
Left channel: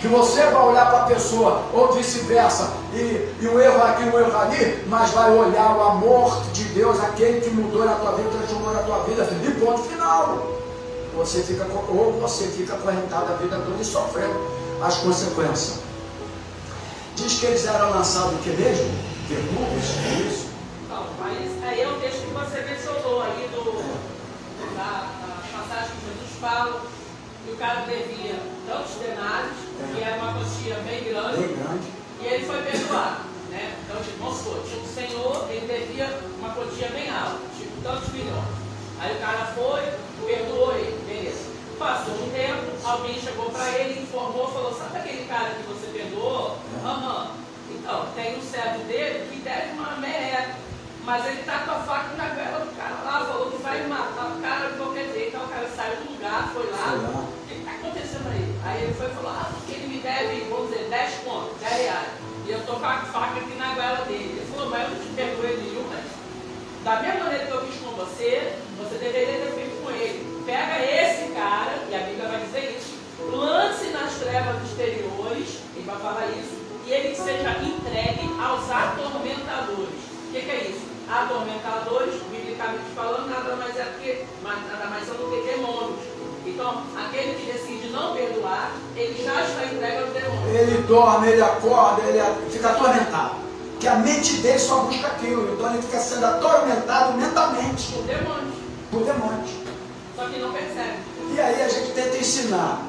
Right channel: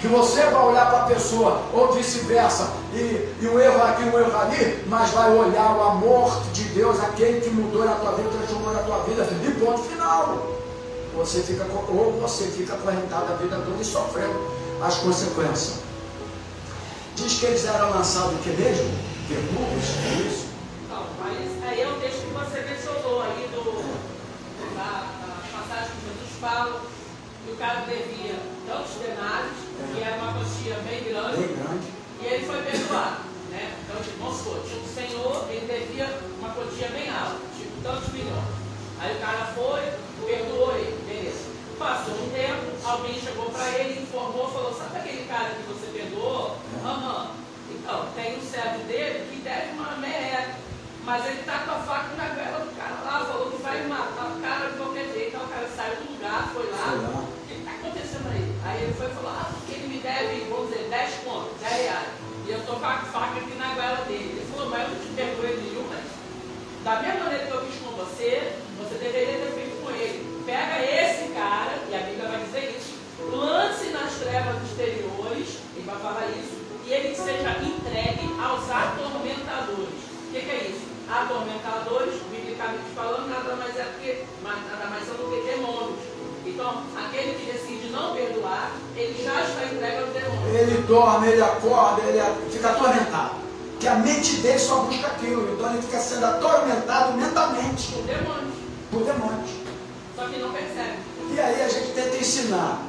Que você vai olhar para a pessoa, ou vice-versa, e um erro aqui, um erro ali, mas vai olhar o amor de Deus, aquele que mudou na tua vida, transformou na tua vida, e ponto final. Você fica acorrentado a vida toda e sofrendo as consequências. Diz que eles eram lançados o que mesmo? Verdugas, é isso? Não, mas aí é o texto que você mencionou aí da passagem que Jesus fala, que o cara devia tantos denários, que era uma quantia bem grande, e ele foi perdoado, né? Então, tipo, vamos supor, o Senhor, ele devia uma quantia bem alta, tipo, tantos milhões. Aí o cara foi, perdoou ele, beleza. Passou um tempo, alguém chegou para ele, informou, falou, sabe aquele cara que você perdoou? Então, tem um servo dele que deve uma merda, mas ele está com a faca na guerra do cara lá, falou que vai matar O que está acontecendo aí? Aí ele foi falar, porque ele me deve, vamos dizer, 10 contos, 10 reais. E eu estou com a faca aqui na goela dele. Ele falou, mas eu não te perdoei nenhum, mas da mesma maneira que eu fiz com você, você deveria ter feito com ele. Pega esse cara, e a Bíblia vai dizer isso, lance nas trevas exteriores, ele vai falar isso, e ele seja entregue aos atormentadores. O que é isso? Atormentadores, biblicamente falando, nada mais são do que demônios. Então, aquele que decide não perdoar, ele já está entregue aos demônios. Ele dorme, ele acorda, ele fica atormentado. Porque a mente dele só busca aquilo. Então ele fica sendo atormentado mentalmente. Por demônios. Por demônios. Só que não percebe. E aí a gente tenta ensinar.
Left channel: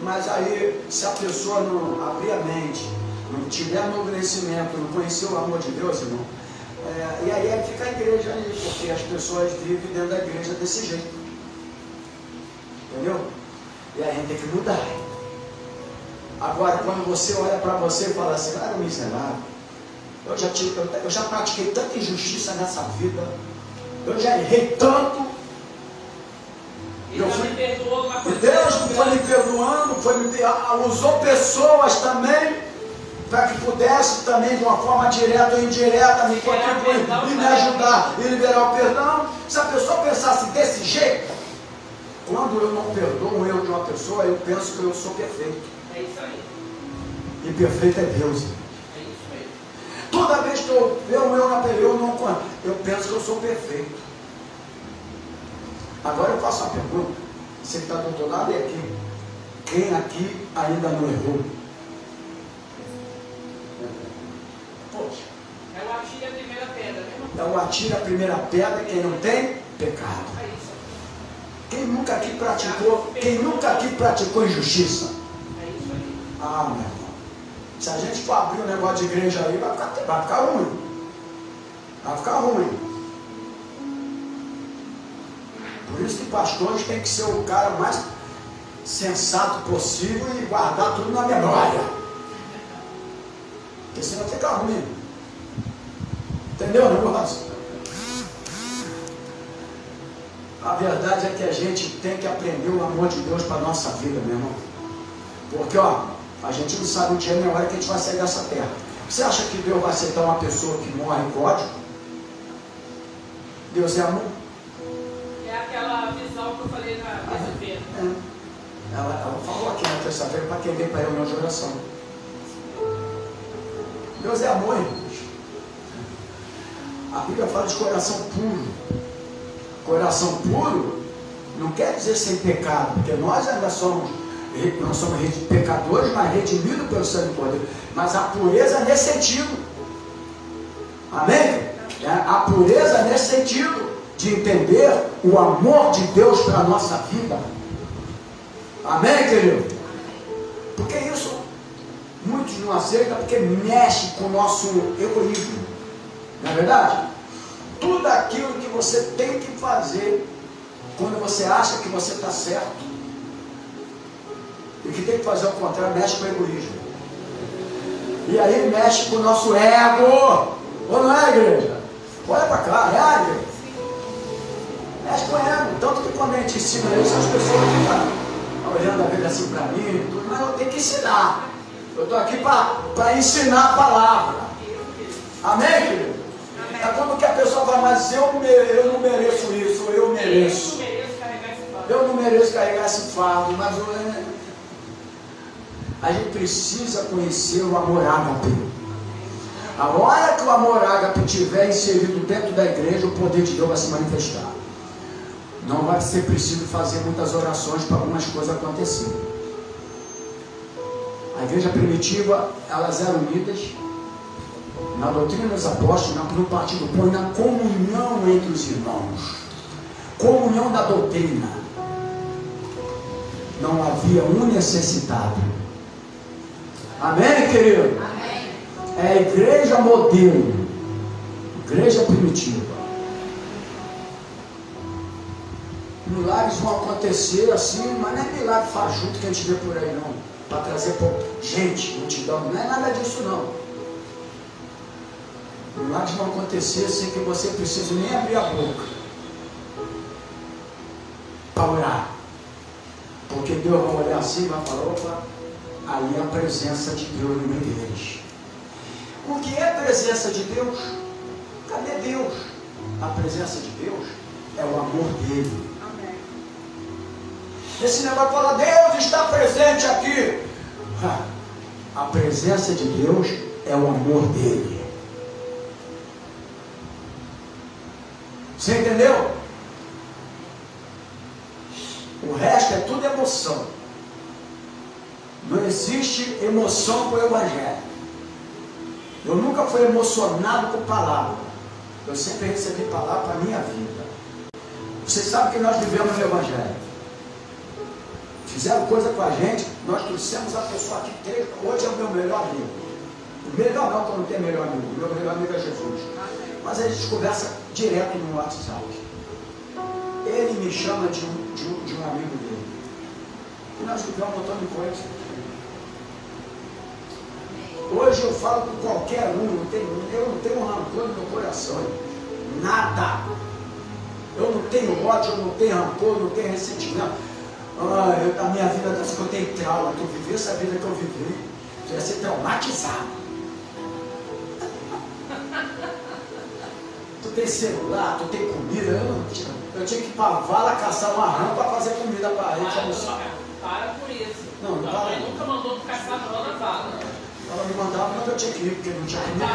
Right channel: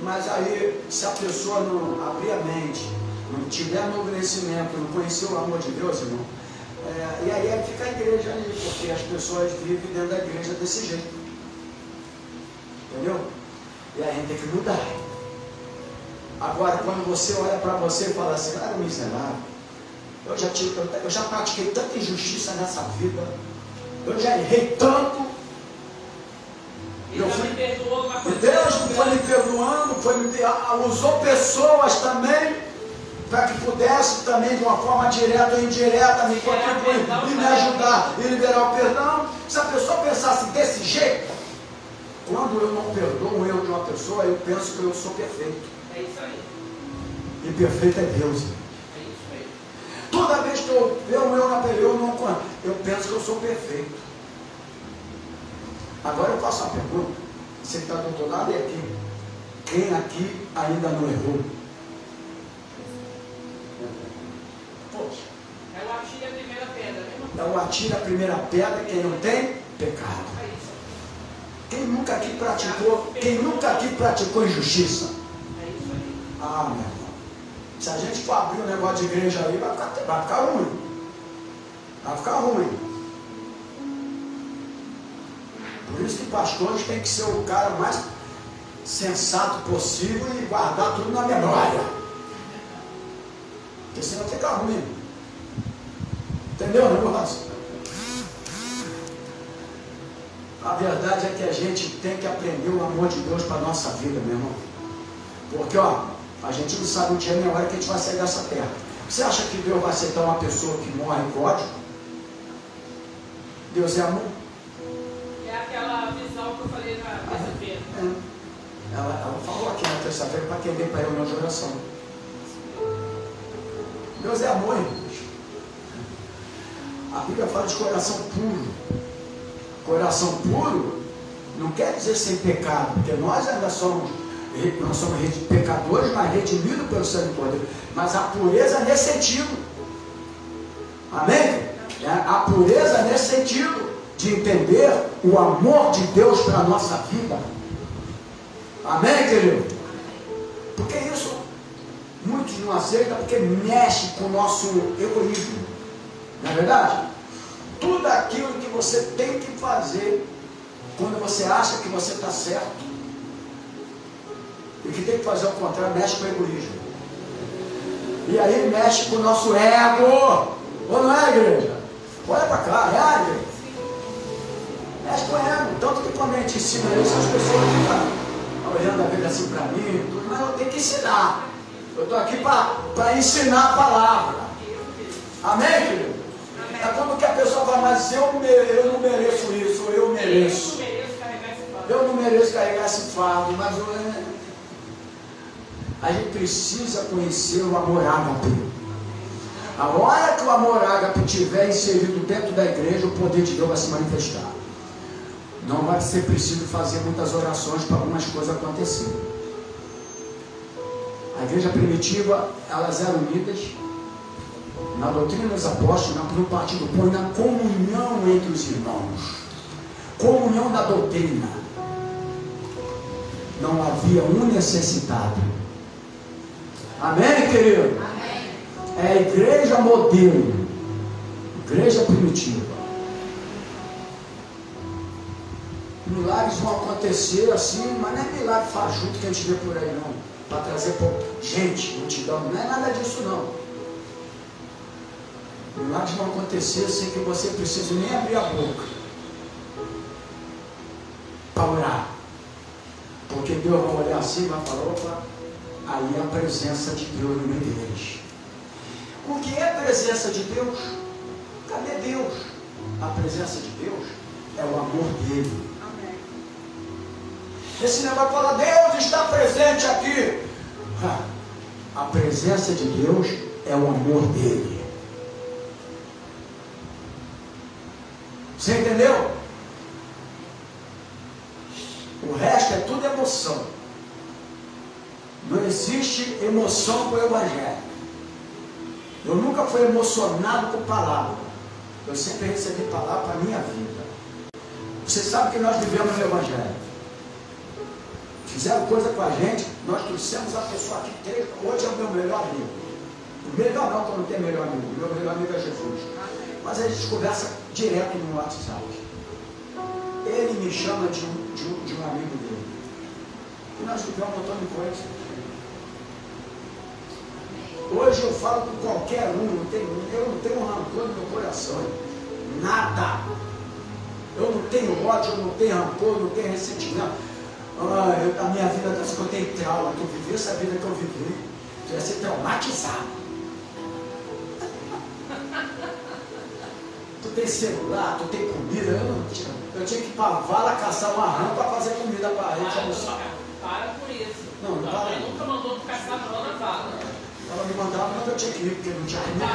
Mas aí, se a pessoa não abrir a mente, não tiver novo conhecimento, não conhecer o amor de Deus, irmão, e aí fica a igreja ali, porque as pessoas vivem dentro da igreja desse jeito. Entendeu? E aí a gente tem que mudar. Agora, quando você olha para você e fala assim, ah, miserável, eu já pratiquei tanta injustiça nessa vida, eu já errei tanto, E Deus me perdoou, mas e Deus foi me perdoando, usou pessoas também, para que pudesse também, de uma forma direta ou indireta, me contribuir e me ajudar e liberar o perdão. Se a pessoa pensasse desse jeito, quando eu não perdoo um erro de uma pessoa, eu penso que eu sou perfeito. é isso aí. E perfeito é Deus. É isso mesmo. Toda vez que eu vejo um erro, eu penso que eu sou perfeito. Agora eu faço uma pergunta. Você está do outro lado e aqui. Quem aqui ainda não errou? Poxa. É o atire a primeira pedra. Então atira a primeira pedra quem não tem pecado. É isso aí. Quem nunca aqui praticou injustiça? É isso aí. Ah, meu irmão. Se a gente for abrir um negócio de igreja ali, vai ficar ruim. Vai ficar ruim. Por isso que pastores têm que ser o cara mais sensato possível e guardar tudo na memória. Porque senão fica ruim. Entendeu, negócio? A verdade é que a gente tem que aprender o amor de Deus para a nossa vida, meu irmão. Porque, ó, a gente não sabe o dia nem a hora que a gente vai sair dessa terra. Você acha que Deus vai aceitar uma pessoa que morre com ódio? Deus é amor? É aquela visão que eu falei na terça-feira. Ela falou aqui na terça-feira para quem veio para a reunião de oração. Deus é amor, irmãos. A Bíblia fala de coração puro. Coração puro não quer dizer sem pecado, porque nós ainda somos pecadores, mas redimidos pelo sangue do Cordeiro. Mas a pureza nesse sentido. Amém? A pureza nesse sentido de entender o amor de Deus para a nossa vida. Amém, querido? Porque isso muitos não aceitam, porque mexe com o nosso egoísmo. Não é verdade? Tudo aquilo que você tem que fazer quando você acha que você está certo e que tem que fazer o contrário, mexe com o egoísmo. E aí mexe com o nosso ego. Ou não é, igreja? Olha para cá, é, igreja? Mexe com o ego. Tanto que quando a gente ensina isso, as pessoas ficam olhando a vida assim para mim. Mas eu tenho que ensinar. Eu estou aqui para ensinar a palavra. Amém, querido? É como que a pessoa vai, mas eu não mereço isso, eu mereço. Eu não mereço carregar esse fardo, mas a gente precisa conhecer o amor ágape. A hora que o amor ágape estiver inserido dentro da igreja, o poder de Deus vai se manifestar. Não vai ser preciso fazer muitas orações para algumas coisas acontecerem. A igreja primitiva, elas eram unidas na doutrina dos apóstolos, no partido do pão, na comunhão entre os irmãos. Comunhão da doutrina. Não havia um necessitado. Amém, querido? Amém. É a igreja modelo. Igreja primitiva. Milagres vão acontecer assim, mas não é milagre faz junto que a gente vê por aí, não. Para trazer gente, multidão. Não é nada disso, não. Milagres vão acontecer sem que você precise nem abrir a boca para orar, Porque Deus vai olhar assim e vai falar, opa, ali é a presença de Deus no meio deles. O que é a presença de Deus? Cadê Deus? A presença de Deus é o amor dele. Esse negócio fala, Deus está presente aqui. A presença de Deus é o amor dele. Você entendeu? O resto é tudo emoção. Não existe emoção com o Evangelho. Eu nunca fui emocionado com palavra. Eu sempre recebi palavra para a minha vida. Você sabe que nós vivemos no Evangelho. Fizeram coisa com a gente, nós trouxemos a pessoa que teve. Hoje é o meu melhor amigo. O melhor não, porque eu não tenho melhor amigo. O meu melhor amigo é Jesus. Mas a gente conversa direto no WhatsApp. Ele me chama de um amigo dele. E nós vivemos botando coisa. Hoje eu falo com qualquer um, eu não tenho rancor no meu coração. Nada. Eu não tenho ódio, eu não tenho rancor, eu não tenho ressentimento. A minha vida, eu tenho trauma, eu vivi essa vida que eu vivi. Quer ser traumatizado. Tu tem celular, tu tem comida, eu tinha que ir para a vala caçar uma rã para fazer comida para a gente almoçar. Para por isso. Não para. Nunca mandou caçar não na vala. Ela me mandava, mas eu tinha que ir, porque não tinha comida.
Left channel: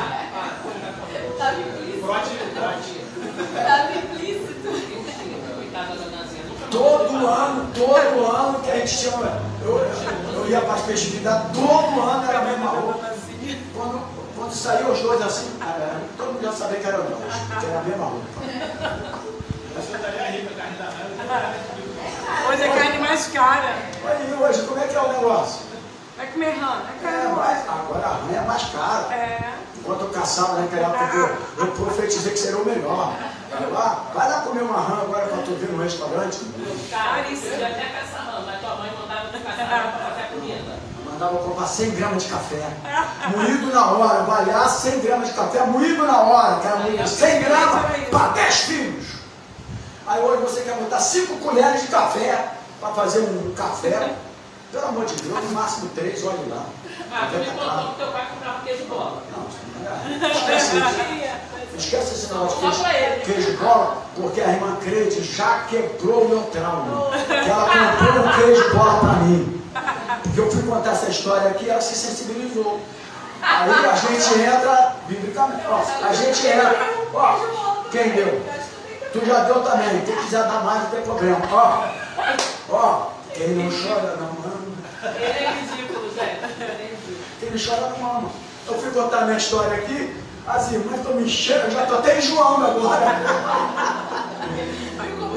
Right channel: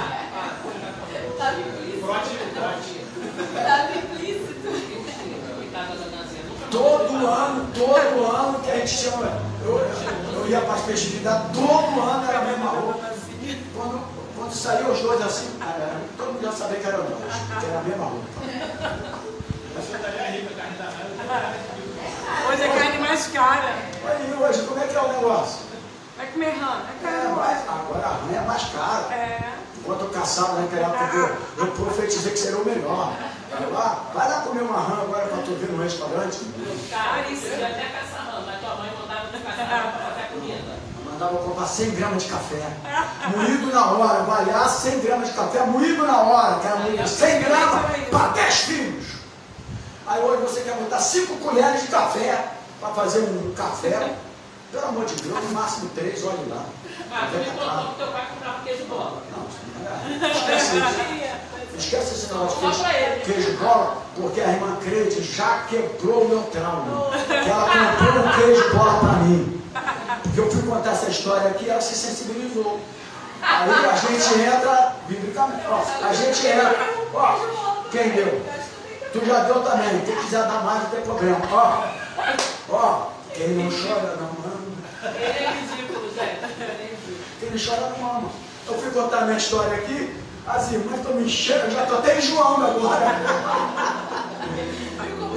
Todo ano que a gente tinha. Eu ia para as festividades, todo ano era a mesma roupa. Quando saiu os dois assim, todo mundo já sabia que era nós, que era a mesma roupa. Hoje é carne mais cara. Olha aí, hoje, como é que é o negócio? Vai comer rã, Agora a rã é mais cara. Enquanto eu caçava naquela época, eu profetizei que seria o melhor. Vai lá comer uma rã agora para tu vir no restaurante. Caríssimo, já tinha caçar rã, mas tua mãe mandava tu caçar para qualquer comida. Mandava comprar 100 gramas de café. Moído na hora, vai lá, 100 gramas de café, moído na hora. Quero moído 100 gramas para 10 filhos. Aí hoje você quer botar 5 colheres de café para fazer um café. Pelo amor de Deus, no máximo 3, olha lá. Tu me contou que teu pai comprava queijo bola. Não, esquece isso. Esquece esse negócio de queijo bola, porque a irmã Crede já quebrou o meu trauma. Ela comprou um queijo bola para mim. Porque eu fui contar essa história aqui, ela se sensibilizou. Aí a gente entra, biblicamente, a gente entra, quem deu? Tu já deu também, quem quiser dar mais não tem problema. Quem não chora não ama. Ele é ridículo, Zé. Quem não chora não ama. Eu fui contar minha história aqui, as irmãs estão me enchendo, já estou até enjoando agora.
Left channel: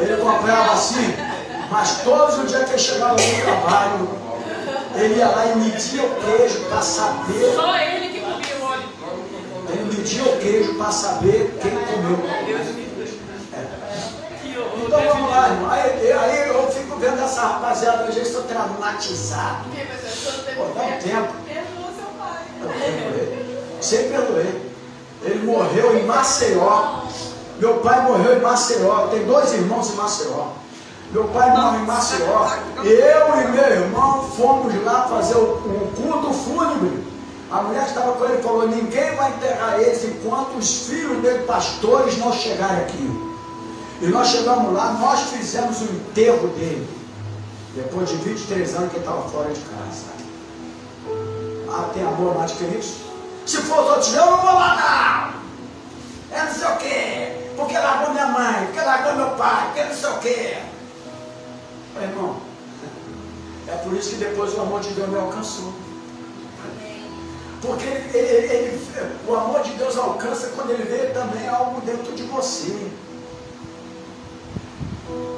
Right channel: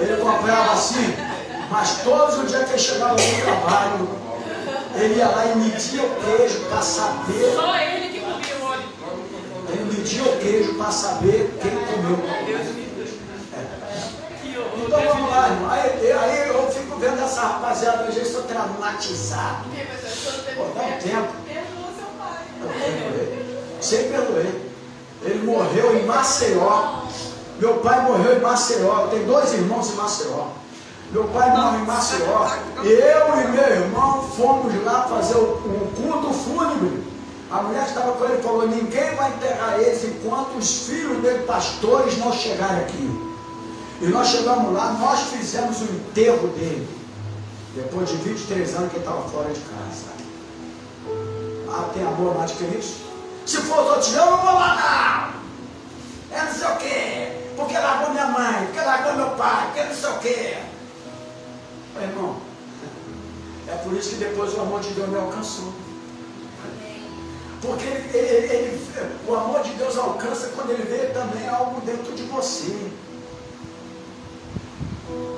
Ele comprava assim, mas todos os dias que eu chegava no trabalho, ele ia lá e media o queijo para saber. Só ele que comia o óleo. Ele media o queijo para saber quem comeu. Então vamos lá, irmão. Aí eu fico vendo essa rapaziada, a gente está traumatizado. Pô, dá um tempo. Sempre perdoei. Ele morreu em Maceió. Meu pai morreu em Maceió. Tem 2 irmãos em Maceió. Meu pai morreu em Maceió. Eu e meu irmão fomos lá fazer um culto fúnebre. A mulher que estava com ele falou: ninguém vai enterrar eles enquanto os filhos dele, pastores, não chegarem aqui. E nós chegamos lá, nós fizemos o enterro dele. Depois de 23 anos que ele estava fora de casa. Tem amor mais que isso? Se for outro dia, eu não vou lá não. É não sei o quê. Porque largou minha mãe, porque largou meu pai, porque não sei o quê. Meu irmão, é por isso que depois o amor de Deus me alcançou. Porque o amor de Deus alcança quando ele vê também algo dentro de você.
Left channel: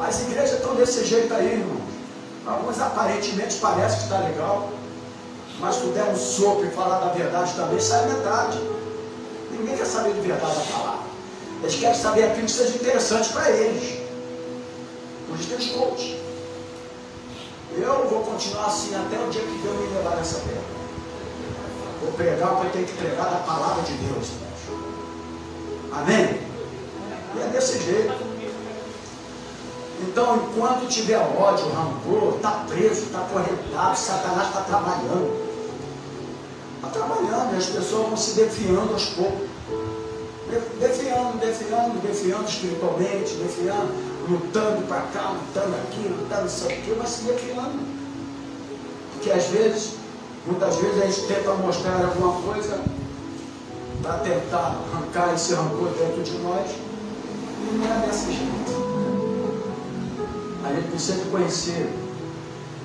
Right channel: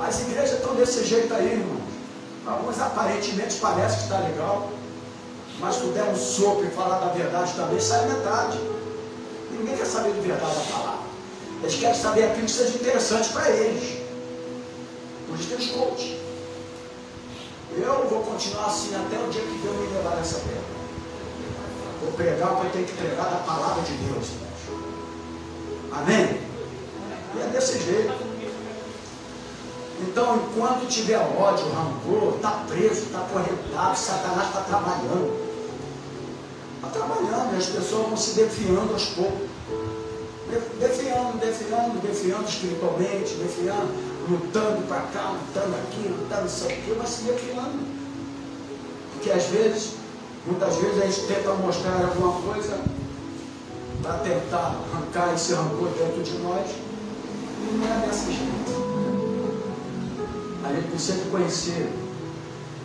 As igrejas estão desse jeito aí, irmãos. Algumas aparentemente parecem que está legal, mas se der um sopro e falar da verdade também, sai a verdade. Ninguém quer saber de verdade a palavra. Eles querem saber aquilo que seja interessante para eles. Por isso tem os coaches. Eu vou continuar assim até o dia que Deus me levar nessa terra. Vou pregar o que eu tenho que pregar da palavra de Deus. Amém? E é desse jeito. Então, enquanto tiver ódio, rancor, está preso, está acorrentado, Satanás está trabalhando. Está trabalhando, e as pessoas vão se defiando aos poucos. Defiando espiritualmente, lutando para cá, lutando aqui, lutando isso aqui, mas se defiando. Porque às vezes, muitas vezes a gente tenta mostrar alguma coisa para tentar arrancar esse rancor dentro de nós, e não é dessa jeito. A gente precisa conhecer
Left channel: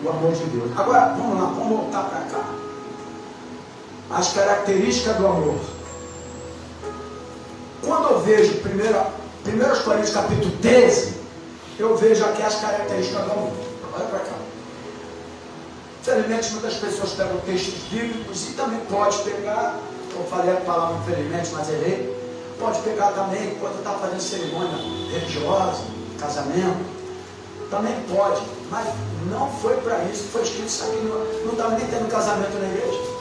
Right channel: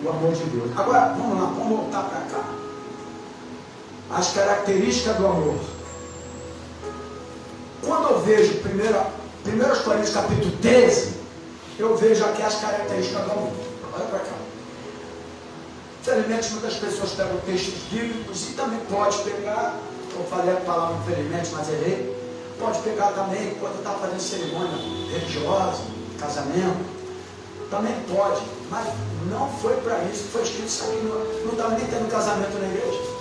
o amor de Deus. Agora, vamos lá, vamos voltar para cá. As características do amor. Quando eu vejo 1 Coríntios capítulo 13, eu vejo aqui as características do amor. Olha para cá. Infelizmente, muitas pessoas pegam textos bíblicos e também pode pegar, eu falei a palavra infelizmente, mas errei, pode pegar também quando está fazendo cerimônia religiosa, casamento. Também pode, mas não foi para isso, foi escrito isso aqui, não estava nem tendo casamento na igreja.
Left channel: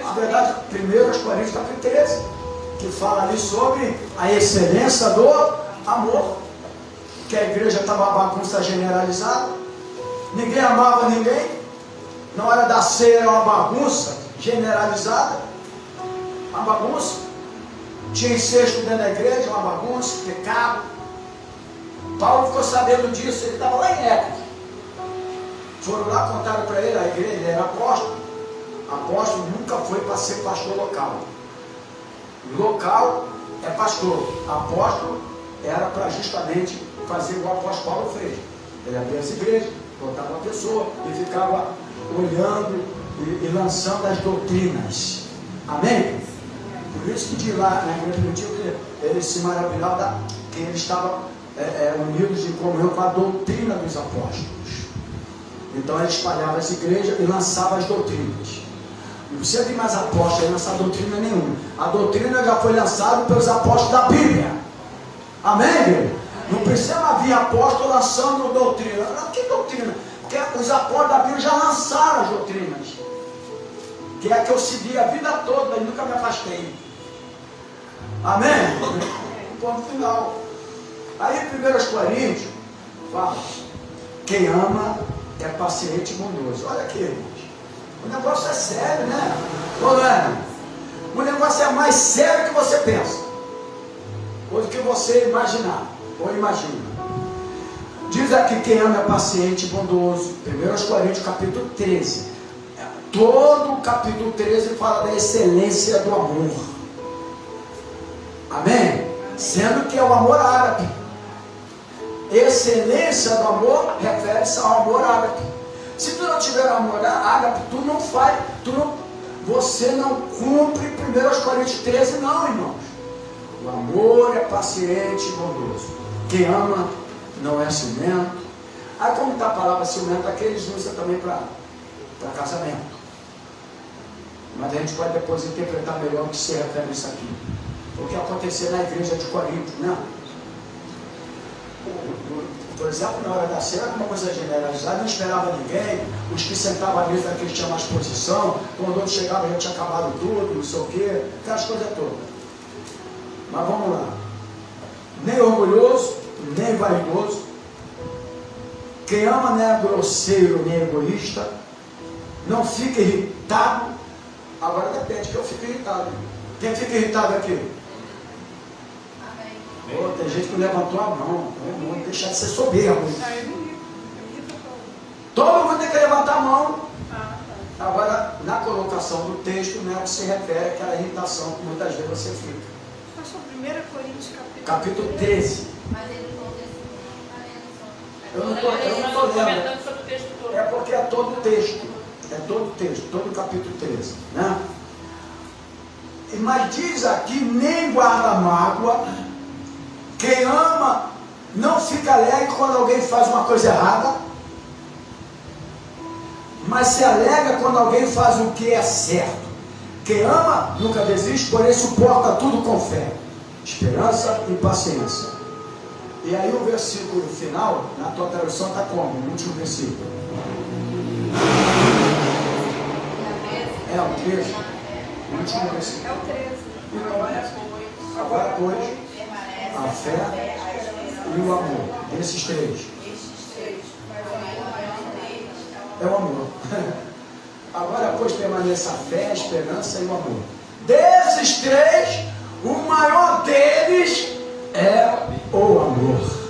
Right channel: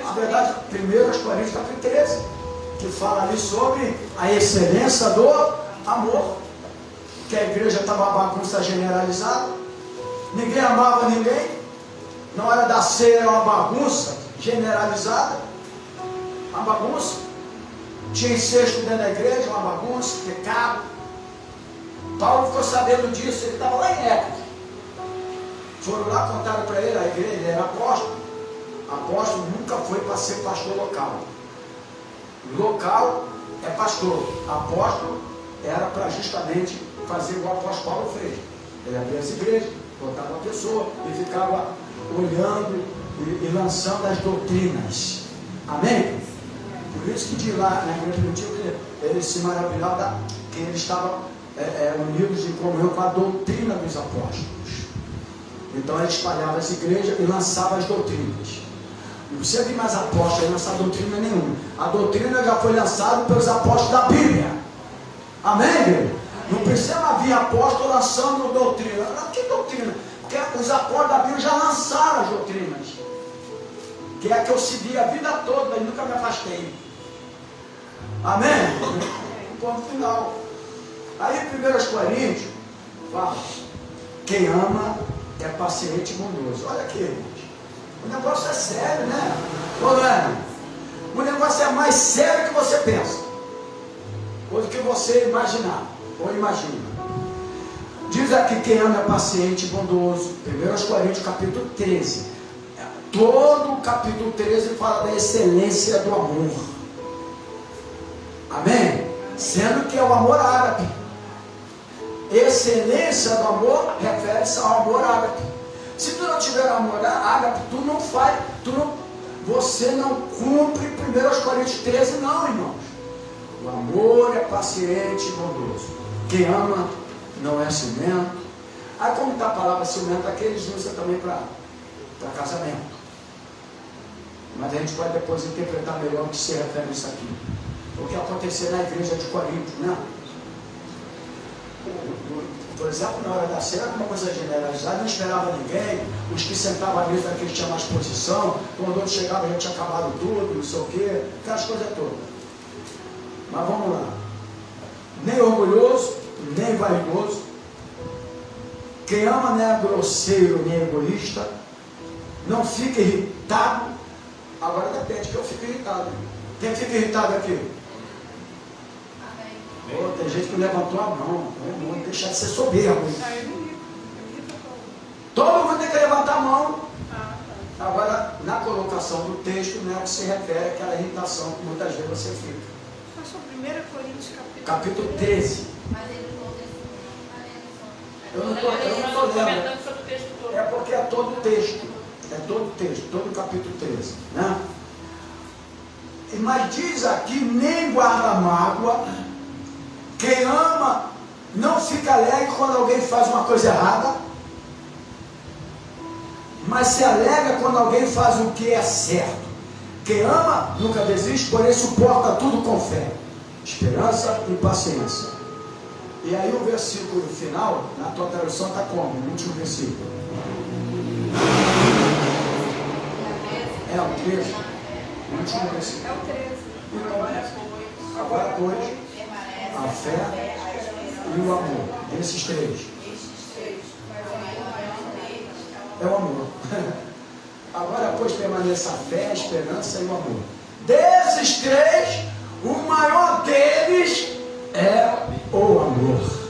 Na verdade, 1 Coríntios capítulo 13, que fala ali sobre a excelência do amor, que a igreja estava uma bagunça generalizada, ninguém amava ninguém, na hora da ceia era uma bagunça generalizada, uma bagunça, tinha incesto dentro da igreja, uma bagunça, pecado. Paulo ficou sabendo disso, ele estava lá em Éfeso. Foram lá, contaram para ele, a igreja, ele era apóstolo. Apóstolo nunca foi para ser pastor local. Local é pastor. Apóstolo era para justamente fazer o apóstolo Paulo fez. Ele abria as igrejas, botava uma pessoa e ficava olhando e lançando as doutrinas. Amém? Por isso que de lá, na igreja do dia, ele se maravilhava que ele estava unidos em comunhão com a doutrina dos apóstolos. Então ele espalhava as igrejas e lançava as doutrinas. Não precisa de mais apóstolos lançar doutrina nenhuma. A doutrina já foi lançada pelos apóstolos da Bíblia. Amém? Não precisa haver apóstolo lançando doutrina. Que doutrina? Porque os apóstolos da Bíblia já lançaram as doutrinas. Que é que eu segui a vida toda e nunca me afastei. Amém? Ponto final. Aí em 1 Coríntios fala: quem ama é paciente e bondoso. Olha aqui, irmãos. O negócio é sério, né? Ou não é? O negócio é mais sério que você pensa, ou do que você imaginar, ou imagina. Diz aqui: quem ama é paciente e bondoso. 1 Coríntios capítulo 13. Todo o capítulo 13 fala da excelência do amor. Amém? Sendo que é o amor ágape. Excelência do amor refere-se ao amor ágape. Se tu não tiver amor ágape, tu não faz, você não cumpre 1 Coríntios 13, não, irmãos. O amor é paciente e bondoso. Quem ama não é ciumento. Aí como está a palavra ciumento, aqui eles usam também para casamento. Mas a gente pode depois interpretar melhor o que se refere a isso aqui. O que aconteceu na igreja de Corinto, né? Por exemplo, na hora da ceia, uma coisa generalizada, não esperava ninguém, os que sentavam à mesa que tinham mais posição, quando o outro chegava já tinha acabado tudo, não sei o quê, aquelas coisas todas. Mas vamos lá. Nem orgulhoso, nem vaidoso. Quem ama não é grosseiro nem egoísta. Não fica irritado. Agora depende que eu fico irritado. Quem fica irritado aqui? Tem gente que levantou a mão. Não deixar de ser soberbo. Todo mundo tem que levantar a mão. Agora, na colocação do texto, não é que se refere àquela irritação que muitas vezes você fica. Pastor, 1 Coríntios capítulo 13. Eu não estou lendo. É porque é todo o texto. É todo o texto, todo o capítulo 13. Né? Mas diz aqui: nem guarda mágoa. Quem ama não fica alegre quando alguém faz uma coisa errada, mas se alegra quando alguém faz o que é certo. Quem ama nunca desiste, porém suporta tudo com fé, esperança e paciência. E aí o versículo final, na tua tradução está como? No último versículo. É o 13. O último versículo. É o 13. Agora, pois, a fé e o amor. Desses três. É o amor. Agora, pois, permanece a fé, a esperança e o amor. Desses três, o maior deles é o amor.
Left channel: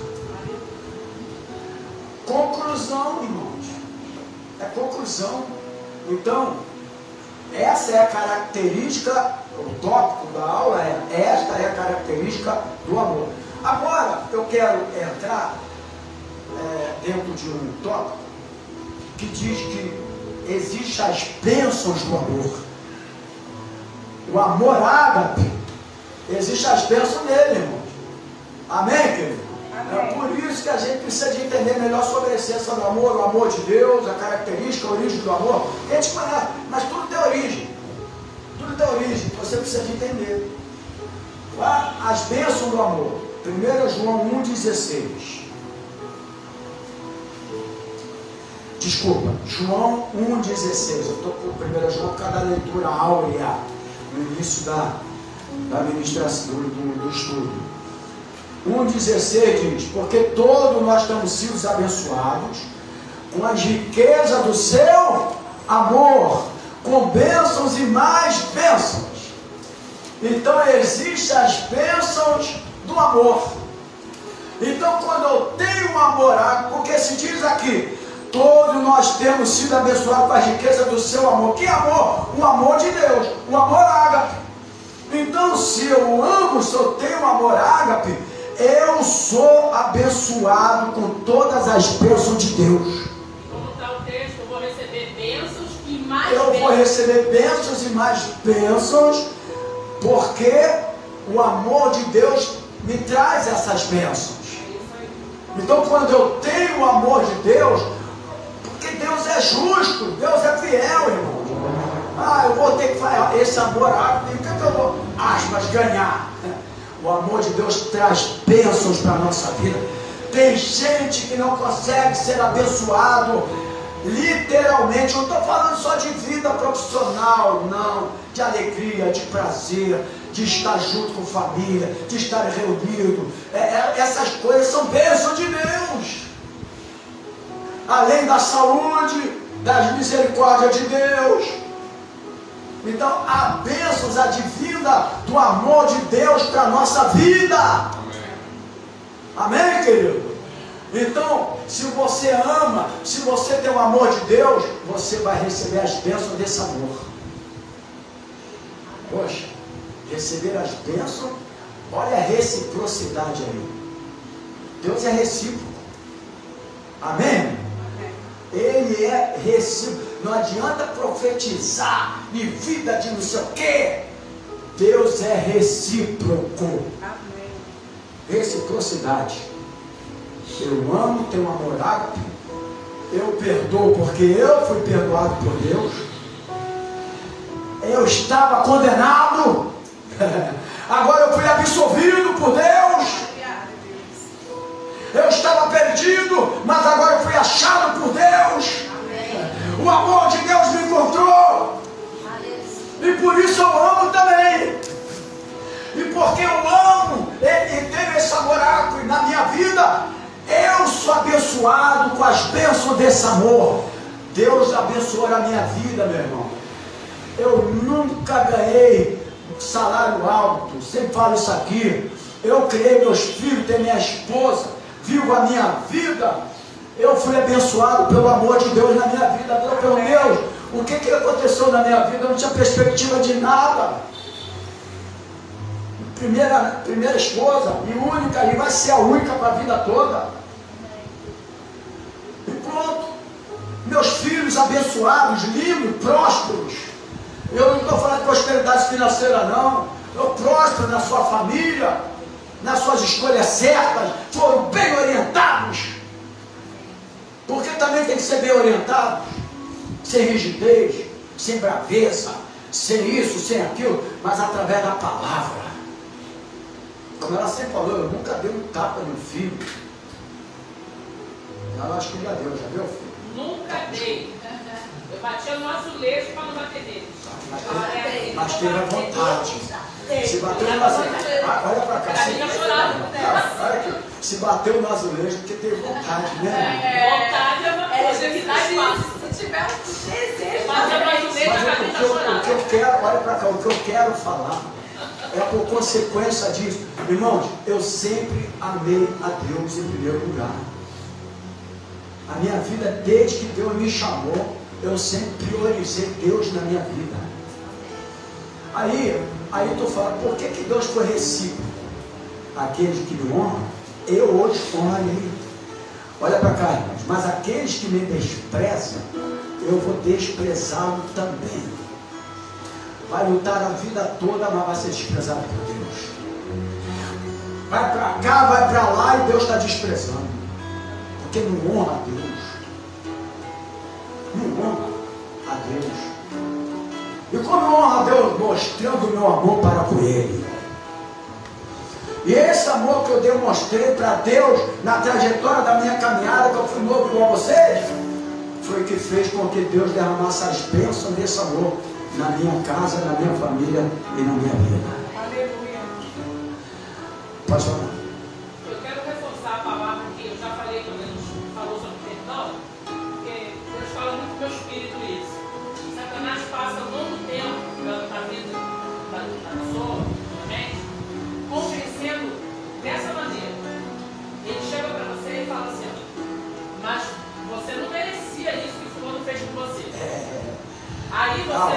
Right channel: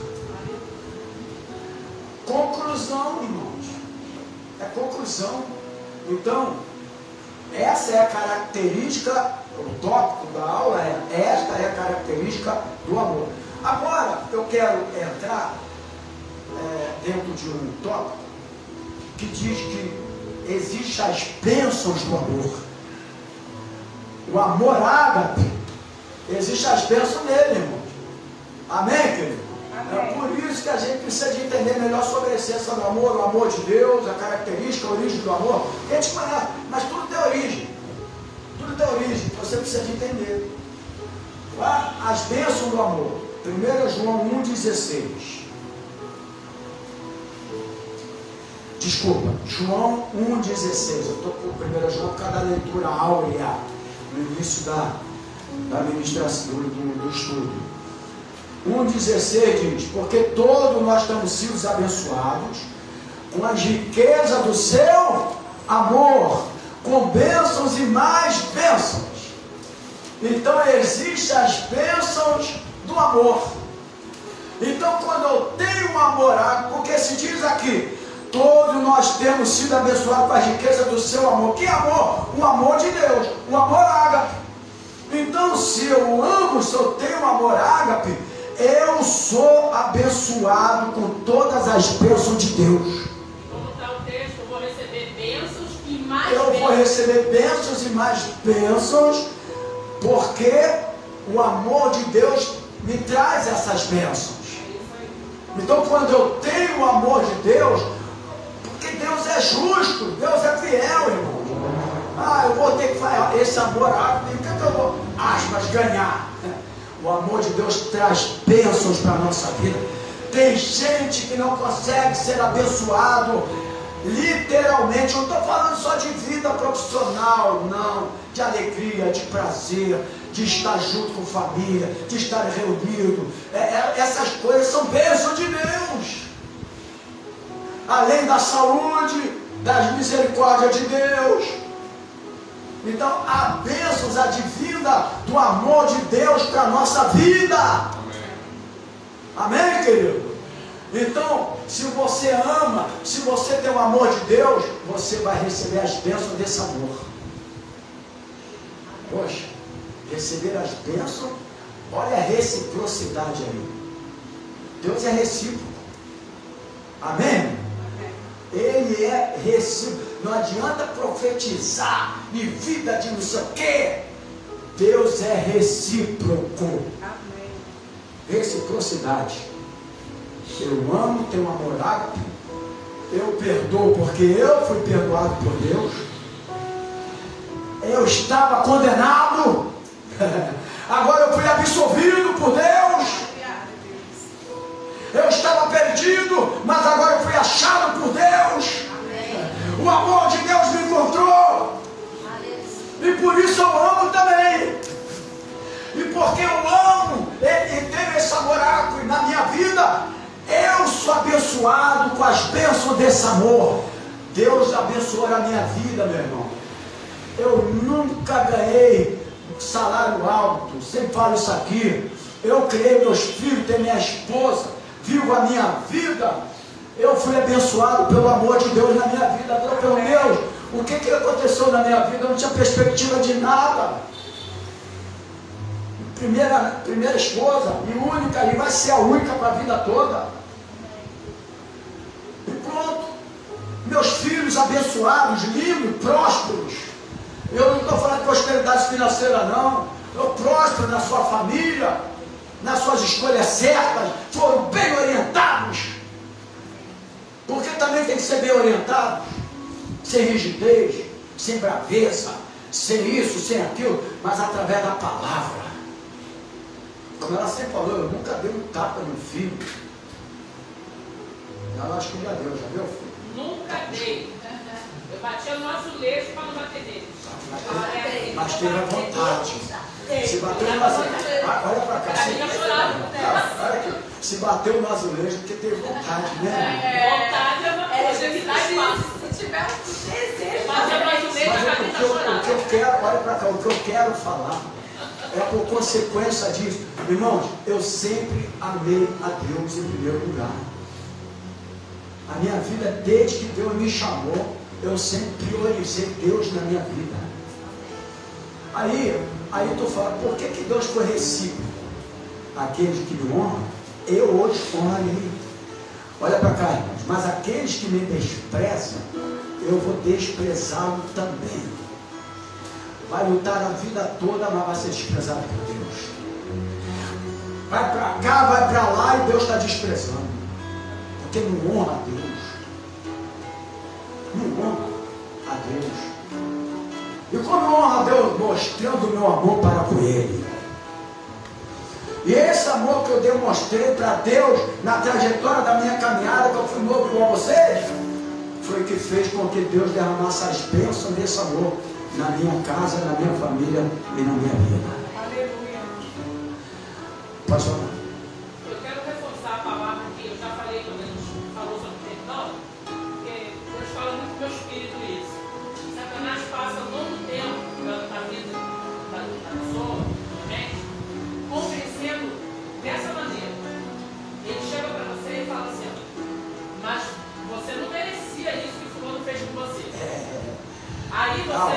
Conclusão, irmãos. É conclusão. Então, essa é a característica, o tópico da aula é: esta é a característica do amor. Agora, eu quero entrar dentro de um tópico que diz que existem as bênçãos do amor. O amor ágape, existem as bênçãos nele, irmão. Amém, querido? É por isso que a gente precisa de entender melhor sobre a essência do amor, o amor de Deus, a característica, a origem do amor. A gente conhece, mas tudo tem origem. Tudo tem origem, você precisa de entender. As bênçãos do amor. 1 João 1,16. Desculpa, João 1,16. Eu estou com 1 João por causa da leitura áurea, no início da ministração, do estudo. 1,16 diz: porque todos nós temos sido abençoados com as riquezas do seu amor, com bênçãos e mais bênçãos. Então existem as bênçãos do amor. Então, quando eu tenho um amor, porque se diz aqui, todos nós temos sido abençoados com a riqueza do seu amor. Que amor? O amor de Deus, o amor ágape. Então, se eu amo, se eu tenho amor ágape, eu sou abençoado com todas as bênçãos de Deus. Como está o texto, eu vou receber bênçãos e mais bênçãos. Eu vou receber bênçãos e mais bênçãos, porque o amor de Deus me traz essas bênçãos. Então, quando eu tenho o amor de Deus, porque Deus é justo, Deus é fiel, irmão. Eu vou ter que falar esse amor, então eu vou, aspas, ganhar. O amor de Deus traz bênçãos para a nossa vida. Tem gente que não consegue ser abençoado literalmente. Não estou falando só de vida profissional, não. De alegria, de prazer, de estar junto com família, de estar reunido. Essas coisas são bênçãos de Deus. Além da saúde, das misericórdias de Deus. Então, há bênçãos advinda do amor de Deus para a nossa vida. Amém, querido? Então, se você ama, se você tem o amor de Deus, você vai receber as bênçãos desse amor. Poxa, receber as bênçãos, olha a reciprocidade aí. Deus é recíproco. Amém? Ele é recíproco. Não adianta profetizar em vida de não sei o quê. Deus é recíproco. Reciprocidade. Eu amo, tenho amor ágape. Eu perdoo porque eu fui perdoado por Deus. Eu estava condenado. Agora eu fui absolvido por Deus. Eu estava perdido, mas agora eu fui achado por Deus. O amor de Deus me encontrou. E por isso eu amo também. E porque eu amo e tenho esse amor ágape na minha vida, eu sou abençoado com as bênçãos desse amor. Deus abençoou a minha vida, meu irmão. Eu nunca ganhei salário alto. Sempre falo isso aqui. Eu criei meus filhos, tenho minha esposa, vivo a minha vida. Eu fui abençoado pelo amor de Deus na minha vida. Meu Deus, o que aconteceu na minha vida? Eu não tinha perspectiva de nada. Primeira esposa e única, e vai ser a única para a vida toda. E pronto. Meus filhos abençoados, lindos, prósperos. Eu não estou falando de prosperidade financeira, não. Eu próspero na sua família, nas suas escolhas certas, foram bem orientados. Porque também tem que ser bem orientado, sem rigidez, sem braveza, sem isso, sem aquilo, mas através da palavra. Como ela sempre falou, eu nunca dei um tapa no filho. Ela acho que já deu, filho? Nunca dei. Eu batia no nosso leite para não bater dele. Mas teve a vontade. Se bateu no azulejo. Olha pra cá. Olha aqui. Se bateu no azulejo porque teve vontade, né? Vontade é uma coisa. Se tiver um desejo. Mas o que eu quero, olha pra cá, o que eu quero falar é por consequência disso. Irmãos, eu sempre amei a Deus em primeiro lugar. A minha vida, desde que Deus me chamou, eu sempre priorizei Deus na minha vida. Aí tu fala, por que Deus foi recíproco? Aqueles que me honram, eu hoje honrarei. Olha para cá, irmãos, mas aqueles que me desprezam, eu vou desprezá-lo também. Vai lutar a vida toda, mas vai ser desprezado por Deus. Vai para cá, vai para lá e Deus está desprezando. Porque não honra a Deus. Não honra a Deus. E como honra a Deus? Mostrando o meu amor para com Ele. E esse amor que eu demonstrei para Deus na trajetória da minha caminhada, que eu fui novo com vocês, foi o que fez com que Deus derramasse as bênçãos desse amor na minha casa, na minha família e na minha vida. Pode falar. Eu quero reforçar a palavra que eu já falei quando a gente falou sobre perdão, porque Deus fala muito com o meu espírito isso. Satanás passa um longo tempo na vida da pessoa, da gente, convencendo dessa maneira. Ele chega para você e fala assim, mas você não merecia isso que o fulano fez com você. Aí você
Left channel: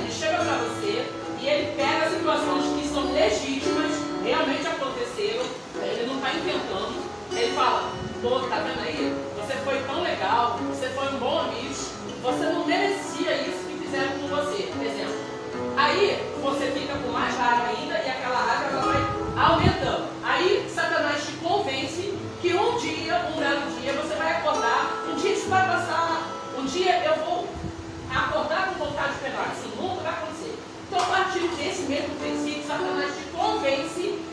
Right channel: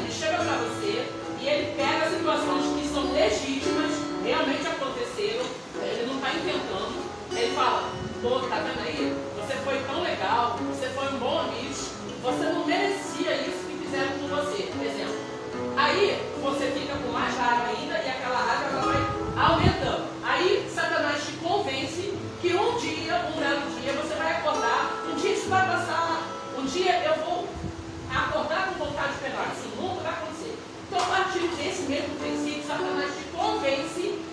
ele chega para você e ele pega situações que são legítimas, realmente aconteceram, ele não está inventando. Ele fala, pô, tá vendo aí? Você foi tão legal, você foi um bom amigo, você não merecia isso que fizeram com você, por exemplo. Aí você fica com mais raiva ainda e aquela raiva ela vai aumentando. Aí Satanás te convence que um dia, um belo dia, você vai acordar, um dia isso vai passar, um dia eu vou acordar com vontade de pegar, isso nunca vai acontecer. Então, a partir desse mesmo princípio, Satanás te convence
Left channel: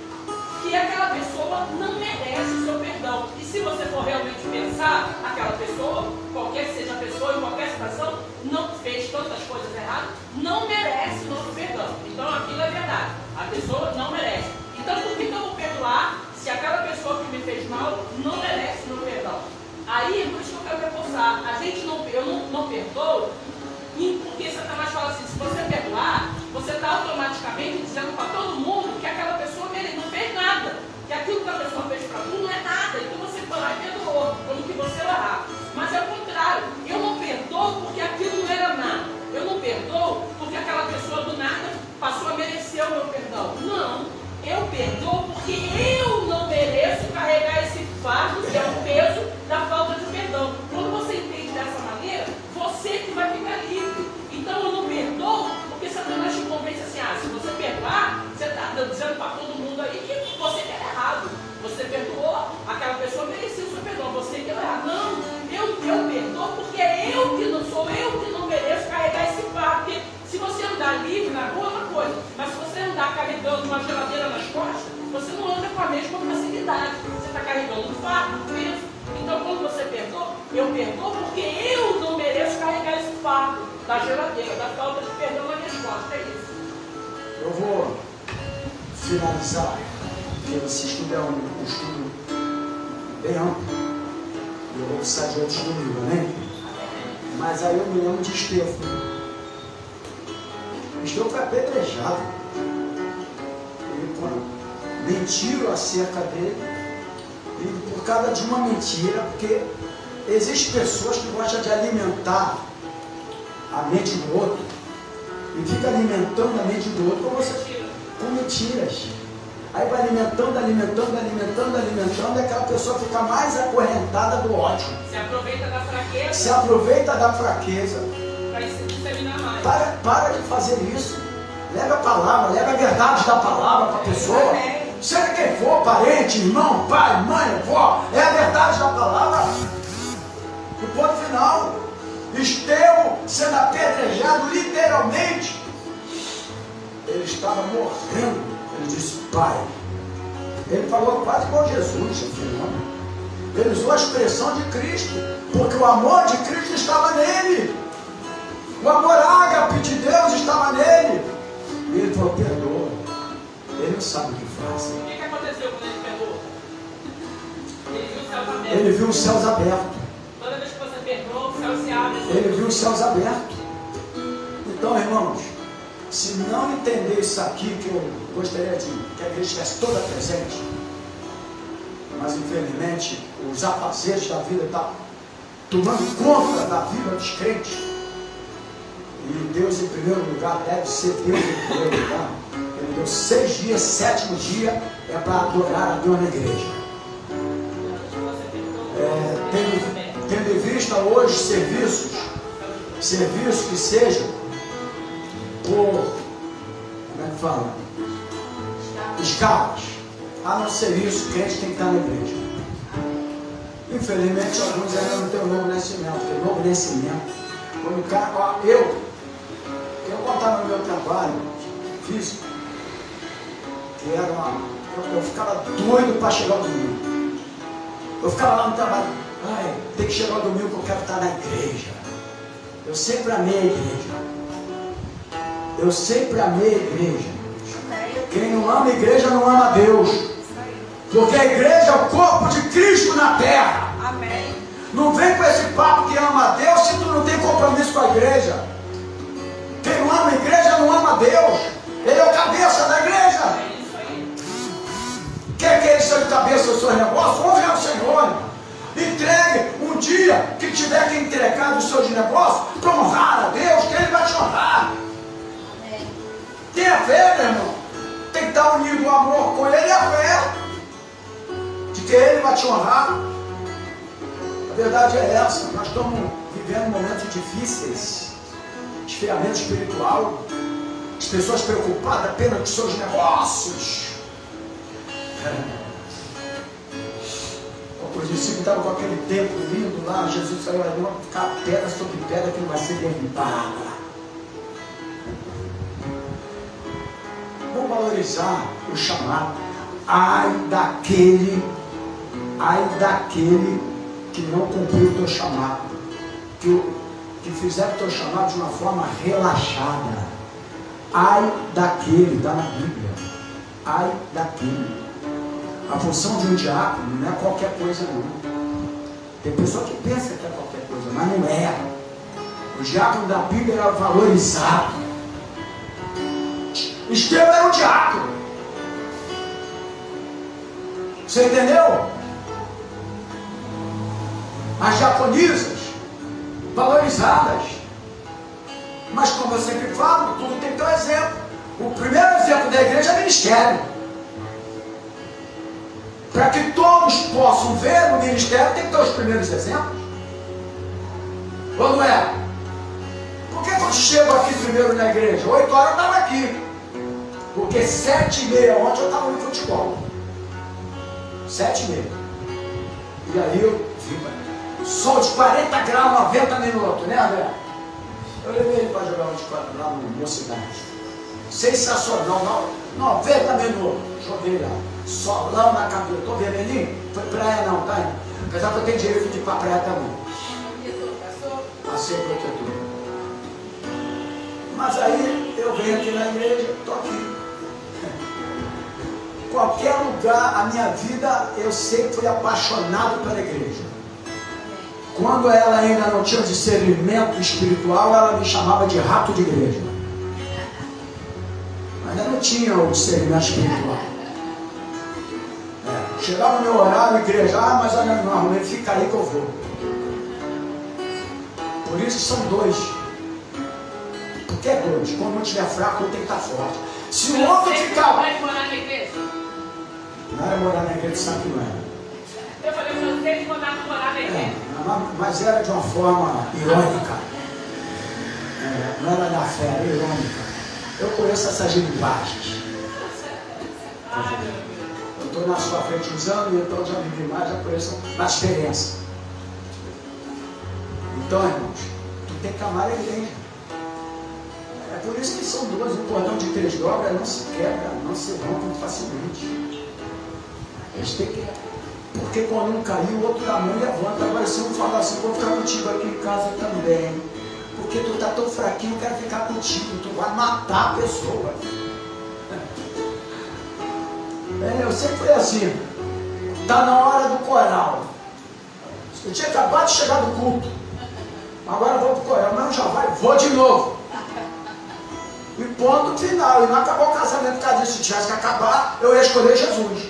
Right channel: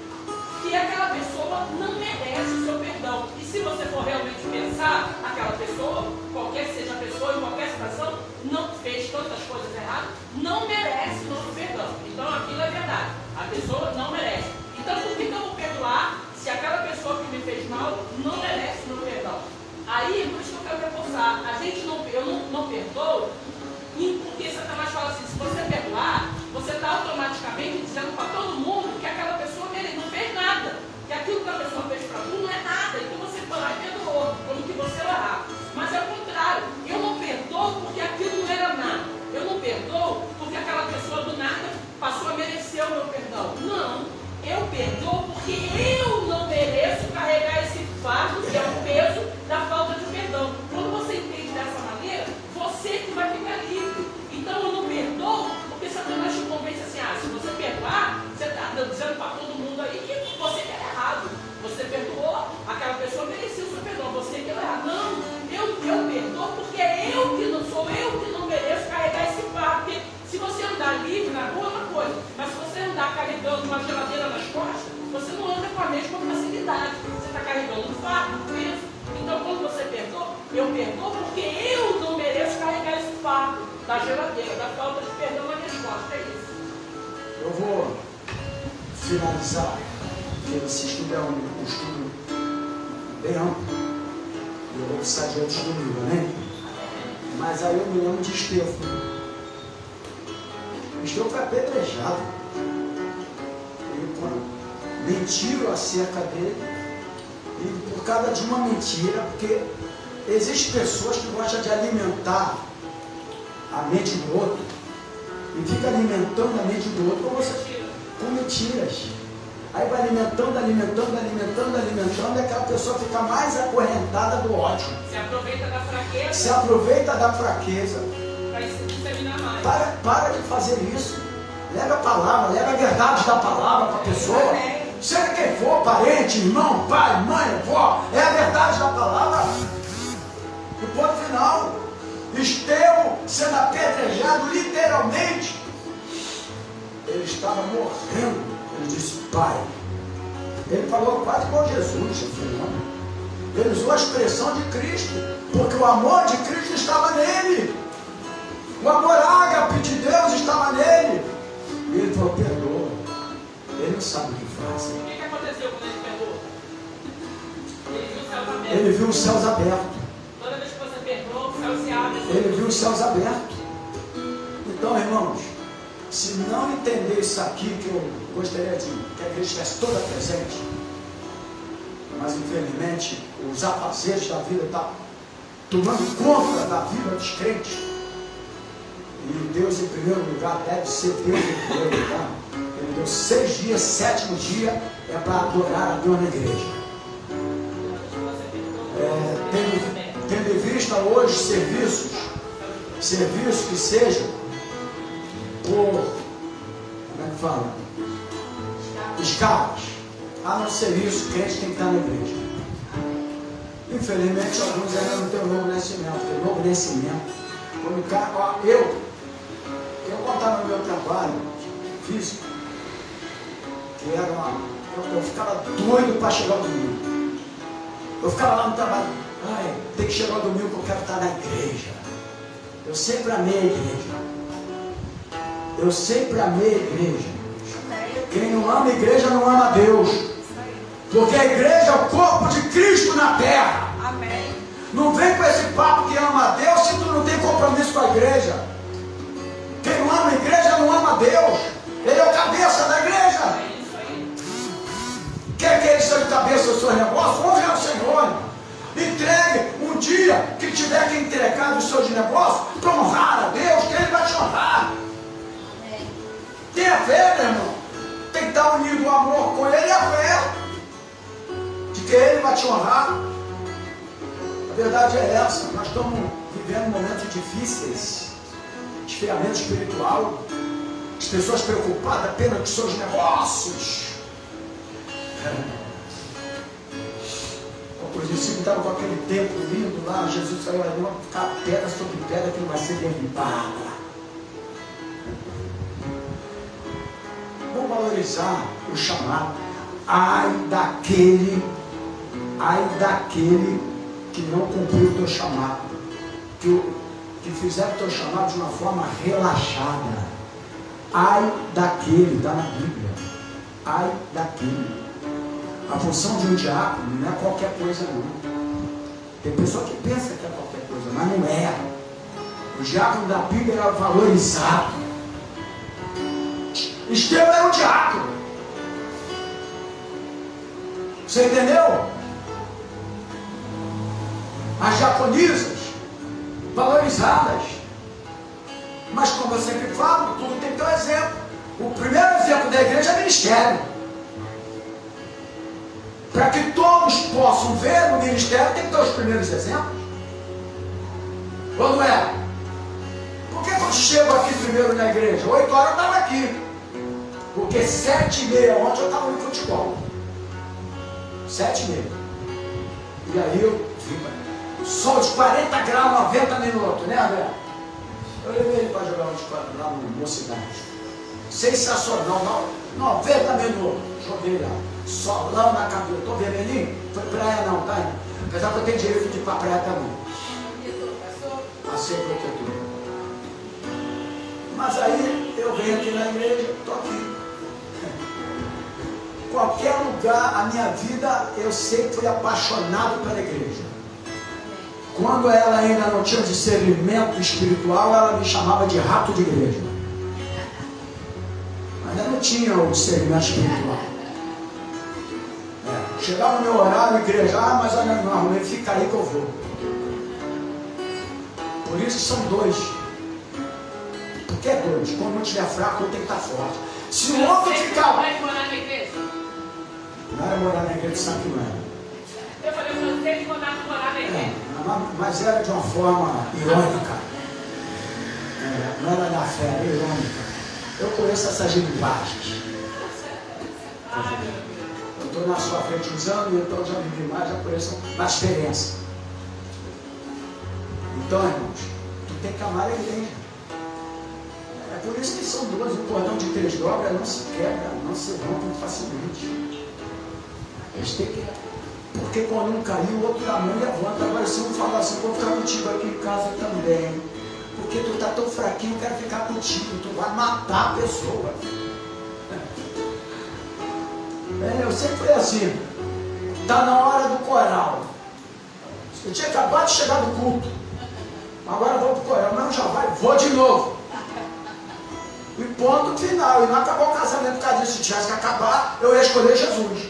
que aquela pessoa não merece o seu perdão. E se você for realmente pensar, aquela pessoa, qualquer que seja a pessoa, em qualquer situação, não fez tantas coisas erradas, não merece o nosso perdão. Então, aquilo é verdade. A pessoa não merece. Então, por que eu vou perdoar se aquela pessoa que me fez mal não merece o meu perdão? Aí, por isso que eu quero reforçar, eu não perdoo, porque Satanás fala assim, se você perdoar, você está automaticamente dizendo para todo mundo que aquela pessoa não fez nada, que aquilo que a pessoa fez para tu não é nada, então você foi lá e perdoou, quando que você errar. Mas é o contrário, eu não perdoo porque aquilo não era nada, eu não perdoo porque aquela pessoa do nada passou a merecer o meu perdão. Não, eu perdoo porque eu não mereço carregar esse fardo, que é o peso da falta de perdão. Quando você entende dessa maneira, você que vai ficar livre. Então eu não perdoo porque Satanás te convence assim, se você perdoar, você está dizendo para todo mundo aí que você está errado. Você perdoou, aquela pessoa merecia o seu perdão, você que está errado. Não, eu perdoo porque é eu que não sou, eu que não mereço carregar esse fardo. Porque se você andar livre na rua, é uma coisa, mas se você andar carregando uma geladeira nas costas, você não anda com a mesma facilidade, você está carregando um fardo, peso. Então quando você perdoa, eu perdoo porque eu não mereço carregar esse fardo da geladeira, da falta de perdão na minha costa, é isso. Eu vou finalizar, porque esse estudo é um estudo bem amplo. Eu vou precisar de outro livro, né? Mas aí eu me lembro de Estevão. Estevão foi apedrejado. Mentiram acerca dele. E por causa de uma mentira, porque existem pessoas que gostam de alimentar a mente do outro e fica alimentando a mente do outro com mentiras. Aí vai alimentando, e aquela pessoa fica mais acorrentada do ódio. Se aproveita da fraqueza. Para de fazer isso. Leva a palavra, leva a verdade da palavra para a pessoa. Seja quem for, parente, irmão, pai, mãe, avó, é a verdade da palavra. E ponto final. Estevão sendo apedrejado literalmente. Ele estava morrendo. Ele disse, Pai. Ele falou quase com Jesus, filho. Ele usou a expressão de Cristo, porque o amor de Cristo estava nele. O amor ágape de Deus estava nele. E ele falou, sabe o que faz. O que aconteceu quando ele pegou? Ele viu os céus abertos. Ele viu os céus abertos. Toda vez que você perdoa, o céu se abre. Ele viu os céus abertos. Então, irmãos, se não entender isso aqui, que eu gostaria de que a igreja estivesse toda presente, mas infelizmente os afazeres da vida estão tomando conta da vida dos crentes. E Deus em primeiro lugar deve ser Deus em primeiro lugar. Ele deu 6 dias, 7º dia é para adorar a Deus na igreja. Tendo em vista hoje serviços que sejam por, como é que fala? Escalas. A não ser isso, crente tem que estar na igreja. Infelizmente, alguns ainda não têm o novo nascimento. Porque o novo nascimento, quando o cara, eu contava no meu trabalho físico, que era eu ficava doido para chegar ao domingo. Eu ficava lá no trabalho, tem que chegar ao domingo porque eu quero estar na igreja. Eu sempre amei a igreja. Eu sempre amei a igreja. Quem não ama a igreja não ama a Deus. Porque a igreja é o corpo de Cristo na terra. Amém. Não vem com esse papo que ama a Deus se tu não tem compromisso com a igreja. Quem não ama a igreja não ama a Deus. Ele é o cabeça da igreja. Quem quer ser o cabeça do seu negócio? Honre ao Senhor. Entregue um dia que tiver que entregar os seus negócios para honrar a Deus, que Ele vai te honrar. Tenha fé, meu irmão. Tem que estar unido no amor com Ele e a fé de que Ele vai te honrar. A verdade é essa. Nós estamos vivendo momentos difíceis, esfriamento espiritual, as pessoas preocupadas apenas com seus negócios. Os discípulos estavam com aquele templo lindo lá, Jesus falou, não vai ficar pedra sobre pedra que não vai ser derribada. Vamos valorizar o chamado. Ai daquele que não cumpriu o teu chamado, que fizer o teu chamado de uma forma relaxada. Ai daquele, está na Bíblia. Ai daquele. A função de um diácono não é qualquer coisa não. Tem pessoa que pensa que é qualquer coisa, mas não é. O diácono da Bíblia era valorizado. Estevão era um diácono. Você entendeu? As diaconisas valorizadas. Mas como eu sempre falo, tudo tem que ter um exemplo. O primeiro exemplo da igreja é ministério. Para que todos possam ver o ministério, tem que ter os primeiros exemplos. Como é? Por que eu chego aqui primeiro na igreja? 8 horas eu estava aqui. Porque 7h30 ontem eu estava no futebol. 7h30. E aí eu vi, sol de 40 graus, 90 minutos, né, André? Eu levei ele para jogar lá no meu cidade. Sensacional, 90 minutos. Joguei lá. Solão na cabeça. Estou vendo ali? Foi praia não, tá? Apesar que eu tenho direito de ir para praia também. Passei protetor. Mas aí eu venho aqui na igreja, estou aqui. Qualquer lugar, a minha vida, eu sempre fui apaixonado pela igreja. Quando ela ainda não tinha discernimento espiritual, ela me chamava de rato de igreja. Ainda não tinha o discernimento espiritual. Chegava o meu horário na igreja, mas olha, não arrumei, fica aí que eu vou. Por isso que são 2. Por que 2? Quando eu estiver fraco, eu tenho que estar forte. Se o homem ficar. Vai morar na igreja? Não era morar na igreja de São Paulo. Eu falei para vocês morar na igreja. Mas era de uma forma irônica. Não era da fé, era irônica. Eu conheço essas linguagens. Eu estou na sua frente usando e eu estou usando demais, já conheço a diferença. Então, irmãos, tu tem que amar a igreja. É por isso que são 2, um cordão de 3 dobras não se quebra, não se rompe muito facilmente. Eles têm que... Porque quando um caiu, o outro da mão levanta. Agora se eu falar assim, vou ficar contigo aqui em casa também. Porque tu está tão fraquinho, eu quero ficar contigo. Tu vai matar a pessoa. eu sempre fui assim. Está na hora do coral. Eu tinha acabado de chegar do culto. Agora vou pro coral. Não, já vai, vou de novo. E ponto final. E não acabou o casamento por causa disso. Se tivesse que acabar, eu ia escolher Jesus.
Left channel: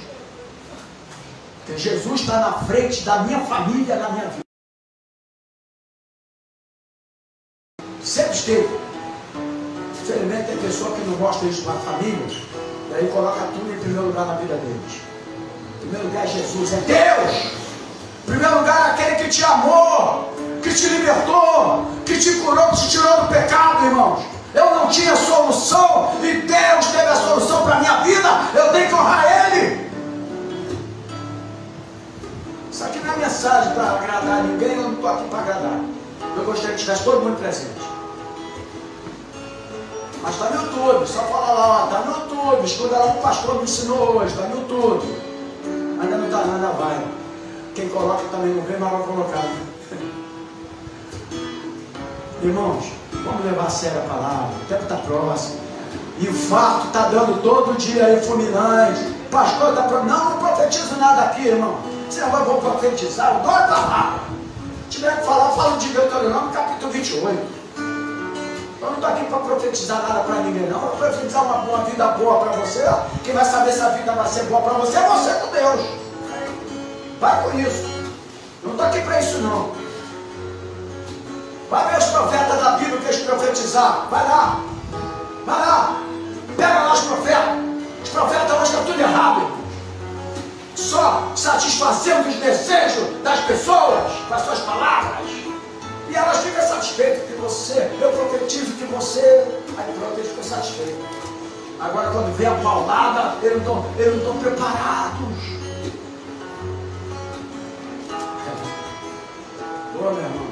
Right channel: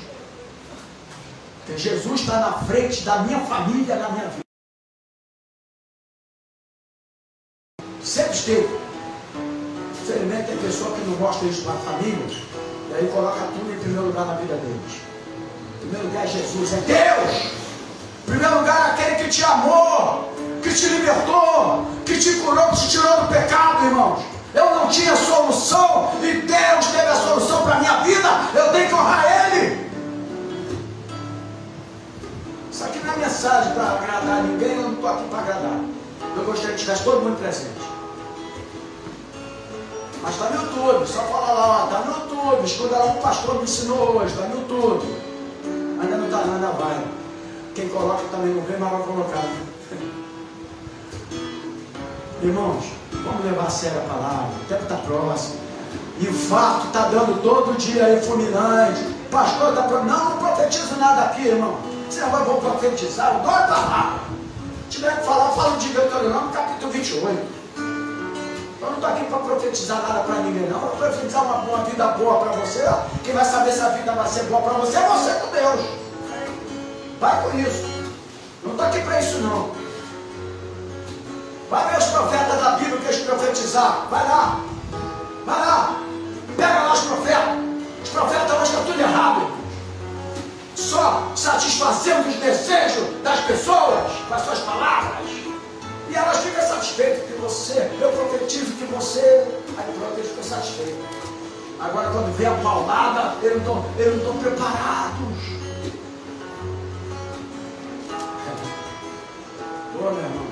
Porque Jesus está na frente da minha família, da minha vida. Sempre esteve. Infelizmente tem pessoa que não mostra isso para a família. E aí coloca tudo em primeiro lugar na vida deles. Em primeiro lugar é Jesus, é Deus. Em primeiro lugar é aquele que te amou, que te libertou, que te curou, que te tirou do pecado, irmãos. Eu não tinha solução e Deus teve a solução para a minha vida. Eu tenho que honrar Ele. Isso aqui não é mensagem para agradar ninguém, eu não estou aqui para agradar. Eu gostaria que estivesse todo mundo presente. Mas está no YouTube, só fala lá, está no YouTube, estuda lá que o pastor me ensinou hoje, está no YouTube. Ainda não está nada, vai. Quem coloca também não vê, mas vai colocar. Irmãos, vamos levar a sério a palavra, o tempo está próximo. Infarto está dando todo dia aí, fulminante. Pastor está falando, não profetizo nada aqui, irmão. Você não vai profetizar, o doido está lá. Se tiver que falar, fala de Deuteronômio, capítulo 28. Eu não estou aqui para profetizar nada para ninguém, não. Para profetizar uma vida boa para você. Quem vai saber se a vida vai ser boa para você é você com Deus. Vai com isso. Não estou aqui para isso, não. Vai ver os profetas da Bíblia que eles profetizaram. Vai lá. Vai lá. Pega lá os profetas. Os profetas hoje estão tudo errado, irmão. Só satisfazendo os desejos das pessoas com as suas palavras. E elas ficam satisfeitas que você, eu profetizo que você, aí pronto, eles ficam satisfeitos. Agora quando vem a palavra, eles não estão preparados. Ô meu irmão,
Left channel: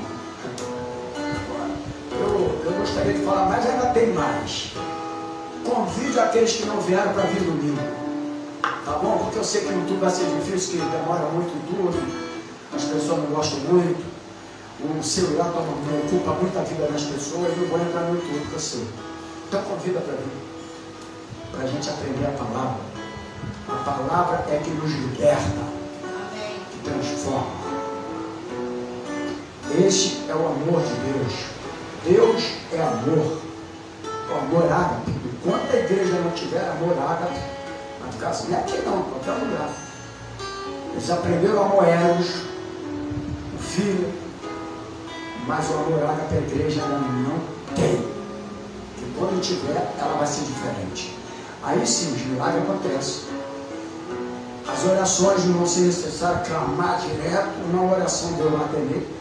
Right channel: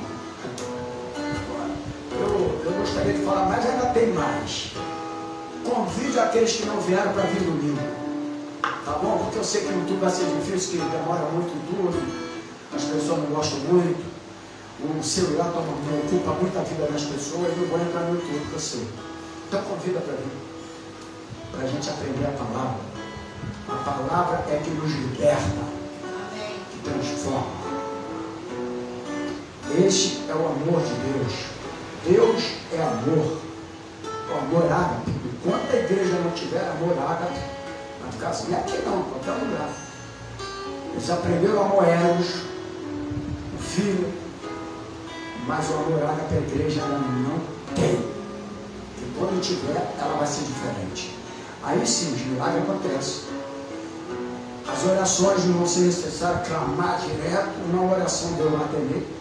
eu gostaria de falar, mas ainda tem mais. Convide aqueles que não vieram para vir domingo. Tá bom? Porque eu sei que o tudo vai ser difícil, que demora muito tudo, as pessoas não gostam muito. O celular ocupa muita vida das pessoas e não vou entrar no YouTube para você. Então convida para mim, para a gente aprender a palavra. A palavra é que nos liberta, que transforma. Este é o amor de Deus. Deus é amor. O amor ágape. Enquanto a igreja não tiver amor ágape, vai ficar assim. E aqui não, em qualquer lugar. Eles aprenderam a amor Eros, o filho. Mas o amor ágape, a igreja ela não tem. E quando tiver, ela vai ser diferente. Aí sim, os milagres acontecem. As orações não se necessário clamar direto, uma oração Deus vai atender.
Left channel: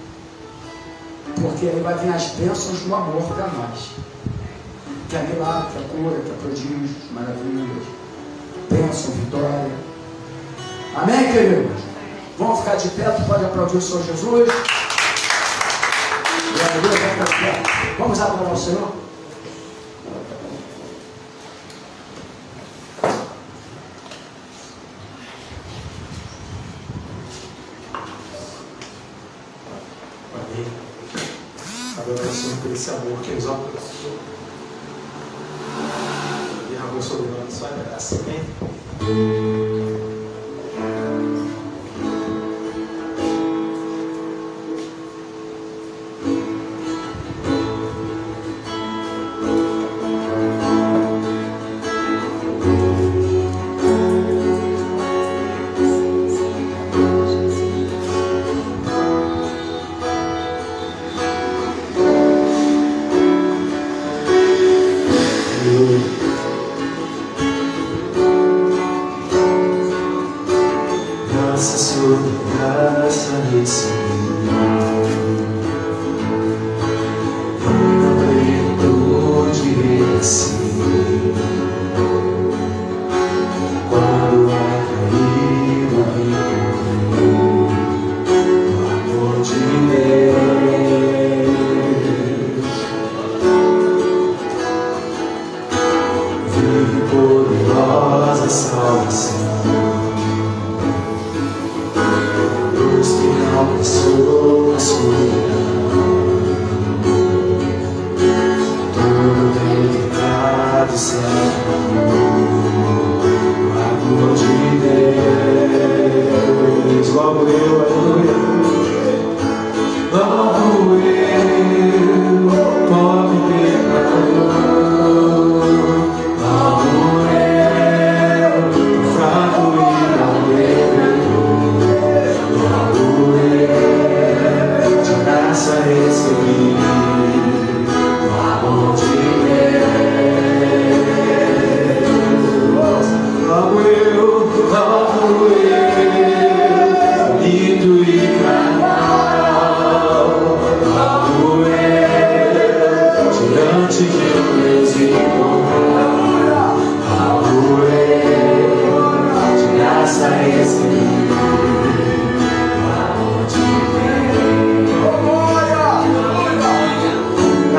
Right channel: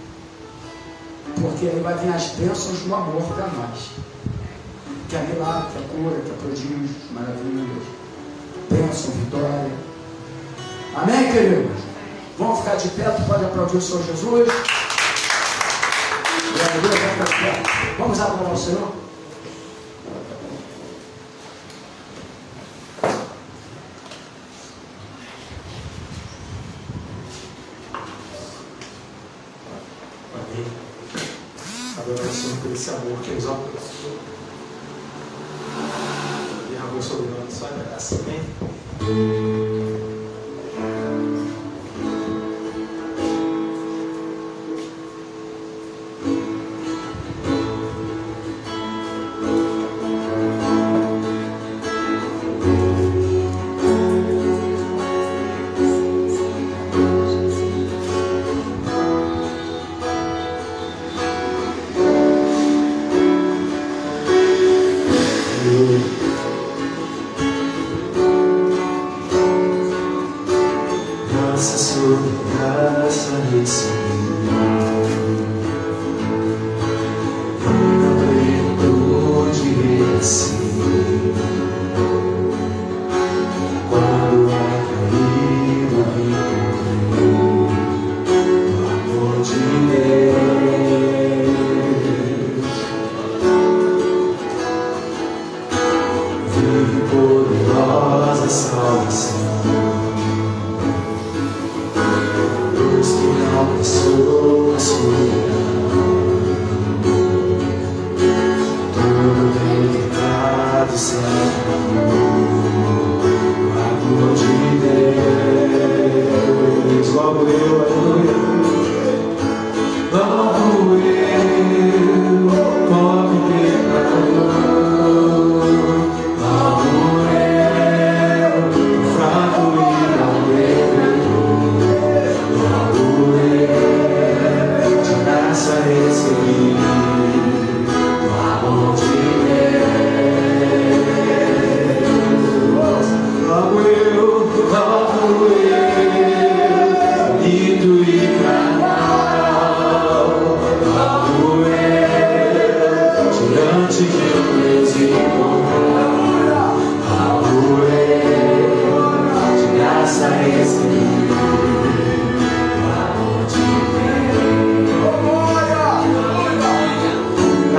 Porque aí vai vir as bênçãos do amor para nós. Que é milagre, que é cura, que é prodígio, maravilhas, bênção, vitória. Amém, queridos? Vamos ficar de pé, pode aplaudir o Senhor Jesus. Vamos adorar o Senhor? Adorar o Senhor por esse amor que nos alcançou. E derramou sobre nós sua graça. Amém?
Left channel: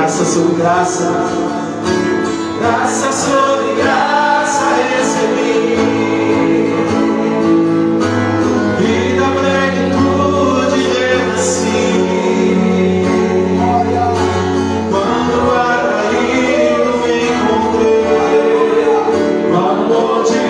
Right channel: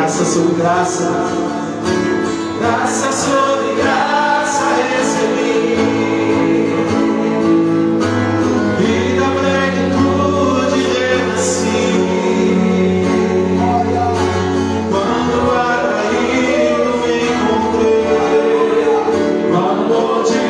Graça sobre graça, graça sobre graça recebi. E na plenitude renasci. Quando atraído encontrei o amor de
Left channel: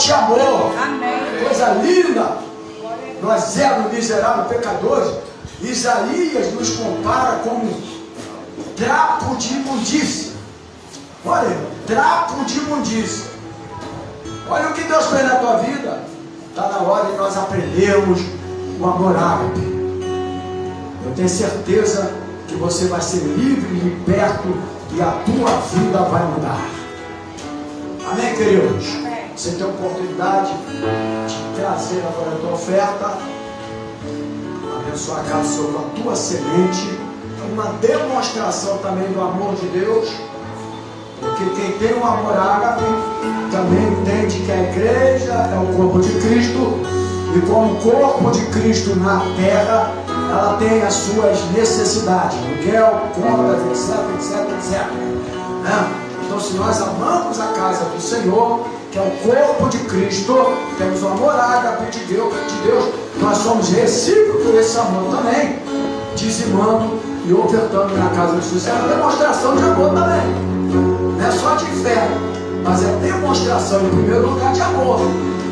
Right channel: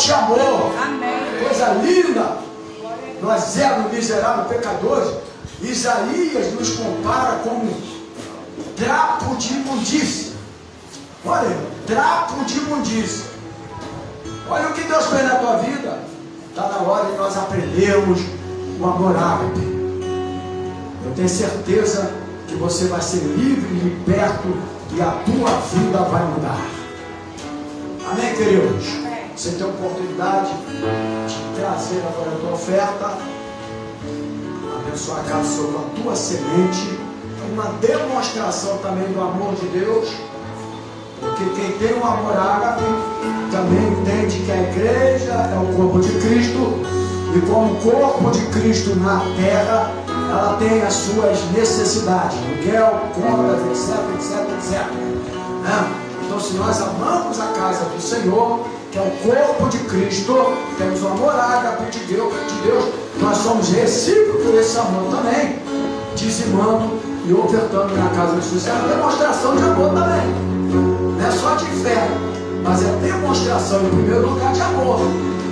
te amou. Coisa linda. Nós éramos miseráveis pecadores. Isaías nos compara como trapo de imundícia. Olha, trapo de imundícia. Olha o que Deus fez na tua vida. Está na hora de nós aprendermos o amor ágape. Eu tenho certeza que você vai ser livre, liberto e a tua vida vai mudar. Amém, queridos? Você tem a oportunidade de trazer agora a tua oferta, abençoar a casa sobre a tua semente, uma demonstração também do amor de Deus. Porque quem tem um amor ágape também entende que a igreja é o corpo de Cristo, e como corpo de Cristo na terra, ela tem as suas necessidades, aluguel, contas, etc. Então, se nós amamos a casa do Senhor, que é o corpo de Cristo, temos o amor ágape de Deus, nós somos recíprocos desse amor também, dizimando e ofertando na casa de Jesus. É uma demonstração de amor também, não é só de fé, mas é demonstração, em primeiro lugar, de amor.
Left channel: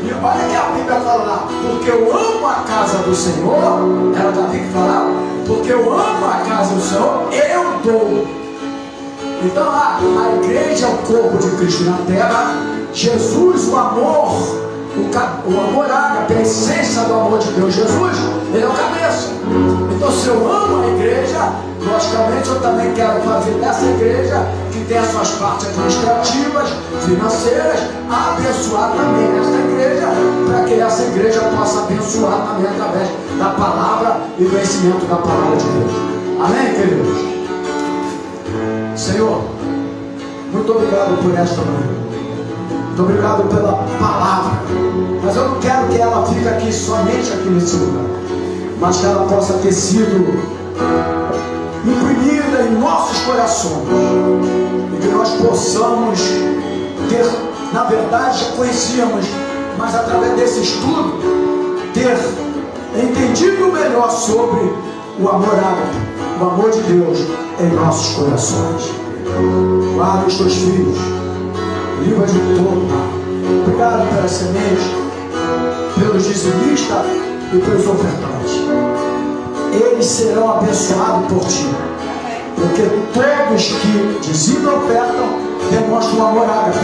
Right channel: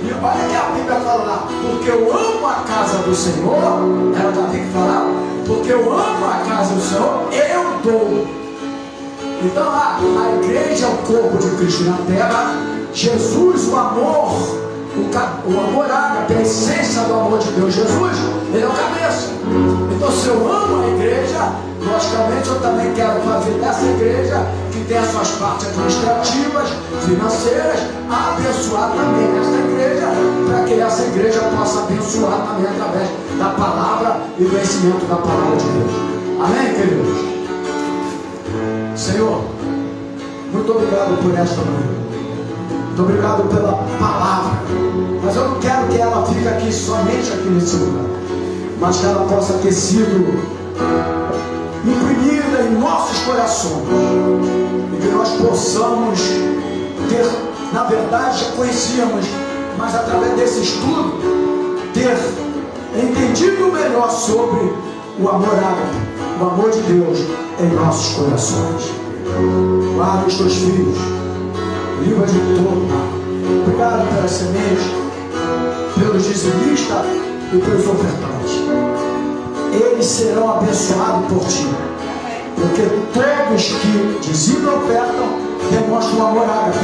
E olha que a Bíblia fala lá, porque eu amo a casa do Senhor, ela também fala, porque eu amo a casa do Senhor, eu dou. Então a igreja é o corpo de Cristo na terra, Jesus, o amor, o amor ágape, a essência do amor de Deus, Jesus, ele é o cabeça. Então, se eu amo a igreja, logicamente eu também quero fazer dessa igreja, que tem as suas partes administrativas, financeiras, abençoar também esta igreja, para que essa igreja possa abençoar também através da palavra e do conhecimento da palavra de Deus. Amém, queridos? Senhor, muito obrigado por esta manhã. Muito obrigado pela palavra. Mas eu não quero que ela fique aqui somente aqui nesse lugar, mas que ela possa ter sido imprimida em nossos corações, e que nós possamos ter, na verdade, já conhecíamos, mas através desse estudo, ter entendido melhor sobre o amor ágape, o amor de Deus em nossos corações. Guarda os teus filhos, livra de todo mal. Obrigado pela semente, pelos dizimistas e pelos ofertantes. Eles serão abençoados por ti, porque todos que dizimam e ofertam demonstram o amor ágape.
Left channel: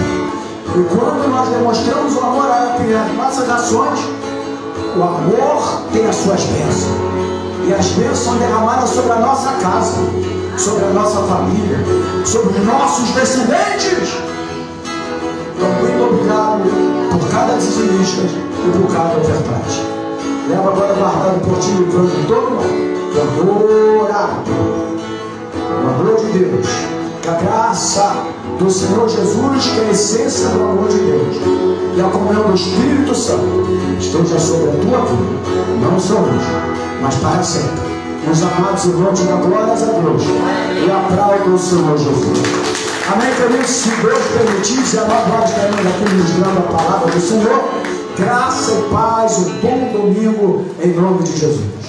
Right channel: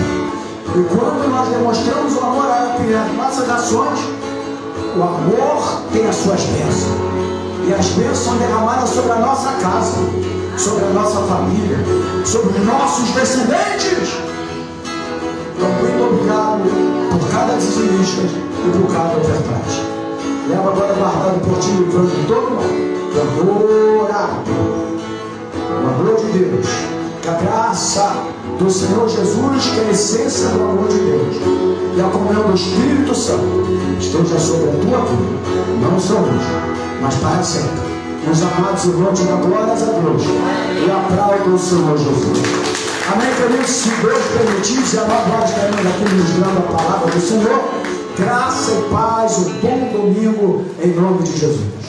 E quando nós demonstramos o amor ágape nas nossas ações, o amor tem as suas bênçãos, e as bênçãos são derramadas sobre a nossa casa, sobre a nossa família, sobre os nossos descendentes. Então, muito obrigado por cada dizimista e por cada ofertante. Leva agora guardado por ti, livrando todo mundo. O amor de Deus, que a graça do Senhor Jesus, que é a essência do amor de Deus, e a comunhão do Espírito Santo, esteja sobre a tua vida, não só hoje, mas para sempre. Os amados irmãos, da glória a Deus, e aplauda o Senhor Jesus. Amém, queridos? Se Deus permitir, se a nós estaremos aqui ministrando a palavra do Senhor, graça e paz e bom domingo em nome de Jesus.